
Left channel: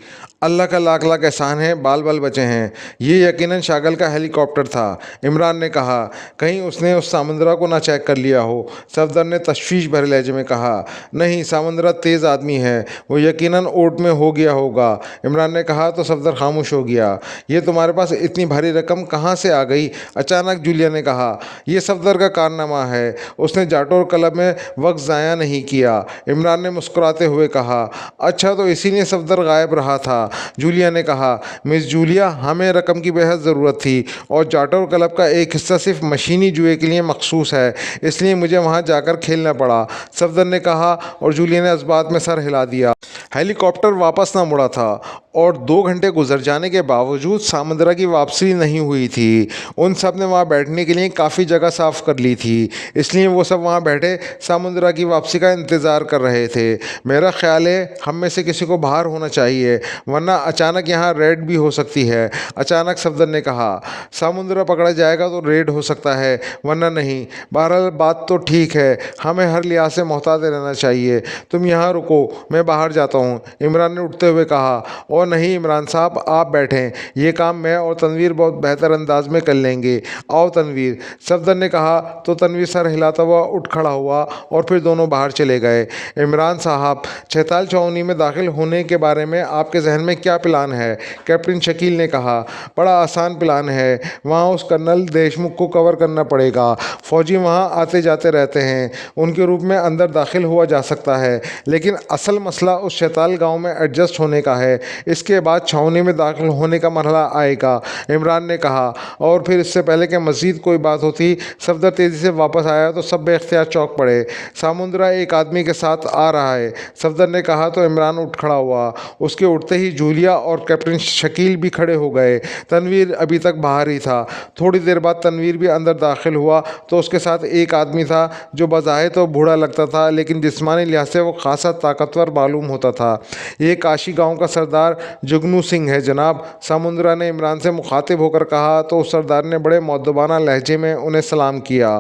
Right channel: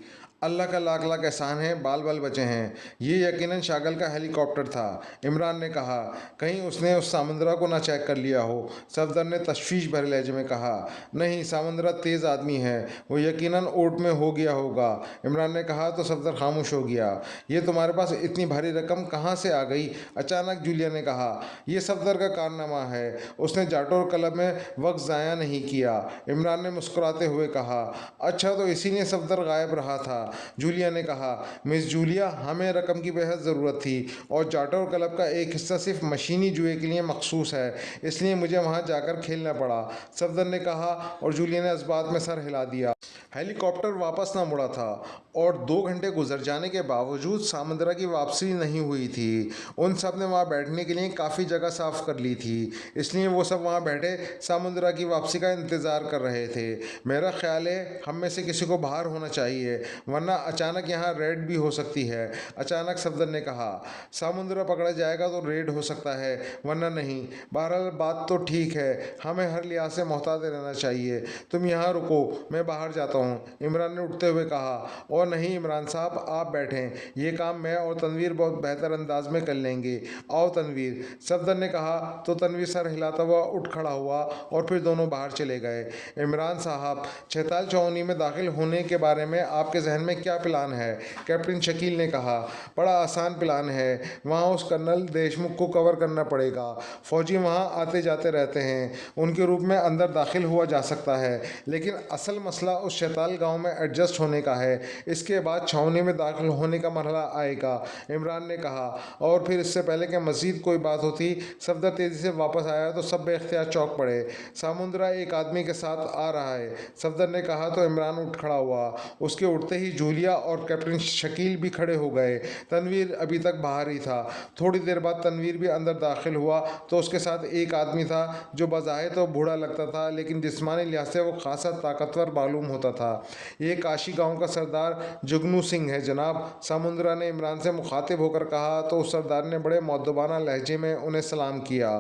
अल्लाह का लाख लाख एहसान है, बाल बाल बचे हैं। ये यकीनन शागल का हेलीकॉप्टर था, इमरान ने कहा। कहीं उसने उस सामुद्रा को ना चेक कर लिया हो, सफदर ने तशवीश भरे लहजे में कहा। नहीं, सामुद्रा तेज़ आदमी है, वो यकीनन ओट में हो गया होगा, इमरान ने कहा। तो सफदर खामोश हो गया। ये तुम्हारे पास इतनी भारी रकम कहाँ से आ गई, अचानक जूलिया ने कहा। यह सफदर का कारनामा है, उसने जाटोर क्लब में वक्त ज़ाया नहीं किया, इमरान ने मुस्कुराते हुए कहा। अच्छा, तो इसीलिए सफदर गायब रहा था, जूलिया ने कहा। मिस जूलिया, हमें रकम की बेहद ज़रूरत थी और जाटोर क्लब का एक हिस्सा सिर्फ मशीनी जुए के लिए मखसूस है, इसलिए मुझे वहां जाकर खेलना पड़ा, सफदर ने कहा और जूलिया ने इस बात में सर हिला दिया। हेलीकॉप्टर वापस ना मुड़ा था और 2 घंटे गुजर जाने के बावजूद सामुद्रा की वापसी नहीं हुई थी। उन सब ने वहाँ बैठने के लिए काफ़ी जगह साफ़ कर ली थी, इसलिए वो सब वहाँ बैठे सामुद्रा की वापसी का इंतज़ार कर रहे थे। मेरा ख्याल है हम में से किसी को बाहर होना चाहिए, वरना अचानक यहाँ रेड भी हो सकती है, अचानक सफदर ने कहा। सामुद्रा पकड़ा जाएगा तो रेड हो सकता है, वरना नहीं। बहरहाल बात तो ठीक है, हमें हर लिहाज से मोहतात रहना चाहिए। तुम यहाँ रुको, मैं बाहर जाता हूँ, इमरान ने उठते हुए कहा। और नहीं इमरान साहब, आप बैठें, ये काम मैं और तनवीर बहुत बेहतर अंदाज में कर लेंगे। आओ तनवीर, सफदर ने कहा। तो तनवीर सर हिलाता हुआ उठ खड़ा हुआ और फिर दोनों बाहर चले गए। इमरान साहब, 46 छावनी में दाखिल होने के बारे में आपके जहन में क्या प्लान है, कैप्टन शकील ने कहा। बड़ा आसान प्लान है, वहाँ उस कर्नल देशमुख को कवर करना पड़ेगा। फौजी वहाँ आते जाते रहते हैं, उनके रूप में अंदर दाखिल हुआ जा सकता है, लेकिन असल मसला उस शैताल गांव में एडजस्ट होने का है। इसके बाद छावनी में दाखिल होने का मरहला आएगा, इमरान ने कहा। और फिर इससे पहले कि मज़ीद कोई बात होती, सफदर तेज़ी से वापस आया तो सब बेख्तियार चौंक पड़े। सामुद्रा एक आदमी के साथ आ रहा है, सफदर ने कहा। तो इमरान उठ खड़ा हुआ। उसके उठते ही जूलिया और कैप्टन शकील भी खड़े हो गए। तनवीर अभी तक बाहर ही था। थोड़ी देर बाद तनवीर भी अंदर दाखिल हुआ तो उसके साथ एक आदमी था जो बज़ाहिर तो बूढ़ा लगता था, लेकिन जिस्मानी लिहाज से वो खासा ताकतवर मालूम होता था। ये काशी गांव का सरदार जुगनू सिंह है जनाब, सामुद्रा ने इमरान से मुखातिब होकर कहा। तो उस सरदार ने बड़े मौदबाना लहजे में उन्हें सलाम किया।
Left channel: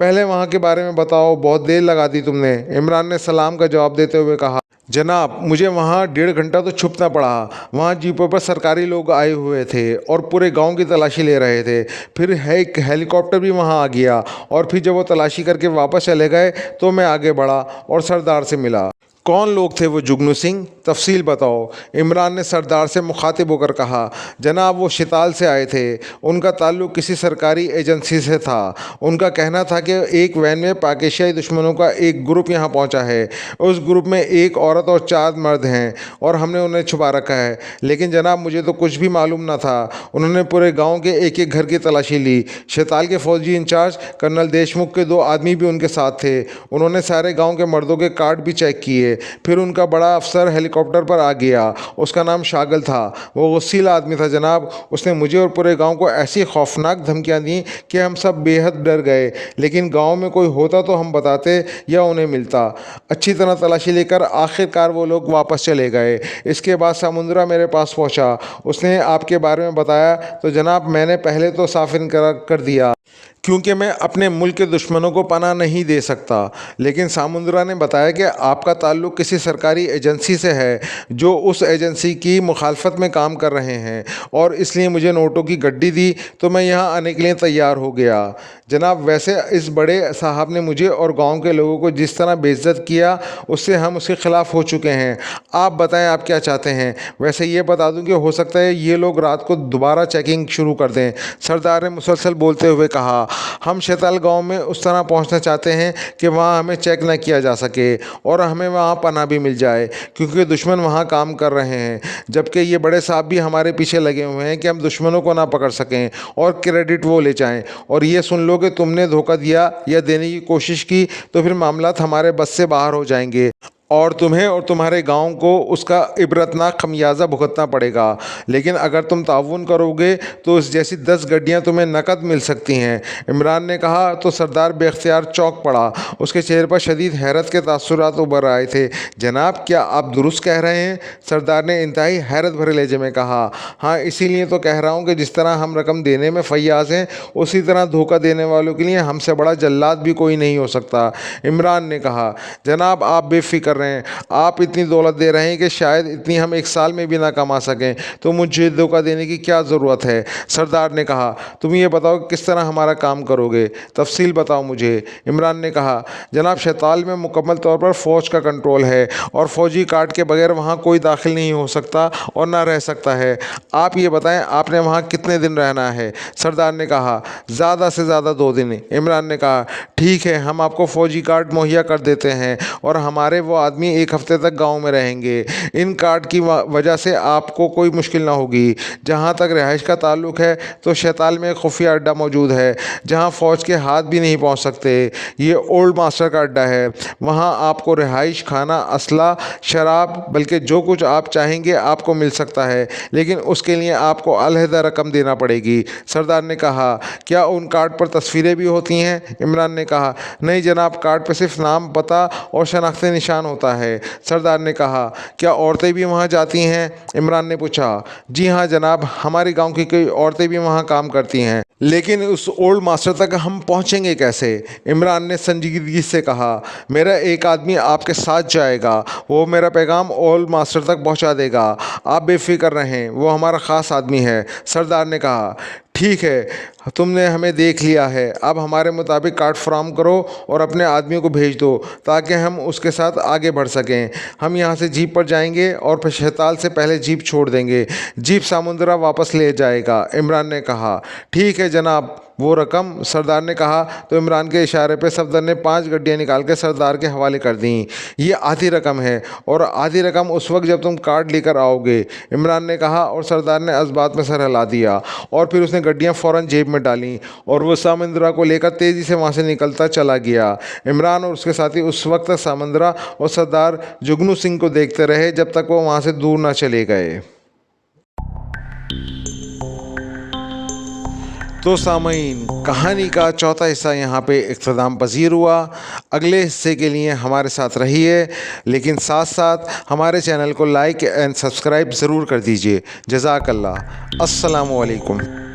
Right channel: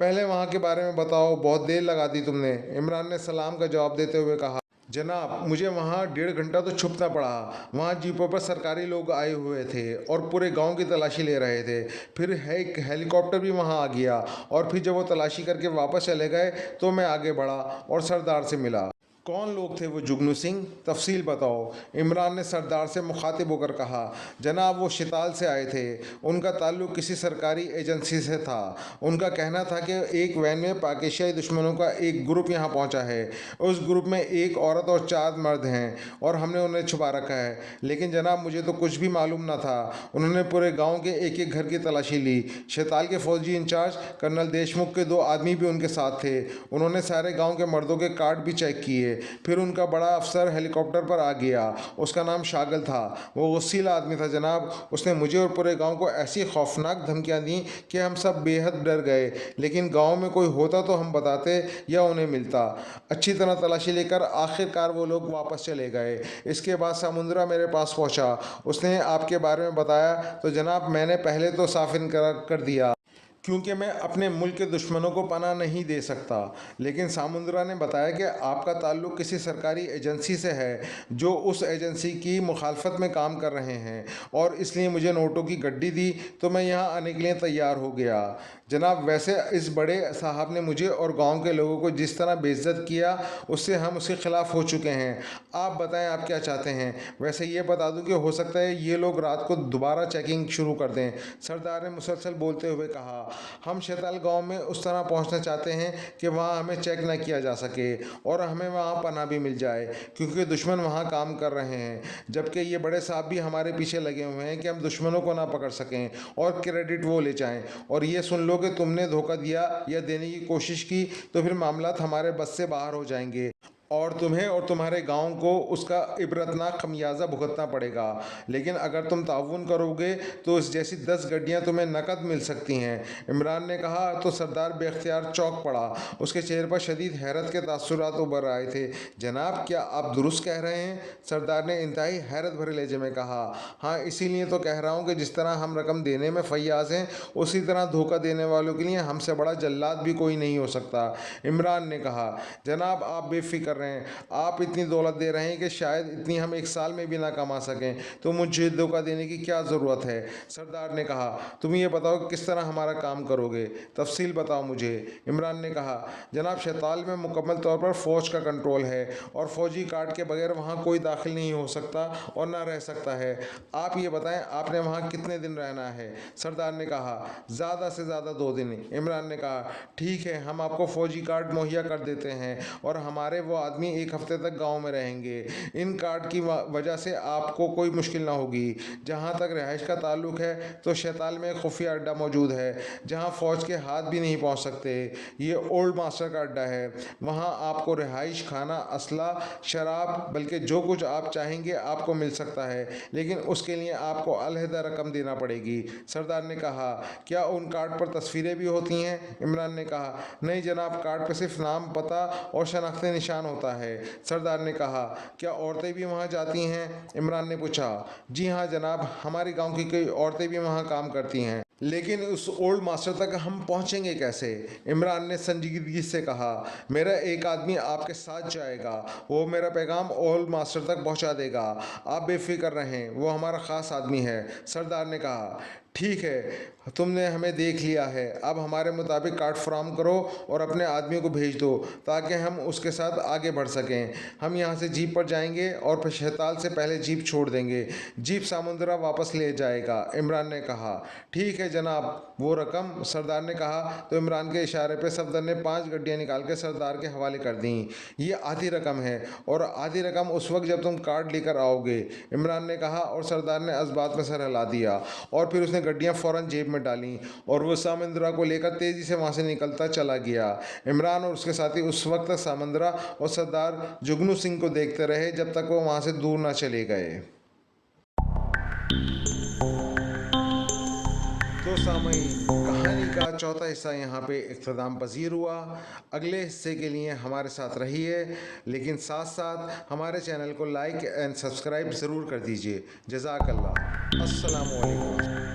पहले वहाँ के बारे में बताओ, बहुत देर लगा दी तुमने, इमरान ने सलाम का जवाब देते हुए कहा। जनाब, मुझे वहाँ 1.5 घंटा तो छुपना पड़ा। वहाँ जीपों पर सरकारी लोग आए हुए थे और पूरे गांव की तलाशी ले रहे थे। फिर एक हेलीकॉप्टर भी वहाँ आ गया और फिर जब वो तलाशी करके वापस चले गए तो मैं आगे बढ़ा और सरदार से मिला। कौन लोग थे वो जुगनू सिंह, तफसील बताओ, इमरान ने सरदार से मुखातिब होकर कहा। जनाब, वो शिताल से आए थे, उनका ताल्लुक़ किसी सरकारी एजेंसी से था। उनका कहना था कि एक वैन में पाकिस्तानी दुश्मनों का एक ग्रुप यहाँ पहुँचा है। उस ग्रुप में एक औरत और 4 मर्द हैं और हमने उन्हें छुपा रखा है। लेकिन जनाब, मुझे तो कुछ भी मालूम न था। उन्होंने पूरे गाँव के एक एक घर की तलाशी ली। शिताल के फौजी इंचार्ज कर्नल देशमुख के 2 आदमी भी उनके साथ थे। उन्होंने सारे गाँव के मर्दों के कार्ड भी चेक किए। फिर उनका बड़ा अफसर हेलीकॉप्टर पर आ गया। उसका नाम शागल था। वो गुस्सीला आदमी था जनाब। उसने मुझे और पूरे गांव को ऐसी खौफनाक धमकियां दी कि हम सब बेहद डर गए, लेकिन गांव में कोई होता तो हम बताते या उन्हें मिलता। अच्छी तरह तलाशी लेकर आखिरकार वो लोग वापस चले गए। इसके बाद समुंदरा मेरे पास पहुंचा। उसने आपके बारे में बताया तो जनाब मैंने पहले तो साफ इनकार कर दिया, क्योंकि मैं अपने मुल्क के दुश्मनों को पनाह नहीं दे सकता। लेकिन सामुंदरा ने बताया कि आपका ताल्लुक़ किसी सरकारी एजेंसी से है जो उस एजेंसी की मुखालफत में काम कर रहे हैं, और इसलिए मुझे नोटों की गड्डी दी तो मैं यहाँ आने के लिए तैयार हो गया। जनाब वैसे इस बड़े साहब ने मुझे और गांव के लोगों को जिस तरह बेइज्जत किया उससे हम उसके ख़िलाफ़ हो चुके हैं। आप बताएं आप क्या चाहते हैं। वैसे ये बता दूं कि हो सकता है ये लोग रात को दोबारा चेकिंग शुरू कर दें। सरदार ने मुसलसल बोलते हुए कहा, हम शैताल गांव में उस तरह पहुंचना चाहते हैं कि वहां हमें चेक न किया जा सके और हमें वहां पनाह भी मिल जाए, क्योंकि दुश्मन वहां काम कर रहे हैं, जबकि ये बड़े साहब भी हमारे पीछे लगे हुए हैं कि हम दुश्मनों को ना पकड़ सकें और क्रेडिट वो ले जाएं। और ये सुन लो कि तुमने धोखा दिया या देने की कोशिश की तो फिर मामलात हमारे बस से बाहर हो जाएंगे और तुम्हें और तुम्हारे गांव को उसका इबरतनाक खमियाजा भुगतना पड़ेगा। लेकिन अगर तुम ताउन करोगे तो इस जैसी 10 गड्डियां तुम्हें नकद मिल सकती हैं। इमरान ने कहा तो सरदार बेख्तियार चौंक पड़ा। उसके चेहरे पर शदीद हैरत के तासुरात उभर आए थे। जनाब क्या आप दुरुस्त कह रहे हैं? सरदार ने इंतहाई हैरत भरे लहजे में कहा। हाँ, इसीलिए तो कह रहा हूँ कि जिस तरह हम रकम देने में फैयाज हैं, उसी तरह धोखा देने वालों के लिए हमसे बड़ा जल्लाद भी कोई नहीं हो सकता। इमरान ने कहा, जनाब आप बेफिक्र रहे हैं। आप इतनी दौलत दे रहे हैं कि शायद इतनी हम एक साल में भी ना कमा सकें, तो मुझे धोखा देने की क्या ज़रूरत है? सरदार ने कहा, तुम ये बताओ किस तरह हमारा काम करोगे, तफसील बताओ मुझे। इमरान ने कहा, जनाब शैताल में मुकम्मल तौर पर फ़ौज का कंट्रोल है और फ़ौजी कार्ड के बगैर वहाँ कोई दाखिल नहीं हो सकता और ना रह सकता है। आप ये बताएं आपने वहाँ कितने दिन रहना है? सरदार ने कहा, ज़्यादा से ज़्यादा 2 दिन। इमरान ने कहा, ठीक है, हम आपको फ़ौजी कार्ड मुहैया कर देते हैं और हमारे वो आदमी 1 हफ्ते तक गांव में रहेंगे। इन कार्ड की वजह से आपको कोई मुश्किल ना होगी। जहां तक रिहाइश का ताल्लुक है तो शैताल में एक खुफिया अड्डा मौजूद है जहां फ़ौज के हाथ भी नहीं पहुंच सकते। ये ओल्ड मास्टर का अड्डा है। वहां आपको रिहाइश, खाना, असला, शराब, बल्कि जो कुछ आप चाहेंगे आपको मिल सकता है, लेकिन उसके लिए आपको अलहदा रकम देना पड़ेगी। सरदार ने कहा, क्या उन कार्ड पर तस्वीरें भी होती हैं? इमरान ने कहा, नहीं जनाब, कार्ड पर सिर्फ नाम, पता और शनाख्ती निशान होता है। सरदार ने कहा, क्या औरतें भी वहाँ जाती हैं? इमरान ने पूछा। जी हाँ जनाब, हमारे गांव की कई औरतें भी वहाँ काम करती हैं। लेकिन उस ओल्ड मास्टर तक हम पहुँचेंगे कैसे? इमरान ने संजीदगी से कहा, मेरा एक आदमी आपके साथ जाएगा। वो मेरा पैगाम ओल्ड मास्टर तक पहुँचा देगा। आप बेफिक्र रहें, वो हमारा ख़ास आदमी है। सरदार ने कहा, ठीक है, तुमने हमें देख लिया है। अब हमारे मुताबिक कार्ड फराहम करो और अपने आदमियों को भेज दो ताकि हम उसके साथ आगे बढ़ सकें। हम यहाँ से जीप पर जाएंगे और फिर शैताल से पहले जीप छोड़ देंगे। जीप समुंदरा वापस ले जाएगा। इमरान ने कहा, ठीक है जनाब। वो रकम? सरदार ने कहा तो इमरान के इशारे पर सफदर ने 5 गड्डियाँ निकाल के सरदार के हवाले कर दी। ये आधी रकम है और आधी रकम उस वक्त जब तुम कार्ड लेकर आओगे, इमरान ने कहा, और सरदार ने इस बात में सर हिला दिया और फिर उसने गड्डियाँ फ़ौरन जेब में डाली और वो सामंदरा को लेकर तेज़ी से वहाँ से निकलता चला गया। इमरान और उसके साथी उस वक्त सामंदरा और सरदार जुगनू सिंह को देखते रहे जब तक वो वहाँ से दूर ना चले गए। तो सामीन, कहानी का चौथा हिस्सा यहाँ पे इख्तिताम पजीर हुआ। अगले हिस्से के लिए हमारे साथ रहिए, लेकिन साथ साथ हमारे चैनल को लाइक एंड सब्सक्राइब ज़रूर कर दीजिए। जज़ाकल्लाह। अस्सलामु अलैकुम।